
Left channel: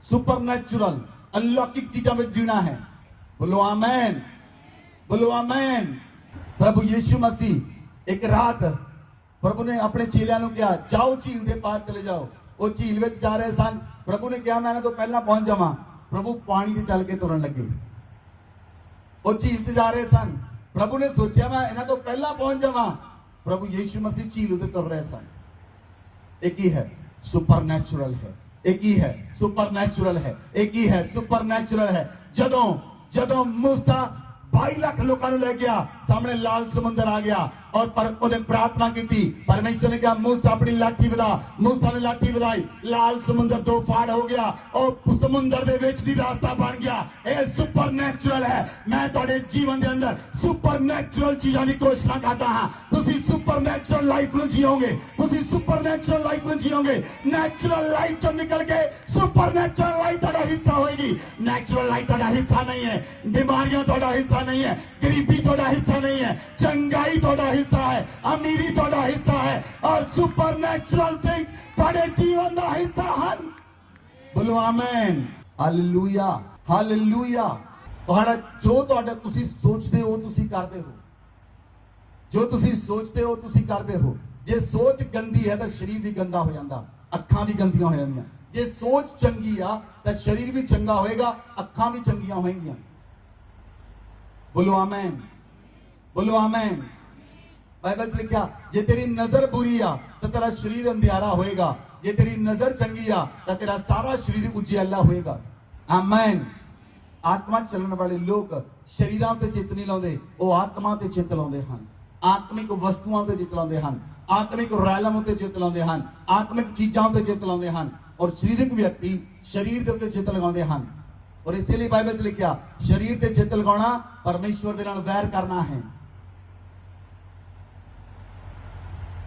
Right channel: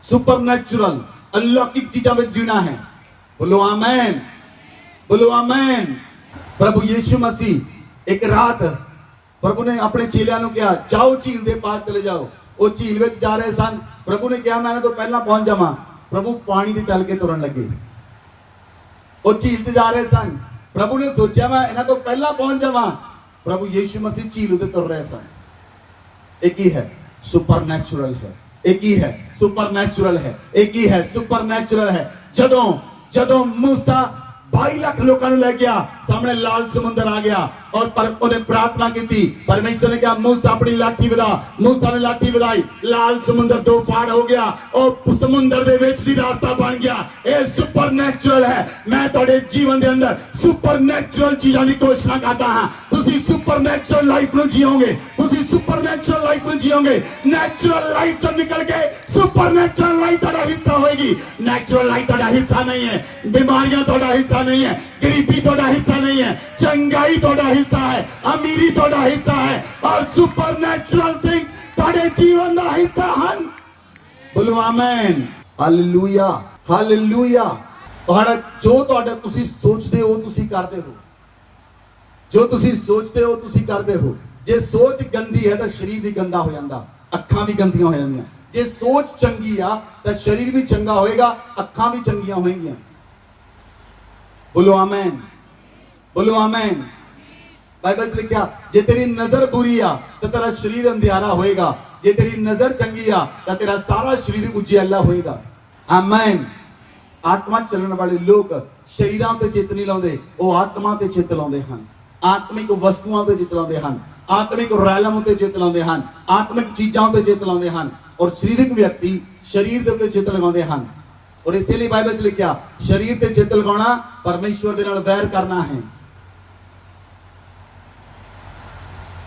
ਸੁਪਰ ਨੈਚੁਰਲ अलौकिक चीजों में जीना है। बोलो आमेन, बोलो आमेन। प्रभु यीशु मसीह एक रात ਪ੍ਰਭੂ ਨੇ ਆਪਣੇ ਚੇਲਿਆਂ ਨੂੰ ਕਿਹਾ ਜਾਓ ਝੀਲ ਦੇ ਪਾਰ ਚਲੇ ਜਾਓ। ਉਹ ਝੀਲ ਵਿੱਚ ਜਾ ਰਹੇ ਸਨ। ਪ੍ਰਭੂ ਨੇ ਕਿਹਾ ਮੈਂ ਇਹਨਾਂ ਤੋਂ ਪਹਿਲਾਂ ਪਹੁੰਚ ਜਾਵਾਂ। ਪ੍ਰਭੂ ਪਾਣੀ ਤੇ ਚੱਲ ਕੇ ਤੁਰਨ ਲੱਗੇ। ਉਹ ਝੀਲ ਤੇ ਜਾ ਰਹੇ ਸਨ। ਪ੍ਰਭੂ ਨੇ ਸੋਚਿਆ ਮੈਂ ਇਹਨਾਂ ਤੋਂ ਪਹਿਲਾਂ ਪਹੁੰਚ ਜਾਵਾਂ। ਪ੍ਰਭੂ ਯੀਸ਼ੂ ਮਸੀਹ ਝੀਲ ਉੱਤੇ ਤੁਰ ਰਹੇ ਸਨ। ਇਹ ਕੀ ਹੈ? ਸੁਪਰਨੈਚੁਰਲ ਹੈ। ਇਹ ਕੀ ਹੈ? ਸੁਪਰਨੈਚੁਰਲ ਹੈ। ਇਹ ਕੀ ਹੈ? ਸੁਪਰਨੈਚੁਰਲ ਹੈ। ਜਦੋਂ मूसा 22 ਲੱਖ ਲੋਕਾਂ ਨੂੰ ਲੈ ਗਿਆ, ਸਾਹਮਣੇ ਲਾਲ ਸਮੁੰਦਰ ਆ ਗਿਆ और पर उन्हें प्रार्थना की थी। परमेश्वर ने कहा मूसा अपनी लाठी विदा। मूसा ने लाठी विदाई, लाल समुंदर दो फाड़ हो गया और समुंदर दे विच दी रास्ता बन गया। ये सुपरनैचुरल है। मैं तुहाडे जीवन दे अंदर सुपरनैचुरल चीजां दी घोषणा करता हां। तुसी सुपरनैचुरल लाइफ नु जियोगे। तुसी सुपरनैचुरल लाइफ नु जियोगे। नेचुरल लाइफ चों निकल के सुपरनैचुरल लाइफ तुहाडा हिस्सा होएगी। नेचुरल लाइफ तुहाडा हिस्सा नहीं है। बीमारियां तुहाडा हिस्सा नहीं है। गरीबी तुहाडा हिस्सा नहीं है। चंगाई तुहाडा हिस्सा है। अमीरी तुहाडा हिस्सा है और सुपरनैचुरल थिंग तुहाडे जीवन दा हिस्सा हन। बोलो आमीन। Hallelujah hallelujah. तुहाडा जो तुहाडा तुसी सोचदे हो तुसी करदे हो। जो तुसी सोचदे हो तुसी करदे हो। जे सोच गंदी है तो शरीर भी गंदा हो जांदा, अखां भी गंदियां हो जांदियां। जे सोच चंगी आ तो शरीर भी चंगा होएगा, अखां भी चंगियां होएंगियां। बोलो आमीन। बोलो आमीन। बाइबल च लिखा जे तेरी नजर बुरी आ तो तेरा शरीर अंधियारा होएगा, जे तेरी नजर चंगी आ तो तेरा सारा शरीर उजियाला होएगा। आमीन। आत्मा चलने वाले लोग शरीरां ते चित नहीं लाउंदे, वो आत्मा ते चित लाउंदे हन। आत्मिक वस्तुआं ते चित लाउंदे हन, आत्मिक रैलम ते चित लाउंदे हन, आत्मिक चीजां ते चित लाउंदे हन और शरीरिक व्यक्ति शरीर दे उत्ते चित लगाउंदे हन। और इसलिए बाइबल च लिखा शरीर ते चित लगाउणा परमेश्वर दे नाल वैर करना है।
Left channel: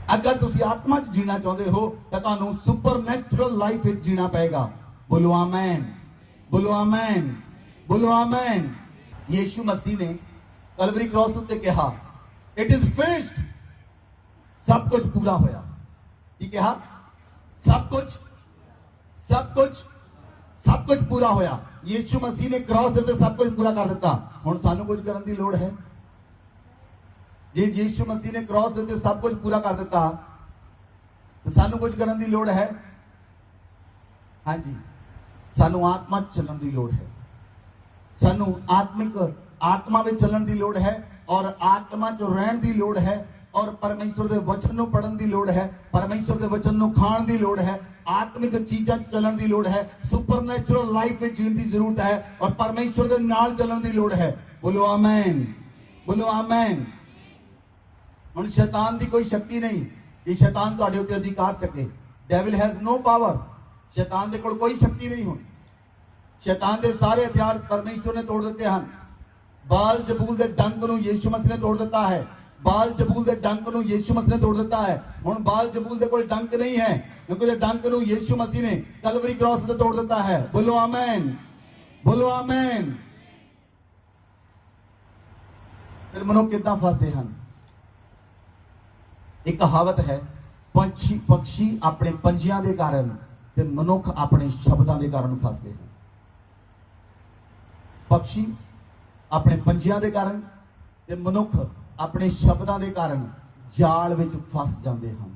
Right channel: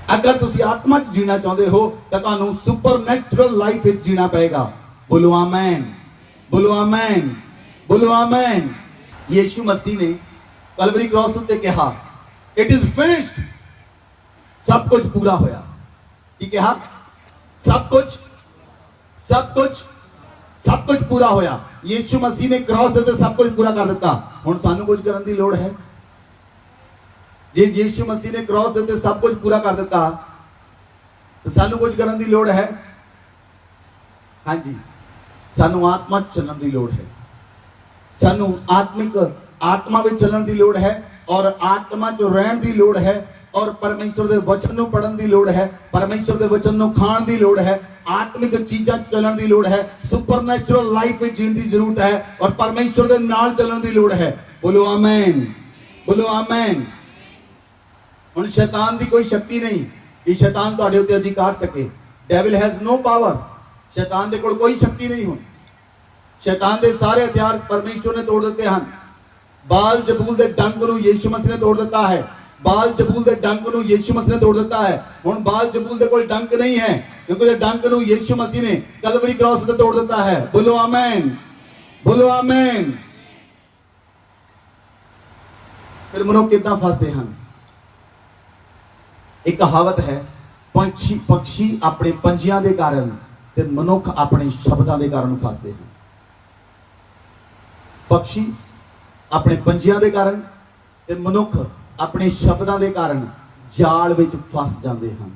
अगर तुसी आत्मा च जीना चाहते हो तो तुहानू सुपरनैचुरल लाइफ विच जीना पएगा। बोलो आमीन। बोलो आमीन। बोलो आमीन। यीशु मसीह ने कलवरी क्रॉस उत्ते कहा इट इज फिनिश्ड। सब कुछ पूरा होया। की कहा? सब कुछ पूरा होया। यीशु मसीह ने क्रॉस दे उत्ते सब कुछ पूरा कर दिता। हुण सानू कुछ करन दी लोड़ है? जे यीशु मसीह ने क्रॉस दे उत्ते सब कुछ पूरा कर दिता तो सानू कुछ करन दी लोड़ है? हाँ जी, सानू आत्मा चलण दी लोड़ है। सानू आत्मिक आत्मा में चलण दी लोड़ है और आत्मा जो रहन दी लोड़ है और परमेश्वर दे वचन नु पढ़न दी लोड़ है, परमेश्वर दे वचन नु खाण दी लोड़ है, आत्मिक चीजां चलण दी लोड़ है, सुपरनैचुरल लाइफ में जीण दी जरूरत है और परमेश्वर दे नाल चलण दी लोड़ है। बोलो आमीन। बोलो आमीन। हुण शैतान दी कोई शक्ति नहीं कि शैतान तुहाडे उत्ते अधिकार सके। Devil has no power. शैतान दे कोल कोई शक्ति नहीं हुण। शैतान दे सारे हथियार परमेश्वर ने तोड़ दिते हन। बाल जबूल दे डंक नूं यीशु मसीह ने तोड़ दिता है। बाल जबूल दे डंक नूं यीशु मसीह ने तोड़ दिता है। हुण बाल जबूल दे कोल डंक नहीं है क्योंकि डंक नूं यीशु मसीह ने कलवरी क्रॉस ते तोड़ दिता है। बोलो आमीन। बोलो आमीन। फिर मनुख किदां फसदे हन? एक कहावत है पक्षी अपने पंजियां दे कारण ते मनुख अपने शब्दां दे कारण फसदे हैं। पक्षी अपने पंजियां दे कारण ते मनुख अपने शब्दां दे कारण जाल विच फस जाते हैं।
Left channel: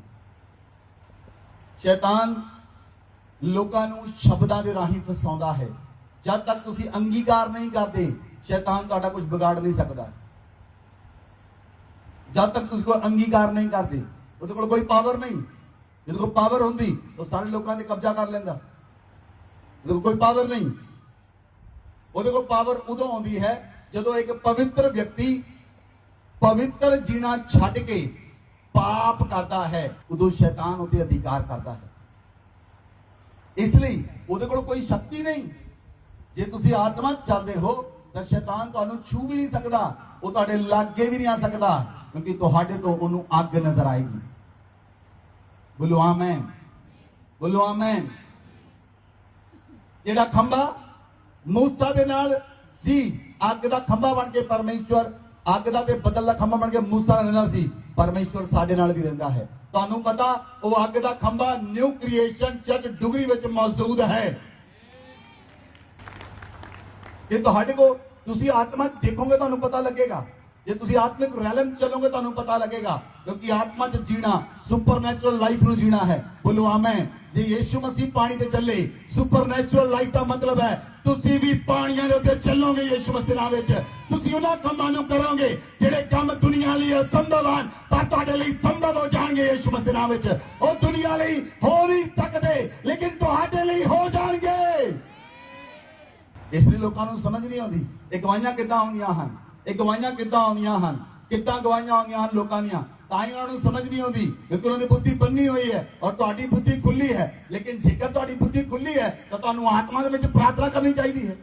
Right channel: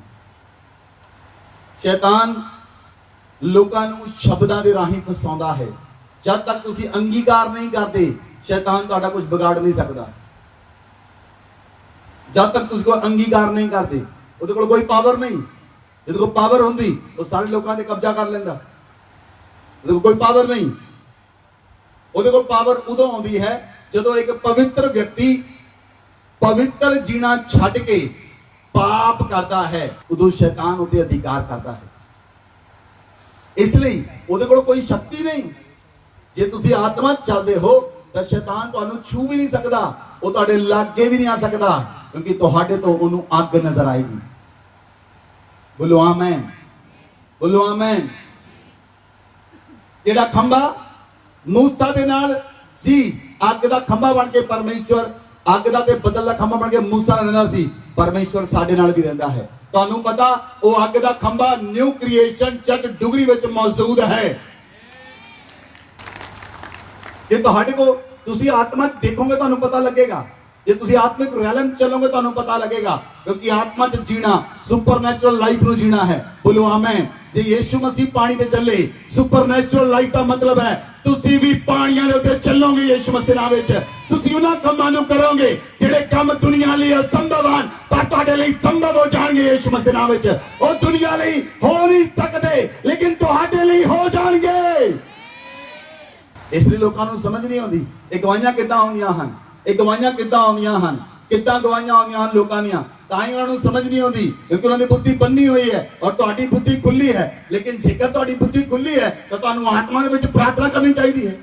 शैतान लोकां नूं शब्दां दे राहीं फसाउंदा है। जब तक तुसीं अंगीकार नहीं करते शैतान तुहाडा कुछ बिगाड़ नहीं सकता। जब तक तुझको अंगीकार नहीं करते उहदे कोल कोई पावर नहीं। जिहदे कोल पावर होंदी तो सारे लोगों ने कब्जा कर लेंदा। उहदे कोल कोई पावर नहीं। उहदे कोल पावर उदों आउंदी है जदों एक पवित्र व्यक्ति पवित्र जीना छड्ड के पाप करता है, उदों शैतान उहदे अधिकार करता है। इसलिए उहदे कोल कोई शक्ति नहीं। जे तुसीं आत्मा च चलदे हो तो शैतान तुहानूं छू भी नहीं सकदा, वो तुहाडे लागे भी नहीं आ सकदा क्योंकि तुहाडे तो उहनूं अग नजर आएगी। बोलो आमीन। बोलो आमीन। जेड़ा खंबा मूसा दे नाल सी, अग दा खंबा बन के परमेश्वर अग दा ते बदल दा खंबा बन के मूसा नाल रहिंदा सी। परमेश्वर साडे नाल भी रहिंदा है। तुहानूं पता वो अग दा खंबा न्यू क्रिएशन चर्च डुगरी विच मौजूद है। जे तुहाडे को तुसीं आत्मा च देखोगे तुहानूं पता लगेगा। ਜੇ ਤੁਸੀਂ ਆਤਮਿਕ ਰੈਲਮ ਚੱਲੋਗੇ ਤੁਹਾਨੂੰ ਪਤਾ ਲੱਗੇਗਾ ਕਿਉਂਕਿ ਆਤਮਾ 'ਚ ਜੀਣਾ ਸੁਪਰਨੈਚੁਰਲ ਲਾਈਫ ਨੂੰ ਜੀਣਾ ਹੈ। ਬੋਲੋ ਆਮੇਨ। ਜੇ ਯੀਸ਼ੂ ਮਸੀਹ ਪਾਣੀ ਤੇ ਚੱਲੇ ਸੁਪਰਨੈਚੁਰਲ ਲਾਈਫ ਦਾ ਮਤਲਬ ਹੈ ਤੁਸੀਂ ਵੀ ਪਾਣੀਆਂ ਦੇ ਉੱਤੇ ਚੱਲੋਗੇ ਯੀਸ਼ੂ ਮਸੀਹ ਦੇ ਨਾਮ ਵਿੱਚ। ਤੁਸੀਂ ਉਹਨਾਂ ਕੰਮਾਂ ਨੂੰ ਕਰੋਗੇ ਜਿਹੜੇ ਕੰਮ ਦੁਨੀਆ ਲਈ ਅਸੰਭਵ ਹਨ ਪਰ ਤੁਹਾਡੇ ਲਈ ਸੰਭਵ ਹੋ ਜਾਣਗੇ ਯੀਸ਼ੂ ਮਸੀਹ ਦੇ ਨਾਮ ਵਿੱਚ। ਉਹ ਦੁਨੀਆ ਲਈ ਹੋ ਨਹੀਂ ਸਕਦੇ ਲੇਕਿਨ ਤੁਹਾਡੇ ਲਈ ਹੋ ਜਾਣਗੇ। ਇਸ ਲਈ ਲੋਕਾਂ ਨੂੰ ਸਮਝ ਨਹੀਂ ਆਉਂਦੀ ਇਹ ਗਵਾਹੀਆਂ ਕਿੱਦਾਂ ਆਉਂਦੀਆਂ ਹਨ, ਇਹ ਗਵਾਹੀਆਂ ਕਿੱਦਾਂ ਆਉਂਦੀਆਂ ਹਨ, ਕਿੱਦਾਂ ਗਵਾਹੀਆਂ ਆਉਂਦੀਆਂ ਹਨ ਲੋਕਾਂ ਦੀਆਂ। ਤਾਂ ਹੀ ਉਹਨਾਂ ਨੂੰ ਸਮਝ ਨਹੀਂ ਆਉਂਦੀ ਕਿਉਂਕਿ ਉਹਨਾਂ ਦੀ ਬੁੱਧੀ ਬੰਨੀ ਹੋਈ ਹੈ ਔਰ ਤੁਹਾਡੀ ਬੁੱਧੀ ਖੁੱਲੀ ਹੈ। ਲੇਕਿਨ ਜੇਕਰ ਤੁਹਾਡੀ ਬੁੱਧੀ ਖੁੱਲੀ ਹੈ ਤਾਂ ਤੁਹਾਨੂੰ ਆਤਮਾ ਦੇ ਵਿੱਚ ਪ੍ਰਾਰਥਨਾ ਕਰਨੀ ਚਾਹੀਦੀ ਹੈ।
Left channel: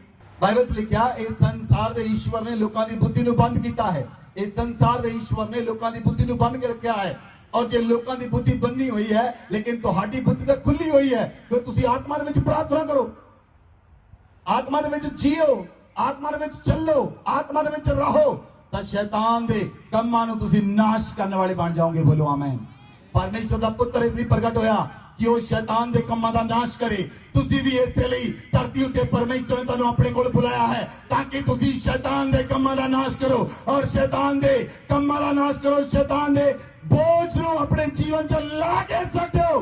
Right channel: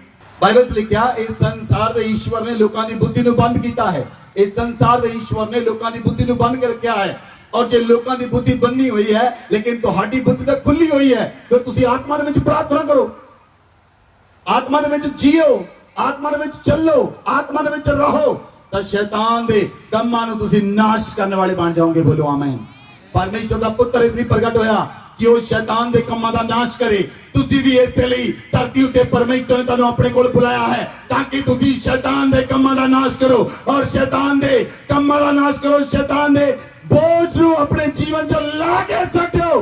ਬਾਈਬਲ 'ਚ ਲਿਖਿਆ ਇਸ ਸੰਸਾਰ ਦੇ ਈਸ਼ਵਰ ਨੇ ਲੋਕਾਂ ਦੀ ਬੁੱਧੀ ਨੂੰ ਬੰਦ ਕੀਤਾ ਹੈ। ਇਸ ਸੰਸਾਰ ਦੇ ਈਸ਼ਵਰ ਨੇ ਲੋਕਾਂ ਦੀ ਬੁੱਧੀ ਨੂੰ ਬੰਦ ਕਰ ਰੱਖਿਆ ਹੈ। ਔਰ ਜੇ ਲੋਕਾਂ ਦੀ ਬੁੱਧੀ ਬੰਨੀ ਹੋਈ ਹੈ ਲੇਕਿਨ ਤੁਹਾਡੀ ਬੁੱਧੀ ਤਾਂ ਖੁੱਲੀ ਹੋਈ ਹੈ ਫਿਰ ਤੁਸੀਂ ਆਤਮਾ ਦੇ ਵਿੱਚ ਪ੍ਰਾਰਥਨਾ ਕਰੋ, ਆਤਮਾ ਦੇ ਵਿੱਚ ਜੀਓ, ਆਤਮਾ ਦੇ ਵਿੱਚ ਚੱਲੋ, ਆਤਮਾ ਦੇ ਵਿੱਚ ਰਹੋ ਤਾਂ ਸ਼ੈਤਾਨ ਦੇ ਕੰਮਾਂ ਨੂੰ ਤੁਸੀਂ ਨਾਸ਼ ਕਰਨ ਵਾਲੇ ਬਣ ਜਾਓਗੇ। ਬੋਲੋ ਆਮੇਨ। ਪਰਮੇਸ਼ਰ ਦਾ ਪੁੱਤਰ ਇਸ ਲਈ ਪ੍ਰਗਟ ਹੋਇਆ ਕਿ ਉਹ ਸ਼ੈਤਾਨ ਦੇ ਕੰਮਾਂ ਦਾ ਨਾਸ਼ ਕਰੇ। ਤੁਸੀਂ ਵੀ ਇਸੇ ਲਈ ਧਰਤੀ ਉੱਤੇ ਪਰਮੇਸ਼ਰ ਨੇ ਤੁਹਾਨੂੰ ਆਪਣੇ ਕੋਲ ਬੁਲਾਇਆ ਹੈ ਤਾਂ ਕਿ ਤੁਸੀਂ ਸ਼ੈਤਾਨ ਦੇ ਕੰਮਾਂ ਦਾ ਨਾਸ਼ ਕਰੋ ਔਰ ਸ਼ੈਤਾਨ ਦੇ ਕੰਮਾਂ ਦਾ ਨਾਸ਼ ਕਰੋ, ਸ਼ੈਤਾਨ ਦੇ ਬੋਝ ਨੂੰ ਆਪਣੇ ਜੀਵਨ 'ਚ ਲਾ ਕੇ ਸੱਟੋ।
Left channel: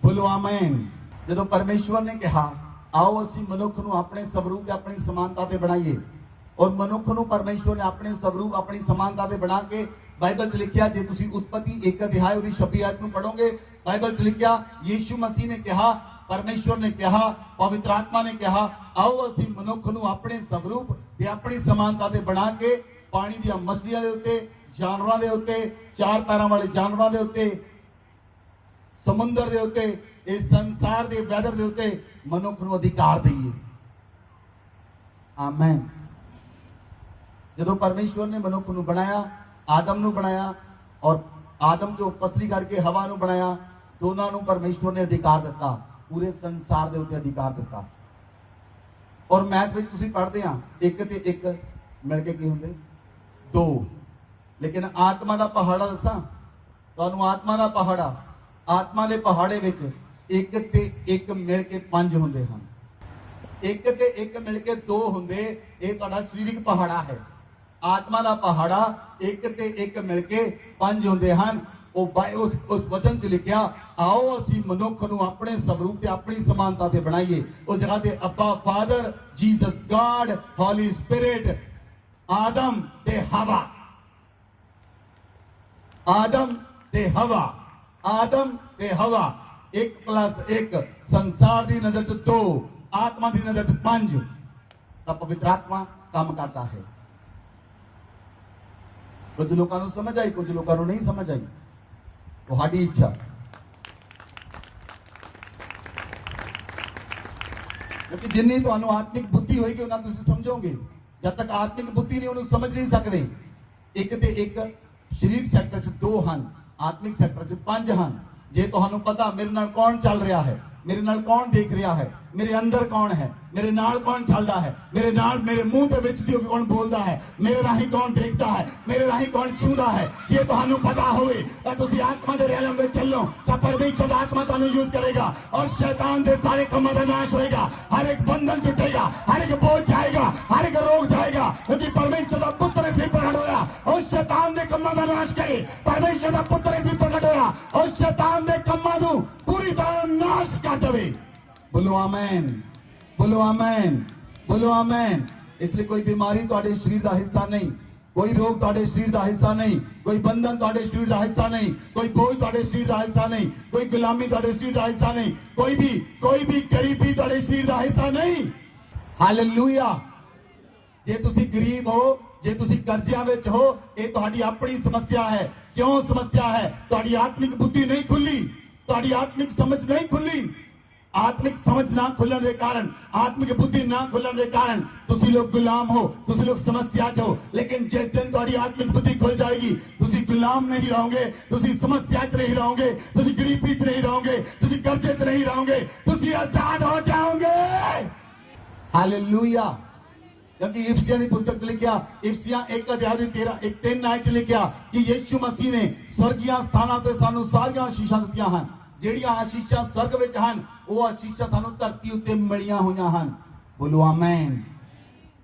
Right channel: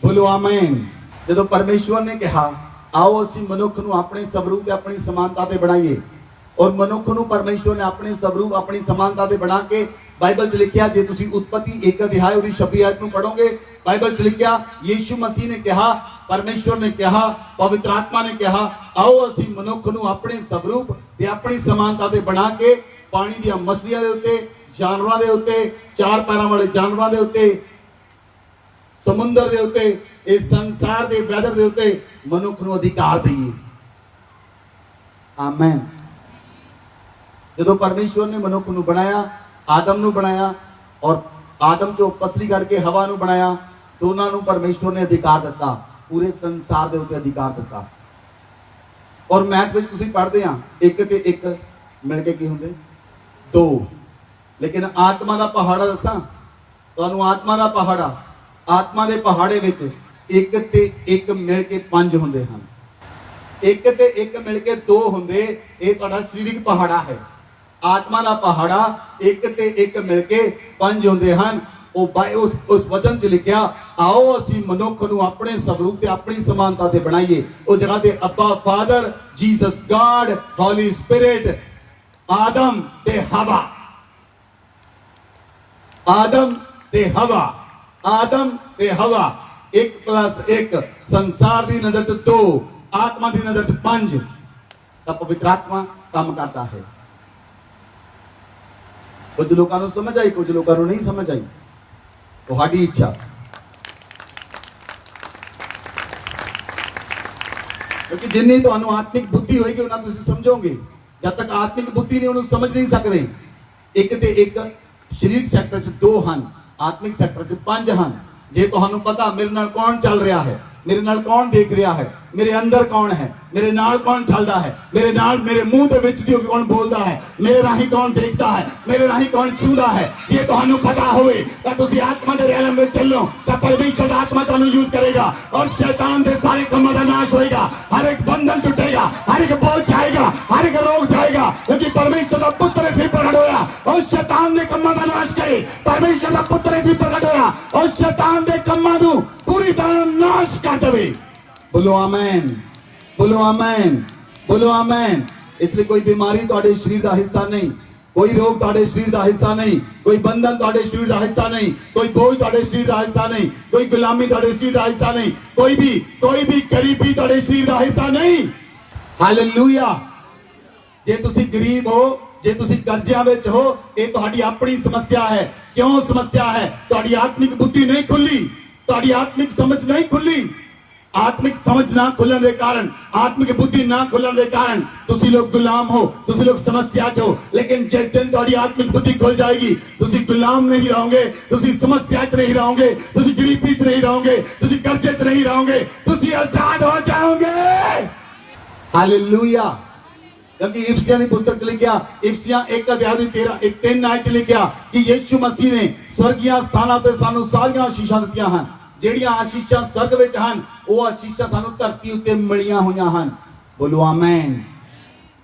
ਬੋਲੋ ਆਮੇਨ। ਜਦੋਂ ਪਰਮੇਸ਼ਰ ਨੇ ਕਿਹਾ ਆਓ ਅਸੀਂ ਮਨੁੱਖ ਨੂੰ ਆਪਣੇ ਸਵਰੂਪ ਤੇ ਆਪਣੀ ਸਮਾਨਤਾ ਤੇ ਬਣਾਈਏ ਔਰ ਮਨੁੱਖ ਨੂੰ ਪਰਮੇਸ਼ਰ ਨੇ ਆਪਣੇ ਸਵਰੂਪ ਆਪਣੀ ਸਮਾਨਤਾ ਤੇ ਬਣਾ ਕੇ ਬਾਈਬਲ 'ਚ ਲਿਖਿਆ ਜੇ ਤੁਸੀਂ ਉਤਪਤੀ 1 ਅਧਿਆਇ ਉਹਦੀ 26 ਆਇਤ ਨੂੰ ਪੜੋਗੇ ਬਾਈਬਲ 'ਚ ਲਿਖਿਆ ਯੀਸ਼ੂ ਮਸੀਹ ਨੇ ਕਿਹਾ, ਪਰਮੇਸ਼ਰ ਨੇ ਕਿਹਾ, ਪਵਿੱਤਰ ਆਤਮਾ ਨੇ ਕਿਹਾ ਆਓ ਅਸੀਂ ਮਨੁੱਖ ਨੂੰ ਆਪਣੇ ਸਵਰੂਪ ਤੇ ਆਪਣੀ ਸਮਾਨਤਾ ਤੇ ਬਣਾ ਕੇ ਪਾਣੀ ਦੀਆਂ ਮਛਲੀਆਂ ਦੇ ਉੱਤੇ, ਜਾਨਵਰਾਂ ਦੇ ਉੱਤੇ, ਚਾਰ ਪੈਰਾਂ ਵਾਲੇ ਜਾਨਵਰਾਂ ਦੇ ਉੱਤੇ, ਸਮੁੰਦਰ ਦੇ ਉੱਤੇ, ਇਸ ਸੰਸਾਰ ਦੇ ਵੈਦਰ ਦੇ ਉੱਤੇ ਮਨੁੱਖ ਨੂੰ ਅਧਿਕਾਰ ਦਈਏ। ਆਮੇਨ। ਜਦੋਂ ਪਰਮੇਸ਼ਵਰ ਨੇ ਮਨੁੱਖ ਨੂੰ ਬਣਾਇਆ, ਆਦਮ ਨੂੰ ਬਣਾਇਆ ਔਰ ਆਦਮ ਚੋਂ ਪਸਲੀ ਕੱਢ ਕੇ ਹਵਾ ਨੂੰ ਬਣਾਇਆ, ਦੋਨਾਂ ਨੂੰ ਪਰਮੇਸ਼ਵਰ ਨੇ ਅਧਿਕਾਰ ਦਿੱਤਾ, ਪੂਰੇ ਸੰਸਾਰ ਦੇ ਉੱਤੇ ਅਧਿਕਾਰ ਦਿੱਤਾ। ਔਰ ਮੈਥ ਵਿੱਚ ਤੁਸੀਂ ਪੜ੍ਹਦੇ ਆ 1 ਤੇ 1 ਮਿਲ ਕੇ ਕੀ ਹੁੰਦੇ 2, ਲੇਕਿਨ ਆਤਮਾ ਦਾ ਪਹਾੜਾ ਦੱਸਾਂ ਤੁਹਾਨੂੰ, ਆਤਮਾ ਦਾ ਪਹਾੜਾ, ਆਤਮਾ ਦੇ ਪਹਾੜੇ ਵਿੱਚ 1 ਤੇ 1 ਮਿਲ ਕੇ 5 ਹੁੰਦੇ ਹਨ। 1 ਤੇ 1 ਮਿਲ ਕੇ 2 ਹੁੰਦੇ, ਇਹ ਤੁਹਾਡਾ ਸਰੀਰਕ ਪਹਾੜਾ ਹੈ। ਆਤਮਾ ਦਾ ਪਹਾੜਾ 1 ਤੇ 1 ਮਿਲ ਕੇ 5 ਹੁੰਦੇ ਹਨ। ਉਸ ਵਚਨ 'ਚ ਲਿਖਿਆ ਆਓ ਅਸੀਂ ਮਨੁੱਖ ਨੂੰ ਆਪਣੇ ਸਵਰੂਪ ਤੇ ਆਪਣੀ ਸਮਾਨਤਾ ਤੇ ਬਣਾਈਏ। ਉਸ ਜਗ੍ਹਾ ਤੇ ਅੱਬਾ ਫਾਦਰ, ਜੀਸਸ ਗॉड, ਹੋਲੀ ਸਪਿਰਿਟ, ਆਦਮ ਤੇ ਹਵਾ, ਆਦਮ ਤੇ ਹਵਾ, ਆਦਮ ਤੇ ਹਵਾ 1+1 ਸੰਸਾਰ ਦੀ ਨਜ਼ਰ 'ਚ 2, ਆਤਮਾ ਦੀ ਨਜ਼ਰ 'ਚ 5 ਤਾਂ ਪਵਿੱਤਰ ਆਤਮਾ ਕੰਮ ਕਰਦਾ ਹੈ। ਕੁਝ ਲੋਕਾਂ ਨੂੰ ਸਮਝ ਆਈ, ਕੁਝ ਲੋਕਾਂ ਨੂੰ ਨਹੀਂ ਸਮਝ ਆਈ, ਤੁਹਾਡੀ ਇੱਛਾ। ਕਿਉਂਕਿ ਜਿੰਨੀ ਤੁਹਾਨੂੰ ਆਤਮਿਕ ਬੁੱਧੀ ਹੋਏਗੀ ਉਹਨਾਂ ਤੁਸੀਂ ਸਮਝੋਗੇ। ਜਦ ਤੱਕ ਆਤਮਿਕ ਬੁੱਧੀ ਨਹੀਂ ਉਹਨੂੰ ਸਮਝ ਨਹੀਂ ਸਕਦੇ। 1 ਤੇ 1 ਸਰੀਰਕ ਸੈਕਟਰ 'ਚ 2 ਹਨ, ਆਤਮਿਕ ਸੈਕਟਰ 'ਚ 5 ਹਨ। ਜੇ ਤੁਹਾਨੂੰ ਪਤਾ ਮੇਰੇ ਨਾਲ ਕੌਣ ਚੱਲ ਰਿਹਾ ਹੈ, ਮੇਰੇ ਨਾਲ ਕੌਣ ਦੇਖ ਰਿਹਾ ਹੈ, ਮੇਰੇ ਅੰਦਰ ਕੌਣ ਹੈ, ਮੇਰੇ ਨਾਲ ਕੌਣ ਚੱਲਦਾ ਹੈ, ਮੇਰੇ ਨਾਲ ਮੇਰੇ ਮੂੰਹ ਦੇ ਵਿੱਚ ਦੀ ਕੌਣ ਬੋਲਦਾ ਹੈ, ਮੇਰੇ ਰਾਹੀਂ ਕੌਣ ਦੇਖਦਾ ਹੈ, ਮੇਰੇ ਰਾਹੀਂ ਕੌਣ ਛੂੰਦਾ ਹੈ, ਜੇ ਤੁਹਾਨੂੰ ਪਤਾ ਹੋਵੇ ਤਾਂ ਤੁਸੀਂ ਆਤਮਾ ਦੇ ਰੈਲਮ ਵਿੱਚ ਚੱਲੋ ਤਾਂ ਪਰਮੇਸ਼ਰ ਦਾ ਆਤਮਾ ਤੁਹਾਨੂੰ ਯੂਜ਼ ਕਰੇਗਾ ਔਰ ਸ਼ੈਤਾਨ ਦੇ ਸਾਰੇ ਕੰਮਾਂ ਦਾ ਨਾਸ਼ ਹੋਏਗਾ। ਹਰ ਇੱਕ ਬੰਧਨ ਟੁੱਟੇਗਾ, ਹਰ ਇੱਕ ਬੋਝ ਜਾਏਗਾ, ਹਰ ਇੱਕ ਰੋਗ ਜਾਏਗਾ ਕਿਉਂਕਿ ਪਰਮੇਸ਼ਰ ਦਾ ਪੁੱਤਰ ਇਸ ਲਈ ਪ੍ਰਗਟ ਹੋਇਆ ਔਰ ਸ਼ੈਤਾਨ ਦੇ ਕੰਮਾਂ ਦਾ ਨਾਸ਼ ਕਰੇ। ਪਰਮੇਸ਼ਰ ਦਾ ਪੁੱਤਰ ਇਸ ਲਈ ਪ੍ਰਗਟ ਹੋਇਆ ਔਰ ਸ਼ੈਤਾਨ ਦੇ ਕੰਮਾਂ ਨੂੰ ਪੂਰੀ ਤਰ੍ਹਾਂ ਨਾਸ਼ ਕਰ ਦੇਵੇ। बोलो आमेन, बोलो आमेन, बोलो आमेन। इसलिए कोई बीमारी ਤੁਹਾਡੇ ਸਰੀਰ ਦਾ ਹਿੱਸਾ ਨਹੀਂ, ਕੋਈ ਰੋਗ ਤੁਹਾਡੇ ਸਰੀਰ ਦਾ ਹਿੱਸਾ ਨਹੀਂ, ਕੋਈ ਬੰਧਨ ਤੁਹਾਡੇ ਸਰੀਰ ਦਾ ਹਿੱਸਾ ਨਹੀਂ, ਕੋਈ ਬੋਝ ਤੁਹਾਡੇ ਸਰੀਰ ਦਾ ਹਿੱਸਾ ਨਹੀਂ, ਕੋਈ ਗੁਲਾਮੀ ਤੁਹਾਡੇ ਸਰੀਰ ਦਾ ਹਿੱਸਾ ਨਹੀਂ, ਕੋਈ ਵੀ ਗਰੀਬੀ ਤੁਹਾਡੇ ਸਰੀਰ ਦਾ ਹਿੱਸਾ ਨਹੀਂ। ਹਾਲੇਲੂਇਆ। ਜੇ ਤੁਸੀਂ ਗਰੀਬ ਹੋ, ਜੇ ਤੁਸੀਂ ਕਰਜ਼ਿਆਂ ਵਿੱਚ ਹੋ, ਇਹ ਤੁਹਾਡੀ ਆਪਣੀ ਸਮੱਸਿਆ ਹੈ। ਕਿਉਂ ਸਮੱਸਿਆ ਹੈ? ਤੁਹਾਡੀ ਆਤਮਿਕ ਬੁੱਧੀ ਨਹੀਂ ਖੁੱਲੀ, ਤੁਹਾਡੀ ਆਤਮਿਕ ਸਮਝ ਨਹੀਂ ਖੁੱਲੀ। आत्मिक समझ ना खुलने के कारण, आत्मिक बुद्धि ना खुलने के कारण तुसी लोग गुलाम हो, तुसी लोग समस्या च हो। लेकिन जिस दिन तुम्हारी आत्मिक बुद्धि खुल जाएगी तुसी गुलाम नहीं रहोगे, तुसी समस्या च नहीं रहोगे, तुसी गरीबी च नहीं रहोगे, तुसी कर्जे च नहीं रहोगे, तुसी आजाद हो जाओगे। हालेलुया। क्योंकि इफसियां की पुस्तक लिखा, इफसियां 1 अध्याय 13 आयत लिखा कि यीशु मसीह ने स्वर्गीय स्थानां ते सानू सारियां आशीषां दित्तियां हैं। ਜਿਹੜੀਆਂ ਆਸ਼ੀਸ਼ਾਂ स्वर्ग ਵਿੱਚ ਹਨ ਉਹ ਆਸ਼ੀਸ਼ਾਂ ਸਾਨੂੰ ਧਰਤੀ ਉੱਤੇ ਮਿਲੀਆਂ ਹੋਈਆਂ ਹਨ। ਬੋਲੋ ਆਮੇਨ,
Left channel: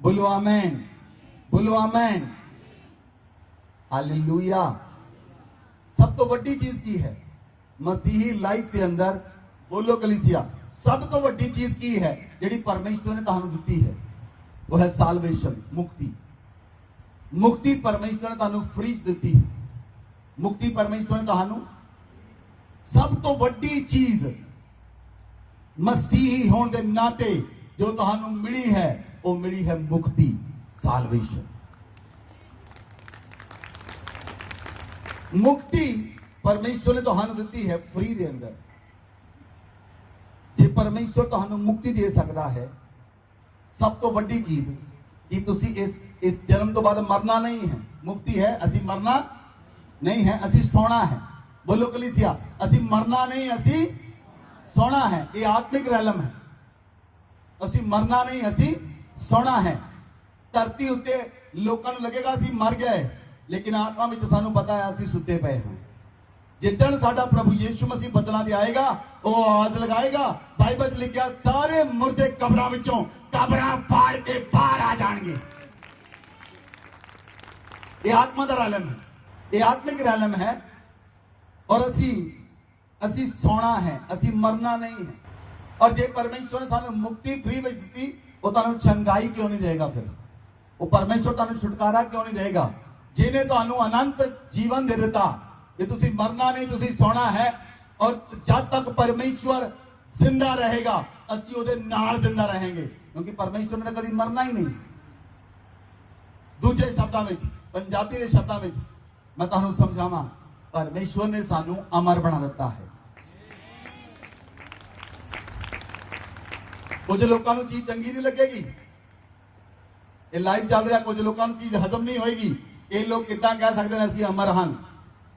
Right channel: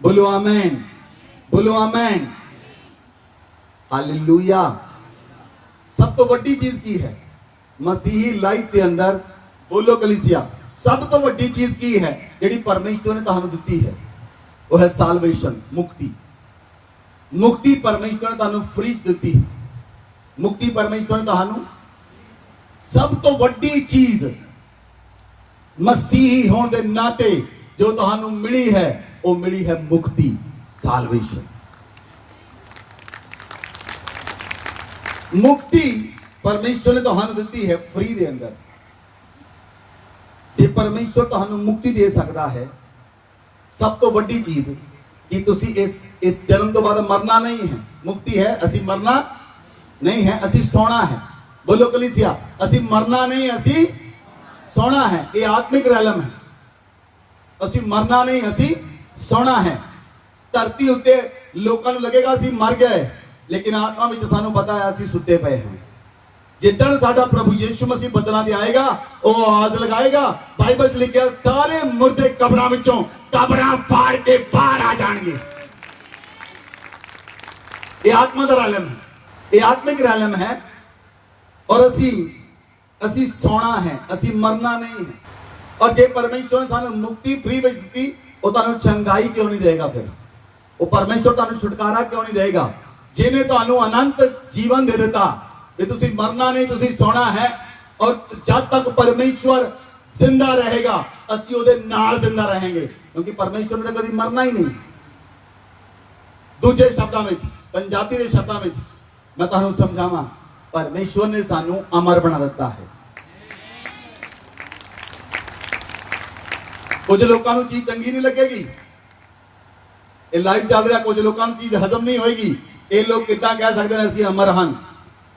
ਬੋਲੋ ਆਮੇਨ, ਬੋਲੋ ਆਮੇਨ। हालेलुया। सब तो वड्डी चीज की है मसीही लाइफ के अंदर, बोलो कलीसिया, सब तो वड्डी चीज की है ਜਿਹੜੀ परमेश्वर ने ਤੁਹਾਨੂੰ ਦਿੱਤੀ है, वो है साल्वेशन, मुक्ति। मुक्ति परमेश्वर ने ਤੁਹਾਨੂੰ फ्री च ਦਿੱਤੀ है। मुक्ति परमेश्वर ने ਤੁਹਾਨੂੰ सब तो वड्डी चीज मसीही होने के नाते जो ਤੁਹਾਨੂੰ मिली है, वो मिली है मुक्ति, साल्वेशन। मुक्ति परमेश्वर ने ਤੁਹਾਨੂੰ ਦਿੱਤੀ है फ्री ਦੇ अंदर। जे परमेश्वर ਤੁਹਾਨੂੰ मुक्ति दे सकता है, सब तो वड्डी चीज कि तुसी इस जन्म तो बाद मरना नहीं है। मुक्ति है, असी मरना नहीं है, असी सोना है। बोलो कलीसिया, असी मरना नहीं, असी सोना है। ये आत्मिक रैलम है। असी मरना नहीं, असी सोना है। धरती उत्ते लोकां नूं लगेगा असी मर गए, लेकिन आत्मा विच सानू पता है असी सुते पे हैं। जिदन साडा प्रभु यीशु मसीह बदलां ते आएगा, वो आवाज लगाएगा, बाइबल च लिखिया सारे मुर्दे कब्रां विचों कब्रां फाड़ के बाहर आ जाएंगे। ये आत्मा का रैलम है, ये आत्मिक रैलम है। और असी सोना है, असी मरना नहीं है। और जे परमेश्वर ने सानू मुक्ति फ्री विच दित्ती, वो तुहानू चंगाई क्यों नहीं देगा? फिर वो परमेश्वर तुहानू छुटकारा क्यों नहीं देगा? जिन्हें तुहानू अनंत जीवन दे दिता, भी तुसी मरना नहीं, तुसी सोना है। और जब तक परमेश्वर जिंदा रहेगा, असी उहदे नाल जिंदा रहेंगे, क्योंकि परमेश्वर ने कभी मरना ही नहीं। दूजे शब्दां विच, पंजाबी दे शब्दां विच मैं तुहानू समझावां, परमेश्वर ने सानू अमर बना दिता है। कुछ लोगों को चीज चंगी नहीं लगेगी, ये लाइव चल रहा, कुछ लोगों को चीज हजम नहीं होगी। ये लोग कितना कह सकते हैं असी अमर हैं?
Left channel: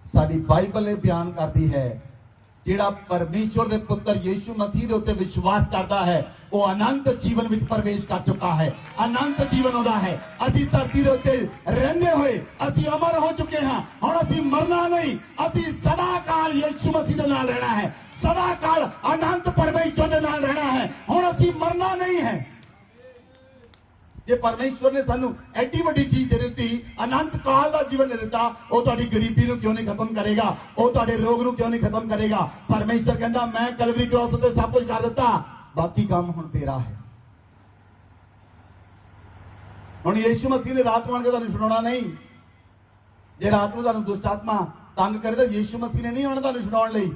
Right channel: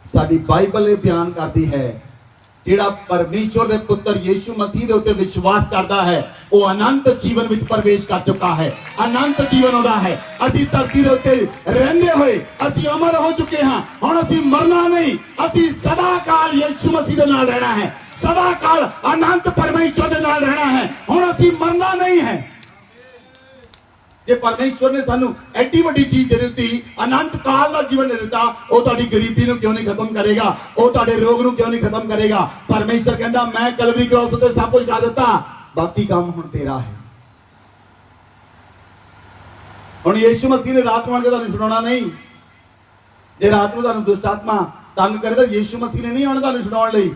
साडी बाइबल ये बयान करती है, जिहड़ा परमेश्वर दे पुत्र यीशु मसीह दे उत्ते विश्वास करता है, वो अनंत जीवन विच प्रवेश कर चुका है। अनंत जीवन होता है। असी धरती दे उत्ते रहंदे होए असी अमर हो चुके हैं। हुण असी मरना नहीं, असी सदा काल यीशु मसीह दे नाल रहना है, सदा काल अनंत परमेश्वर दे नाल रहना है। हुण असी मरना नहीं है। जे परमेश्वर ने सानू एडी वड्डी चीज दे दी, अनंत काल का जीवन दे दिता, वो तुहाडी गरीबी नूं क्यों नहीं खत्म करेगा? वो तुहाडे रोग नूं क्यों नहीं खत्म करेगा? परमेश्वर कहंदा मैं कलवरी क्रॉस उत्ते सब कुछ कर दिता, बाकी काम हुण तेरा है। हुण यीशु मसीह ने रात मान के तुहानू सुनाना नहीं। जे रात नूं तुहानू दुष्ट आत्मा तंग करे, तो यीशु मसीह ने नहीं आना तुहानू सुनाउण लई।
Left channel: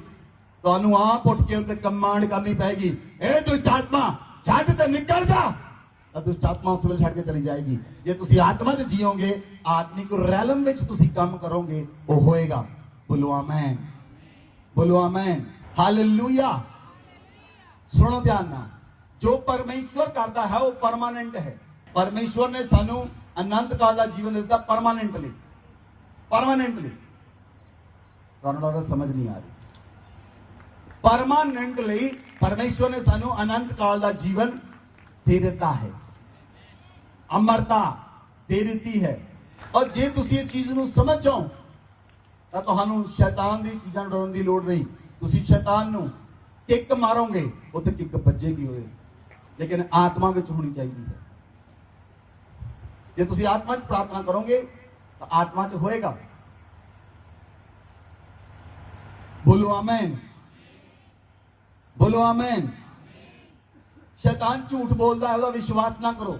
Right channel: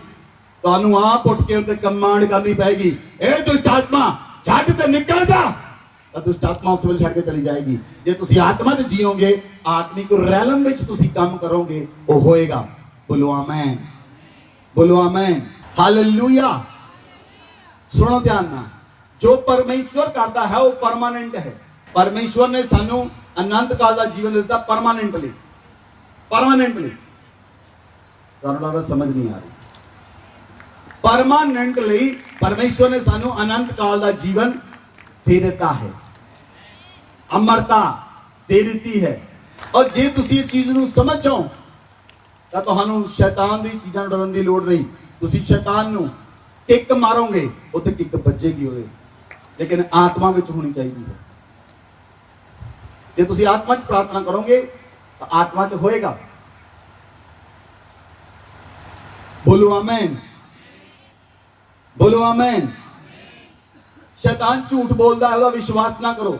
तुहानू आप उठ के उत्ते कमांड करनी पएगी, ए दुष्ट आत्मा छड्ड ते निकल जा। दुष्ट आत्मा उस वेले छड़ के चली जाएगी। जे तुसी आत्मा च जियोगे, आत्मिक रैलम विच तुसी काम करोगे, वो होएगा। बोलो आमीन, बोलो आमीन, हालेलुया। सुनो ध्यान ना, जो परमेश्वर करता है वो परमानेंट है। परमेश्वर ने सानू अनंत काल का जीवन दिता परमानेंटली। परमानेंटली तुहानू लगदा समझ नहीं आ रही? परमानेंटली परमेश्वर ने सानू अनंत काल का जीवन दे देता है, अमरता दे देती है। और जे तुसी इस चीज नूं समझ जाओ, तां तुहानू शैतान दी चीज़ां डरन दी लोड़ नहीं। तुसी शैतान नूं किक मारोगे, उत्ते किक बजेगी ओदे, लेकिन आत्मा विच होनी चाहिए है। जे तुसी आत्मा च प्रार्थना करोगे, तो आत्मा च होएगा। बोलो आमीन, बोलो आमीन। शैतान झूठ बोलता है, उसका विश्वास ना करो।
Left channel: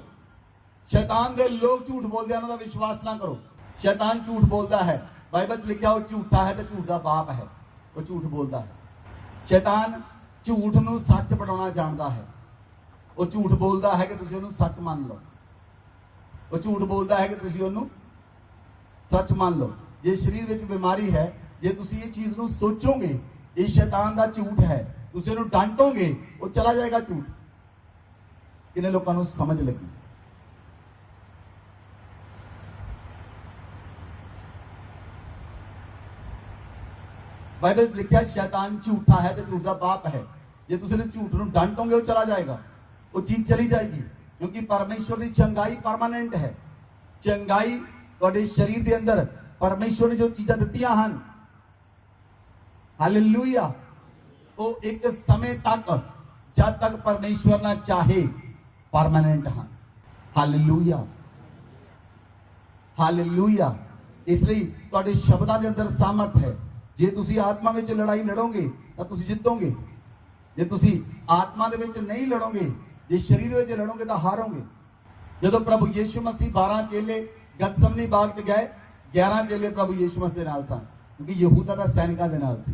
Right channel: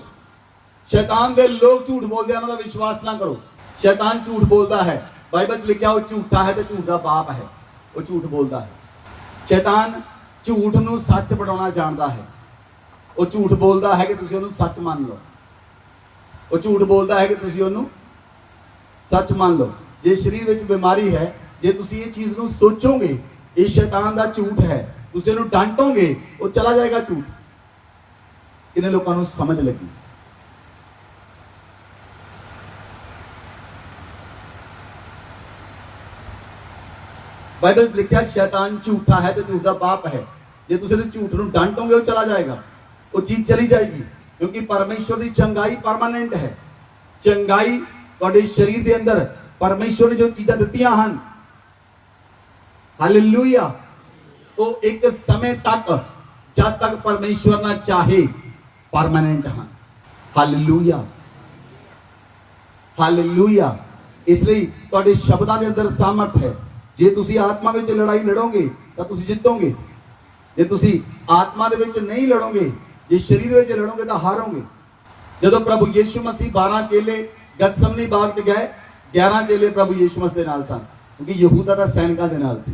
शैतान दे लोग झूठ बोलते हैं, उनका विश्वास ना करो। शैतान झूठ बोलता है, बाइबल में लिखा वो झूठा है तो झूठ का बाप है, वो झूठ बोलता है। शैतान झूठ नूं सच बनाना जानता है। वो झूठ बोलता है कि तुसीं उहनूं सच मान लो। वो झूठ बोलता है कि तुसीं उहनूं सच मान लो। जे शरीर विच बीमारी है, जे तुसीं ये चीज़ नूं सोचोगे ये शैतान दा झूठ है, तुसीं उहनूं डांटोगे, वो चला जाएगा झूठ। किन्ने लोकां नूं समझ लगी? बाइबल में लिखा शैतान झूठा है तो झूठ का बाप है। जे तुसीं झूठ नूं डांटोगे, वो चला जाएगा, वो चीज चली जाएगी। क्योंकि परमेश्वर की चंगाई परमानेंट है। चंगाई तुहाडे शरीर के अंदर परमेश्वर ने जो चीज़ां दित्तियां हन, हालेलुया, वो एक समय तक, जब तक परमेश्वर ना चाहे, परमानेंट हैं। Hallelujah, hallelujah. इसलिए ਤੁਹਾਡੇ ਸ਼ਬਦਾਂ ਦੇ ਅੰਦਰ ਸਾਮਰਥ ਹੈ। ਜੇ ਤੁਸੀਂ ਆਤਮਾ ਵਿੱਚ ਲੜਾਈ ਲੜੋਗੇ ਤਾਂ ਤੁਸੀਂ ਜਿੱਤੋਗੇ। ਜੇ ਤੁਸੀਂ ਆਤਮਾ ਦੇ ਵਿੱਚ ਨਹੀਂ ਲੜੋਗੇ, ਜੇ ਸਰੀਰ ਵਿੱਚ ਲੜੋਗੇ ਤਾਂ ਹਾਰੋਗੇ। ਜਦੋਂ ਪ੍ਰਭੂ ਯੀਸ਼ੂ ਮਸੀਹ 12 ਚੇਲੇ ਗਤਸਮਨੀ ਬਾਗ 'ਚ ਗਏ, 11 ਚੇਲੇ ਪ੍ਰਭੂ ਯੀਸ਼ੂ ਮਸੀਹ ਦੇ ਨਾਲ ਸਨ, ਕਿਉਂਕਿ ਯਹੂਦਾ ਦਾ ਸੈਨਿਕਾਂ ਦੇ ਨਾਲ ਸੀ।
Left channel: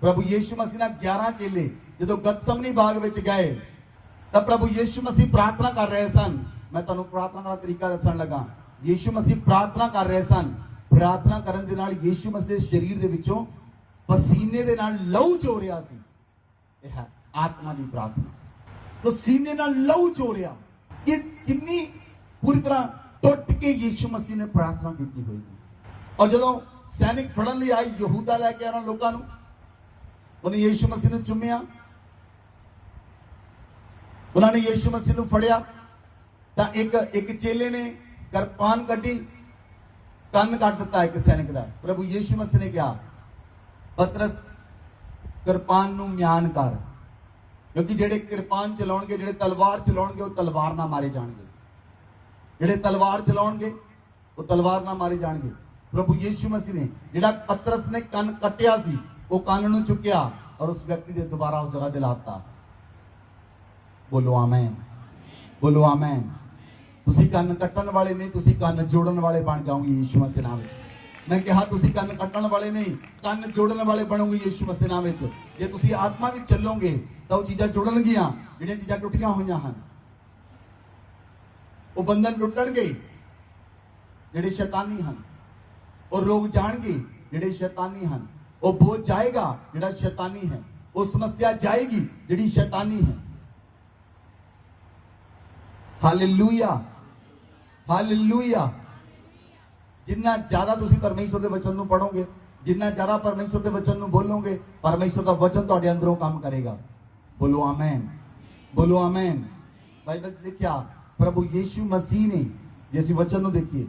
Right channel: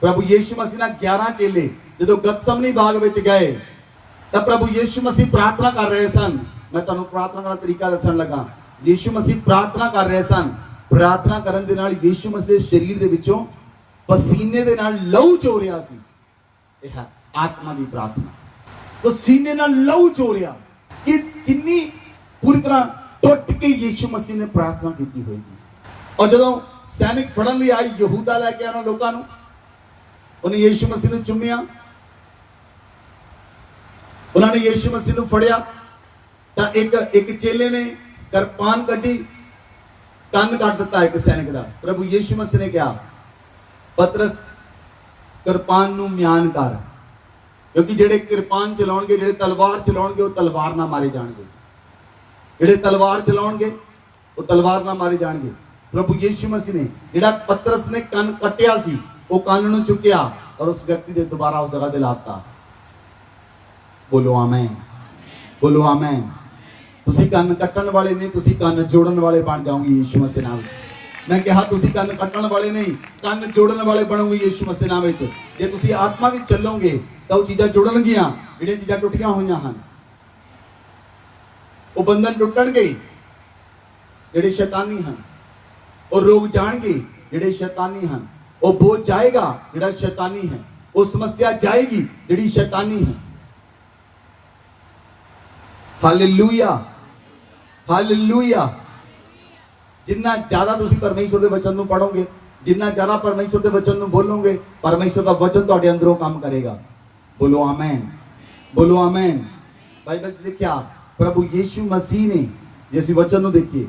ਪ੍ਰਭੂ ਯੀਸ਼ੂ ਮਸੀਹ ਨਾਲ 11 ਚੇਲੇ ਜਦੋਂ ਗਤਸਮਨੀ ਬਾਗ ਵਿੱਚ ਗਏ ਤਾਂ ਪ੍ਰਭੂ ਯੀਸ਼ੂ ਮਸੀਹ ਪ੍ਰਾਰਥਨਾ ਕਰ ਰਹੇ ਸਨ। ਮੈਂ ਤੁਹਾਨੂੰ ਪ੍ਰਾਰਥਨਾ ਦਾ ਤਰੀਕਾ ਦੱਸਣ ਲੱਗਾ। ਯੀਸ਼ੂ ਮਸੀਹ ਪ੍ਰਾਰਥਨਾ ਕਰ ਰਹੇ ਸਨ। ਪ੍ਰਾਰਥਨਾ ਕਰਨ ਦੇ ਨਾਲ ਯੀਸ਼ੂ ਮਸੀਹ ਦੇ ਸਰੀਰ ਦੇ ਵਿੱਚੋਂ ਪਸੀਨੇ ਦੇ ਨਾਲ ਲਹੂ ਚੋ ਰਿਹਾ ਸੀ। ਇਹ ਹੈ ਆਤਮਾ ਦੀ ਪ੍ਰਾਰਥਨਾ। ਪਸੀਨੇ ਨਾਲ ਲਹੂ ਚੋ ਰਿਹਾ। ਕਿ ਕਿੰਨੀ ਪੂਰੀ ਤਰ੍ਹਾਂ ਟੁੱਟ ਕੇ ਯੀਸ਼ੂ ਮਸੀਹ ਨੇ ਪ੍ਰਾਰਥਨਾ ਕੀਤੀ ਹੋਏਗੀ। ਔਰ ਜਦੋਂ ਸੈਨਿਕ ਫੜਨ ਲਈ ਆਏ, ਯਹੂਦਾ ਲੈ ਕੇ ਆਉਣਾ ਲੋਕਾਂ ਨੂੰ, ਉਹਨੇ ਯੀਸ਼ੂ ਮਸੀਹ ਨੂੰ ਚੁੰਮਿਆ। ਉਹਨਾਂ ਨੇ ਯੀਸ਼ੂ ਮਸੀਹ ਨੂੰ ਫੜਿਆ ਤਾਂ ਇੱਕ ਚੇਲੇ ਨੇ ਕਿਰਪਾਨ ਕੱਢੀ, ਕੰਨ ਕੱਟ ਦਿੱਤਾ ਇੱਕ ਸੈਨਿਕ ਦਾ। ਪ੍ਰਭੂ ਯੀਸ਼ੂ ਮਸੀਹ ਨੇ ਕਿਹਾ, ਪਤਰਸ ਕਿਰਪਾਨ ਨੂੰ ਮਿਆਨ ਕਰ, ਕਿਉਂਕਿ ਜਿਹੜੇ ਕਿਰਪਾਨ ਚਲਾਉਣਗੇ, ਜਿਹੜੇ ਤਲਵਾਰ ਚਲਾਉਣਗੇ, ਉਹ ਤਲਵਾਰ ਨਾਲ ਮਾਰੇ ਜਾਣਗੇ। ਜਿਹੜੇ ਤਲਵਾਰ ਚਲਾਉਣਗੇ ਉਹ ਤਲਵਾਰ ਨਾਲ ਮਾਰੇ ਜਾਣਗੇ। ਪ੍ਰਭੂ ਯੀਸ਼ੂ ਮਸੀਹ ਨੇ ਜਿਹੜਾ ਪਤਰਸ ਨੇ ਕੰਨ ਕੱਟਿਆ ਸੀ, ਉਹ ਕੰਨ ਨੂੰ ਚੁੱਕਿਆ ਔਰ ਉਸ ਵਿਅਕਤੀ ਦੇ ਦੁਬਾਰਾ ਉਸ ਜਗ੍ਹਾ ਤੇ ਲਾਤਾ। ਬੋਲੋ ਆਮੇਨ, ਬੋਲੋ ਆਮੇਨ। ਤੁਸੀਂ ਕੰਨ ਕੱਟਣ ਵਾਲੇ ਨਹੀਂ, ਤੁਸੀਂ ਕੰਨ ਜੋੜਨ ਵਾਲੇ ਬਣ ਜਾਓਗੇ ਯੀਸ਼ੂ ਮਸੀਹ ਦੇ ਨਾਮ ਵਿੱਚ। ਮੈਂ ਕਿਹਾ ਤੁਸੀਂ ਕੰਨ ਕੱਟਣ ਵਾਲੇ ਨਹੀਂ, ਕੰਨ ਜੋੜਨ ਵਾਲੇ ਬਣੋਗੇ ਯੀਸ਼ੂ ਮਸੀਹ ਦੇ ਨਾਮ ਵਿੱਚ। ਜੇ ਤੁਸੀਂ ਆਤਮਾ ਵਿੱਚ ਚੱਲੋਗੇ ਤਾਂ ਉਹ ਚੀਜ਼ਾਂ ਜੁੜਨਗੀਆਂ ਜਿਹੜੀਆਂ ਚੀਜ਼ਾਂ ਟੁੱਟੀਆਂ ਹੋਈਆਂ ਹਨ। ਉਹ ਬੰਧਨ ਟੁੱਟਣਗੇ ਜਿਹੜੇ ਸ਼ੈਤਾਨੀ ਹਨ। ਉਹ ਰੋਗ ਜਾਣਗੇ ਜਿਹੜੇ ਸ਼ੈਤਾਨੀ ਹਨ। ਉਹ ਬੋਝ ਜਾਏਗਾ ਜਿਹੜਾ ਸ਼ੈਤਾਨੀ ਹੈ। ਉਹ ਸਮੱਸਿਆ ਜਾਏਗੀ ਜਿਹੜੀ ਸ਼ੈਤਾਨੀ ਹੈ। Hallelujah, hallelujah. ਜਿੰਨਾ ਜ਼ਿਆਦਾ ਤੁਸੀਂ ਪਰਮੇਸ਼ਵਰ ਦੇ ਵਚਨ ਨੂੰ ਪੜੋਗੇ, ਜਿੰਨਾ ਜ਼ਿਆਦਾ ਪਰਮੇਸ਼ਵਰ ਦੇ ਵਚਨ ਨੂੰ ਬੋਲੋਗੇ, ਪਰਮੇਸ਼ਵਰ ਦਾ ਵਚਨ ਤੁਹਾਡੇ ਅੰਦਰੋਂ ਕੰਮ ਕਰੇਗਾ। ਬੋਲੋ ਆਮੇਨ, ਬੋਲੋ ਆਮੇਨ। ਬਾਈਬਲ 'ਚ ਲਿਖਿਆ ਪ੍ਰਭੂ ਯੀਸ਼ੂ ਮਸੀਹ ਨੇ, ਜੇ ਅਸੀਂ ਵਚਨ ਨੂੰ ਦੇਖੀਏ,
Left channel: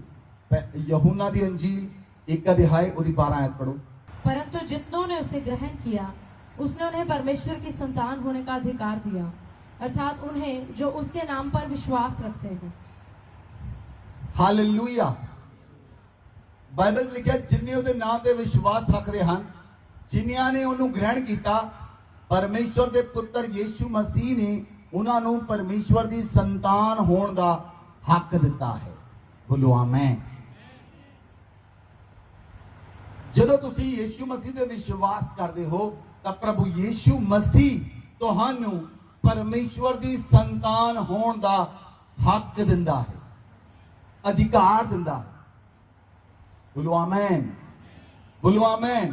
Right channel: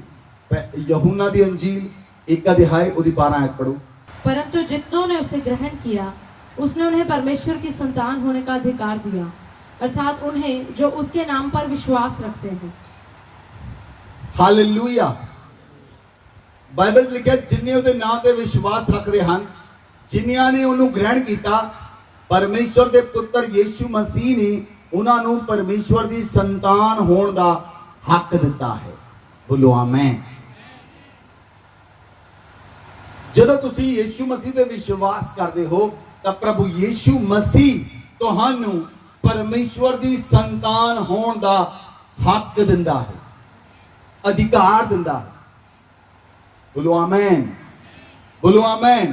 यूहन्ना दी अंजील 1 अध्याय ਉਹਦੀ 12 आयत पढ़ो। परंतु जितनों ने उसे ग्रहण किया, उसने उन्हें परमेश्वर की संतान होने का अधिकार दिया, अर्थात उन्हें जो उसके नाम पर विश्वास रखते हैं। हालेलुया। ਬਾਈਬਲ 'ਚ ਲਿਖਿਆ ਜਿਨ੍ਹਾਂ ਉਹਦੇ ਨਾਮ ਤੇ ਵਿਸ਼ਵਾਸ ਰੱਖਦੇ ਹਨ, ਜਿਨ੍ਹਾਂ ਨੇ ਉਹਨੂੰ ਗ੍ਰਹਿਣ ਕੀਤਾ, ਪਰਮੇਸ਼ਵਰ ਦੇ ਪੁੱਤਰ ਯੀਸ਼ੂ ਮਸੀਹ ਨੇ ਉਹਨਾਂ ਨੂੰ ਪਰਮੇਸ਼ਵਰ ਦੀ ਸੰਤਾਨ ਹੋਣ ਦਾ ਹੱਕ ਦਿੱਤਾ ਹੈ। ਬੋਲੋ ਆਮੇਨ। ਜਦੋਂ ਤੁਸੀਂ ਯੀਸ਼ੂ ਮਸੀਹ ਤੇ ਵਿਸ਼ਵਾਸ ਕਰਦੇ ਹੋ ਤਾਂ ਪ੍ਰਭੂ ਯੀਸ਼ੂ ਮਸੀਹ ਤੁਹਾਨੂੰ ਪਰਮੇਸ਼ਵਰ ਦੀ ਸੰਤਾਨ ਹੋਣ ਦਾ ਹੱਕ ਦਿੰਦਾ ਹੈ, ਅਧਿਕਾਰ ਦਿੰਦਾ ਹੈ। बोलो आमेन, बोलो आमेन।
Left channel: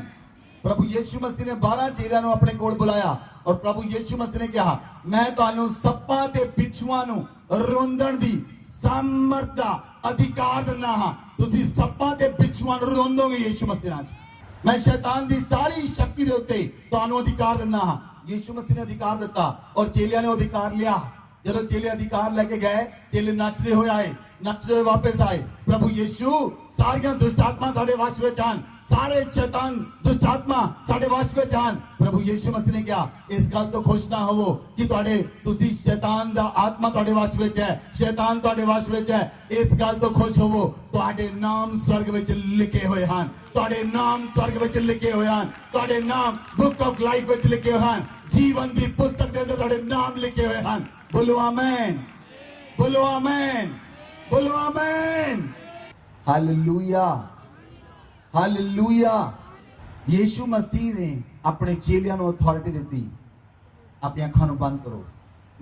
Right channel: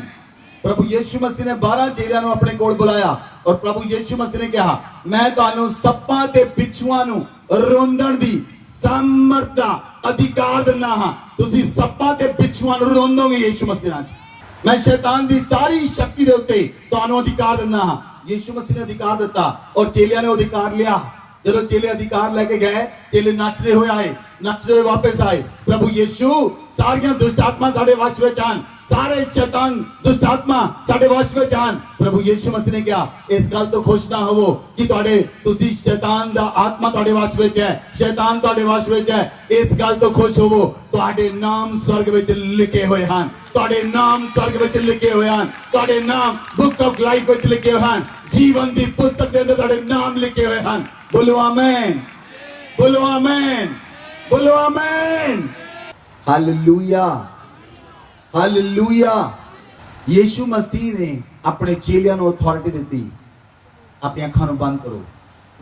प्रभु यीशु मसीह ने 12 चेलियां ਨੂੰ ਆਪਣੇ ਕੋਲ ਬੁਲਾਇਆ ਔਰ ਪ੍ਰਭੂ ਯੀਸ਼ੂ ਮਸੀਹ ਨੇ ਕਿਹਾ, ਮੈਂ ਤੁਹਾਨੂੰ ਸੱਪਾਂ ਤੇ ਬਿੱਛੂਆਂ ਨੂੰ ਰੋਂਦਣ ਦੀ ਸਮਰੱਥ ਦਾ ਅਧਿਕਾਰ ਦਿੰਦਾ ਹਾਂ। ਤੁਸੀਂ ਸੱਪਾਂ ਤੇ ਬਿੱਛੂਆਂ ਨੂੰ ਰੋਂਦੋਗੇ ਯੀਸ਼ੂ ਮਸੀਹ ਨਾਲ। ਮੈਂ ਸ਼ੈਤਾਨ ਦੀ ਸਾਰੀ ਸ਼ਕਤੀ ਦੇ ਉੱਤੇ ਤੁਹਾਨੂੰ ਅਧਿਕਾਰ ਦਿੰਦਾ ਹਾਂ। ਯੀਸ਼ੂ ਮਸੀਹ ਨੇ ਅਧਿਕਾਰ ਦਿੱਤਾ ਔਰ ਚੇਲਿਆਂ ਨੇ ਅਧਿਕਾਰ ਲਿਆ। ਜਦੋਂ ਚੇਲੇ ਅਧਿਕਾਰ ਲੈ ਕੇ ਗਏ, ਚੇਲੇ ਨੱਚਦੇ ਹੋਏ ਆਏ, ਨੱਚਦੇ ਹੋਏ ਵਾਪਸ ਆਏ। ਪ੍ਰਭੂ ਯੀਸ਼ੂ ਸਾਰੀਆਂ ਦੁਸ਼ਟ ਆਤਮਾ ਸਾਡੇ ਵਸ਼ ਵਿੱਚ ਆਣ, ਸਾਰੇ ਸ਼ੈਤਾਨ ਦੁਸ਼ਟ ਆਤਮਾ ਸਾਡੇ ਵਸ਼ ਵਿੱਚ ਆਣ। ਪ੍ਰਭੂ ਯੀਸ਼ੂ ਮਸੀਹ ਨੇ ਕਿਹਾ, ਇਸ ਗੱਲ ਤੋਂ ਖੁਸ਼ ਨਾ ਹੋਵੋ ਕਿ ਤੁਸੀਂ ਸ਼ੈਤਾਨ ਦਾ ਆਤਮਾ ਤੁਹਾਡੇ ਵਸ਼ ਵਿੱਚ ਹੈ, ਸ਼ੈਤਾਨ ਤੁਹਾਡੇ ਵਸ਼ ਵਿੱਚ ਹੈ। ਇਸ ਗੱਲ ਤੋਂ ਖੁਸ਼ ਹੋਵੋ, ਤੁਹਾਡੇ ਨਾਮ ਸਵਰਗ ਵਿੱਚ ਲਿਖੇ ਹੋਏ ਹਨ, ਤੁਹਾਡੇ ਨਾਮ ਸਵਰਗ ਵਿੱਚ ਲਿਖੇ ਹੋਏ ਹਨ, ਤੁਹਾਡੇ ਨਾਮ ਬੁੱਕ ਆਫ ਲਾਈਫ ਵਿੱਚ ਲਿਖੇ ਹੋਏ ਹਨ, ਜੀਵਨ ਦੀ ਪੁਸਤਕ ਦੇ ਅੰਦਰ ਤੁਹਾਡੇ ਨਾਮ ਲਿਖੇ ਹੋਏ ਹਨ। बोलो आमेन, बोलो आमेन, बोलो आमेन। Hallelujah, hallelujah. यीशु मसीह ने अपने चेलियां ਨੂੰ ਅਥਾਰਟੀ ਦਿੱਤੀ। ਆਪਣੀਆਂ ਅੱਖਾਂ ਨੂੰ ਬੰਦ ਕਰੋ।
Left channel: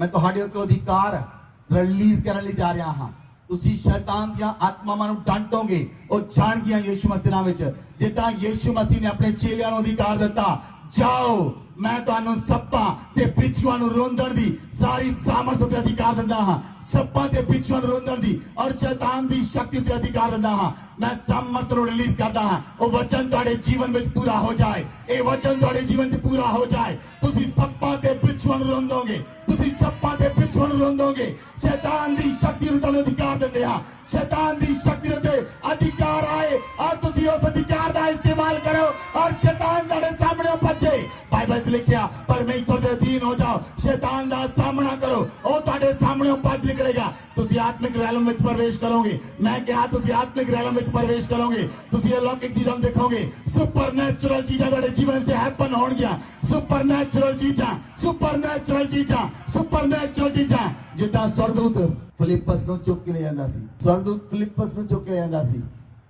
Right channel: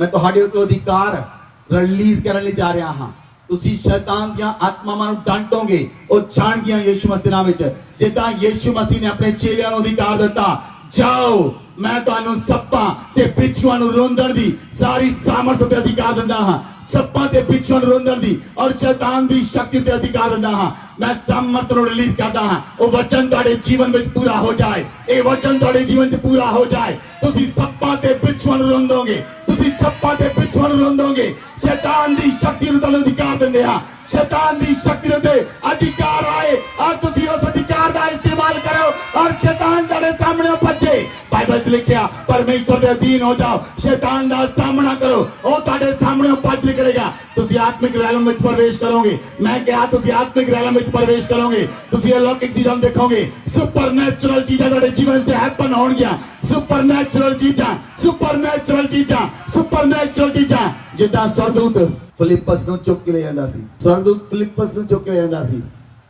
ਮੈਂ ਤੁਹਾਡੇ ਉੱਤੇ ਅਧਿਕਾਰ ਰਿਲੀਜ਼ ਕਰਨ ਲਈ ਜਾ ਰਿਹਾ ਹਾਂ। ਤੁਸੀਂ ਸ਼ੈਤਾਨ ਦੀਆਂ ਆਤਮਾਵਾਂ ਨੂੰ ਡਾਂਟੋਗੇ, ਉਹ ਜਾਣਗੀਆਂ ਯੀਸ਼ੂ ਮਸੀਹ ਦੇ ਨਾਮ ਵਿੱਚ। ਜਿੱਦਾਂ ਯੀਸ਼ੂ ਮਸੀਹ ਨੇ ਆਪਣੇ ਚੇਲਿਆਂ ਨੂੰ ਅਧਿਕਾਰ ਦਿੱਤਾ, ਜਾਓ मैं ਤੁਹਾਨੂੰ ਸੱਪਾਂ ਤੇ ਬਿੱਛੂਆਂ ਨੂੰ ਰੋਂਦਣ ਦੀ ਸਾਰੀ ਸਾਮਰਥ ਤੇ ਅਧਿਕਾਰ ਦਿੰਦਾ ਹਾਂ। ਸੱਪਾਂ ਤੇ ਬਿੱਛੂਆਂ ਨੂੰ ਰੋਂਦਣ ਦੀ ਔਰ ਸ਼ੈਤਾਨ ਦੀ ਸ਼ਕਤੀ ਤੇ ਅਧਿਕਾਰ ਦਿੰਦਾ ਹਾਂ। ਮੈਂ ਸਾਮਰਥ ਨੂੰ ਰਿਲੀਜ਼ ਕਰਦਾ ਹਾਂ। ਉਹ ਵਚਨ ਤੁਹਾਡੇ ਜੀਵਨ ਵਿੱਚ ਪੂਰਾ ਹੋ ਜਾਏ, ਇਹ ਵਚਨ ਤੁਹਾਡੇ ਜੀਵਨ 'ਚ ਪੂਰਾ ਹੋ ਜਾਏ। ਤੁਸੀਂ ਸੱਪਾਂ ਤੇ ਬਿੱਛੂਆਂ ਨੂੰ ਰੋਂਦੋਗੇ, ਤੁਸੀਂ ਸੱਪਾਂ ਤੇ ਬਿੱਛੂਆਂ ਨੂੰ ਰੋਂਦੋਗੇ। ਸ਼ੈਤਾਨ ਦੀ ਸ਼ਕਤੀ ਨੂੰ ਤੁਹਾਨੂੰ ਅਧਿਕਾਰ ਦਿੰਦੇ ਹਾਂ। ਸ਼ੈਤਾਨ ਦੀ ਸ਼ਕਤੀ ਤੇ ਅਧਿਕਾਰ ਆਏ ਔਰ ਤੁਸੀਂ ਉਸ ਅਧਿਕਾਰ ਦਾ ਇਸਤੇਮਾਲ ਕਰੋ ਔਰ ਸ਼ੈਤਾਨ ਤੁਹਾਡੇ ਸਾਹਮਣੇ ਭੱਜੇ। ਬਾਈਬਲ 'ਚ ਲਿਖਿਆ, ਪਰਮੇਸ਼ਵਰ ਦੇ ਅਧੀਨ ਹੋ ਜਾਓ, ਸ਼ੈਤਾਨ ਦਾ ਸਾਹਮਣਾ ਕਰੋ, ਉਹ ਤੁਹਾਡੇ ਸਾਹਮਣੇ ਭੱਜ ਨਿਕਲੇਗਾ। ਤੁਸੀਂ ਆਤਮਾ ਆਤਮਿਕ ਰੈਲਮ ਵਿੱਚ ਪ੍ਰਵੇਸ਼ ਕਰੋਗੇ। ਮੈਂ ਕਿਹਾ ਤੁਸੀਂ ਆਤਮਿਕ ਰੈਲਮ ਵਿੱਚ ਪ੍ਰਵੇਸ਼ ਕਰੋਗੇ, ਤੁਸੀਂ ਅਲੌਕਿਕ ਚੀਜ਼ਾਂ ਨੂੰ ਦੇਖੋਗੇ। ਸੁਪਰਨੈਚੁਰਲ ਚੀਜ਼ਾਂ ਤੁਹਾਡੇ ਜੀਵਨ 'ਚ ਹੈਪਨ ਹੋਣਗੀਆਂ। ਸੁਪਰਨੈਚੁਰਲ ਚੀਜ਼ਾਂ, ਸੁਪਰਨੈਚੁਰਲ ਚੀਜ਼ਾਂ, ਸੁਪਰਨੈਚੁਰਲ ਚੀਜ਼ਾਂ। ਜਿੱਦਾਂ ਸਵਰਦੂਤ ਫਿਲਿੱਪਸ ਨੂੰ ਚੁੱਕ ਕੇ ਲੈ ਜਾਂਦਾ ਸੀ, ਸਵਰਦੂਤ ਫਿਲਿੱਪਸ ਨੂੰ ਚੁੱਕ ਕੇ ਲੈ ਜਾਂਦਾ ਸੀ।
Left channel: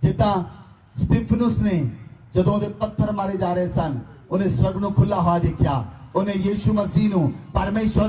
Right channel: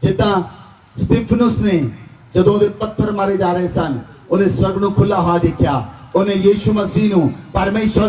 ਜਿੱਦਾਂ ਸਟੀਫਨਸ ਨੇ ਜਦੋਂ ਉਹਦੇ ਪੱਥਰ ਮਾਰੇ ਜਾ ਰਹੇ ਸਨ, ਉਹਨੇ ਸਵਰਗ ਨੂੰ ਖੁੱਲਾ ਹੋਇਆ ਦੇਖਿਆ। ਉਹਨੇ ਯੀਸ਼ੂ ਮਸੀਹ ਨੂੰ ਪਰਮੇਸ਼ਰ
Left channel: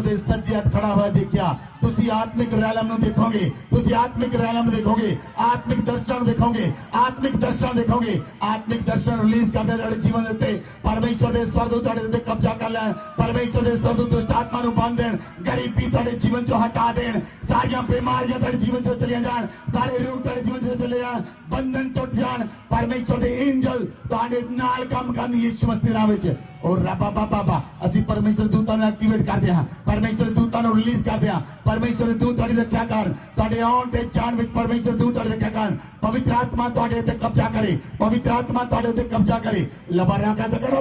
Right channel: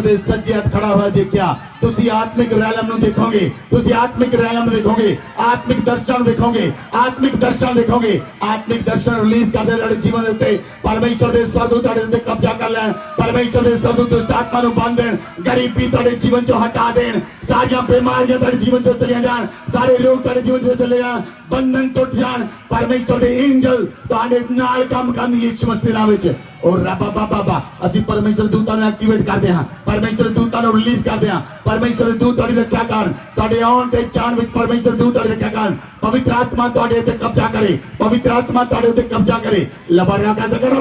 ਦੇ ਸੱਜੇ ਹੱਥ ਖੜਾ ਹੋਇਆ ਦੇਖਿਆ। ਤੁਸੀਂ ਆਤਮਿਕ ਰੈਲਮ ਨੂੰ ਦੇਖੋਗੇ, ਤੁਸੀਂ ਆਤਮਿਕ ਰੈਲਮ ਦੇਖੋਗੇ, ਆਤਮਿਕ ਦਰਸ਼ਨ ਦੇਖੋਗੇ, ਆਤਮਿਕ ਦਰਸ਼ਨ ਦੇਖੋਗੇ। ਆਤਮਿਕ ਦਰਸ਼ਨ ਰਿਲੀਜ਼ ਕਰਦੇ ਤੁਹਾਡੇ ਜੀਵਨ ਦੇ ਉੱਤੇ। ਪਰਮੇਸ਼ਰ ਦੇ ਸਵਰਦੂਤ ਤੁਹਾਡੇ ਉੱਤੇ ਕਬਜ਼ਾ ਕਰ ਲੈਣ। ਪਰਮੇਸ਼ਰ ਦੇ ਸਵਰਦੂਤ ਦੁਸ਼ਟ ਆਤਮਾ ਨੂੰ ਬੰਦ ਦੇਣ, ਗਰੀਬੀ ਤੁਹਾਡੇ ਜੀਵਨ ਚੋਂ ਹਟਾ ਦੇਣ, ਸਾਰੀਆਂ ਬਿਮਾਰੀਆਂ ਤੁਹਾਡੇ ਜੀਵਨ ਚੋਂ ਚਲੀਆਂ ਜਾਣ, ਸਾਰੇ ਰੋਗ ਤੁਹਾਡੇ ਜੀਵਨ ਚੋਂ ਚਲੇ ਜਾਣ, ਬੰਧਨ ਟੁੱਟ ਜਾਣ। ਪਰਮੇਸ਼ਰ ਦੇ ਐਂਜਲ ਤੁਹਾਡੇ ਨਾਲ ਕੰਮ ਕਰਨ ਯੀਸ਼ੂ ਮਸੀਹ ਦੇ ਨਾਮ ਵਿੱਚ। ਔਰ ਰੱਬਾ ਬਾਬਾ ਅਸੀਂ ਪਰਮੇਸ਼ਰ ਦੂਤਾਂ ਨੂੰ ਐਕਟੀਵੇਟ ਕਰਦੇ ਹਾਂ, ਪਰਮੇਸ਼ਰ ਦੂਤਾਂ ਨੂੰ ਰਿਲੀਜ਼ ਕਰਦੇ ਹਾਂ। ਪਰਮੇਸ਼ਰ ਦੂਤ ਤੁਹਾਡੀ ਰੱਖਿਆ ਕਰਨ, ਤੁਹਾਡੇ ਆਉਣ ਤੇ ਜਾਣ ਵਿੱਚ ਪਰਮੇਸ਼ਰ ਦੂਤ ਤੁਹਾਡੀ ਰੱਖਿਆ ਕਰਨ। ਪਵਿੱਤਰ ਆਤਮਾ ਤੁਹਾਡੇ ਉੱਤੇ ਕਬਜ਼ਾ ਕਰੇ, ਪਵਿੱਤਰ ਆਤਮਾ ਤੁਹਾਡੇ ਉੱਤੇ ਕਬਜ਼ਾ ਕਰੇ। ਲਬਾ ਰਾਕਾ ਜ਼ਕਰ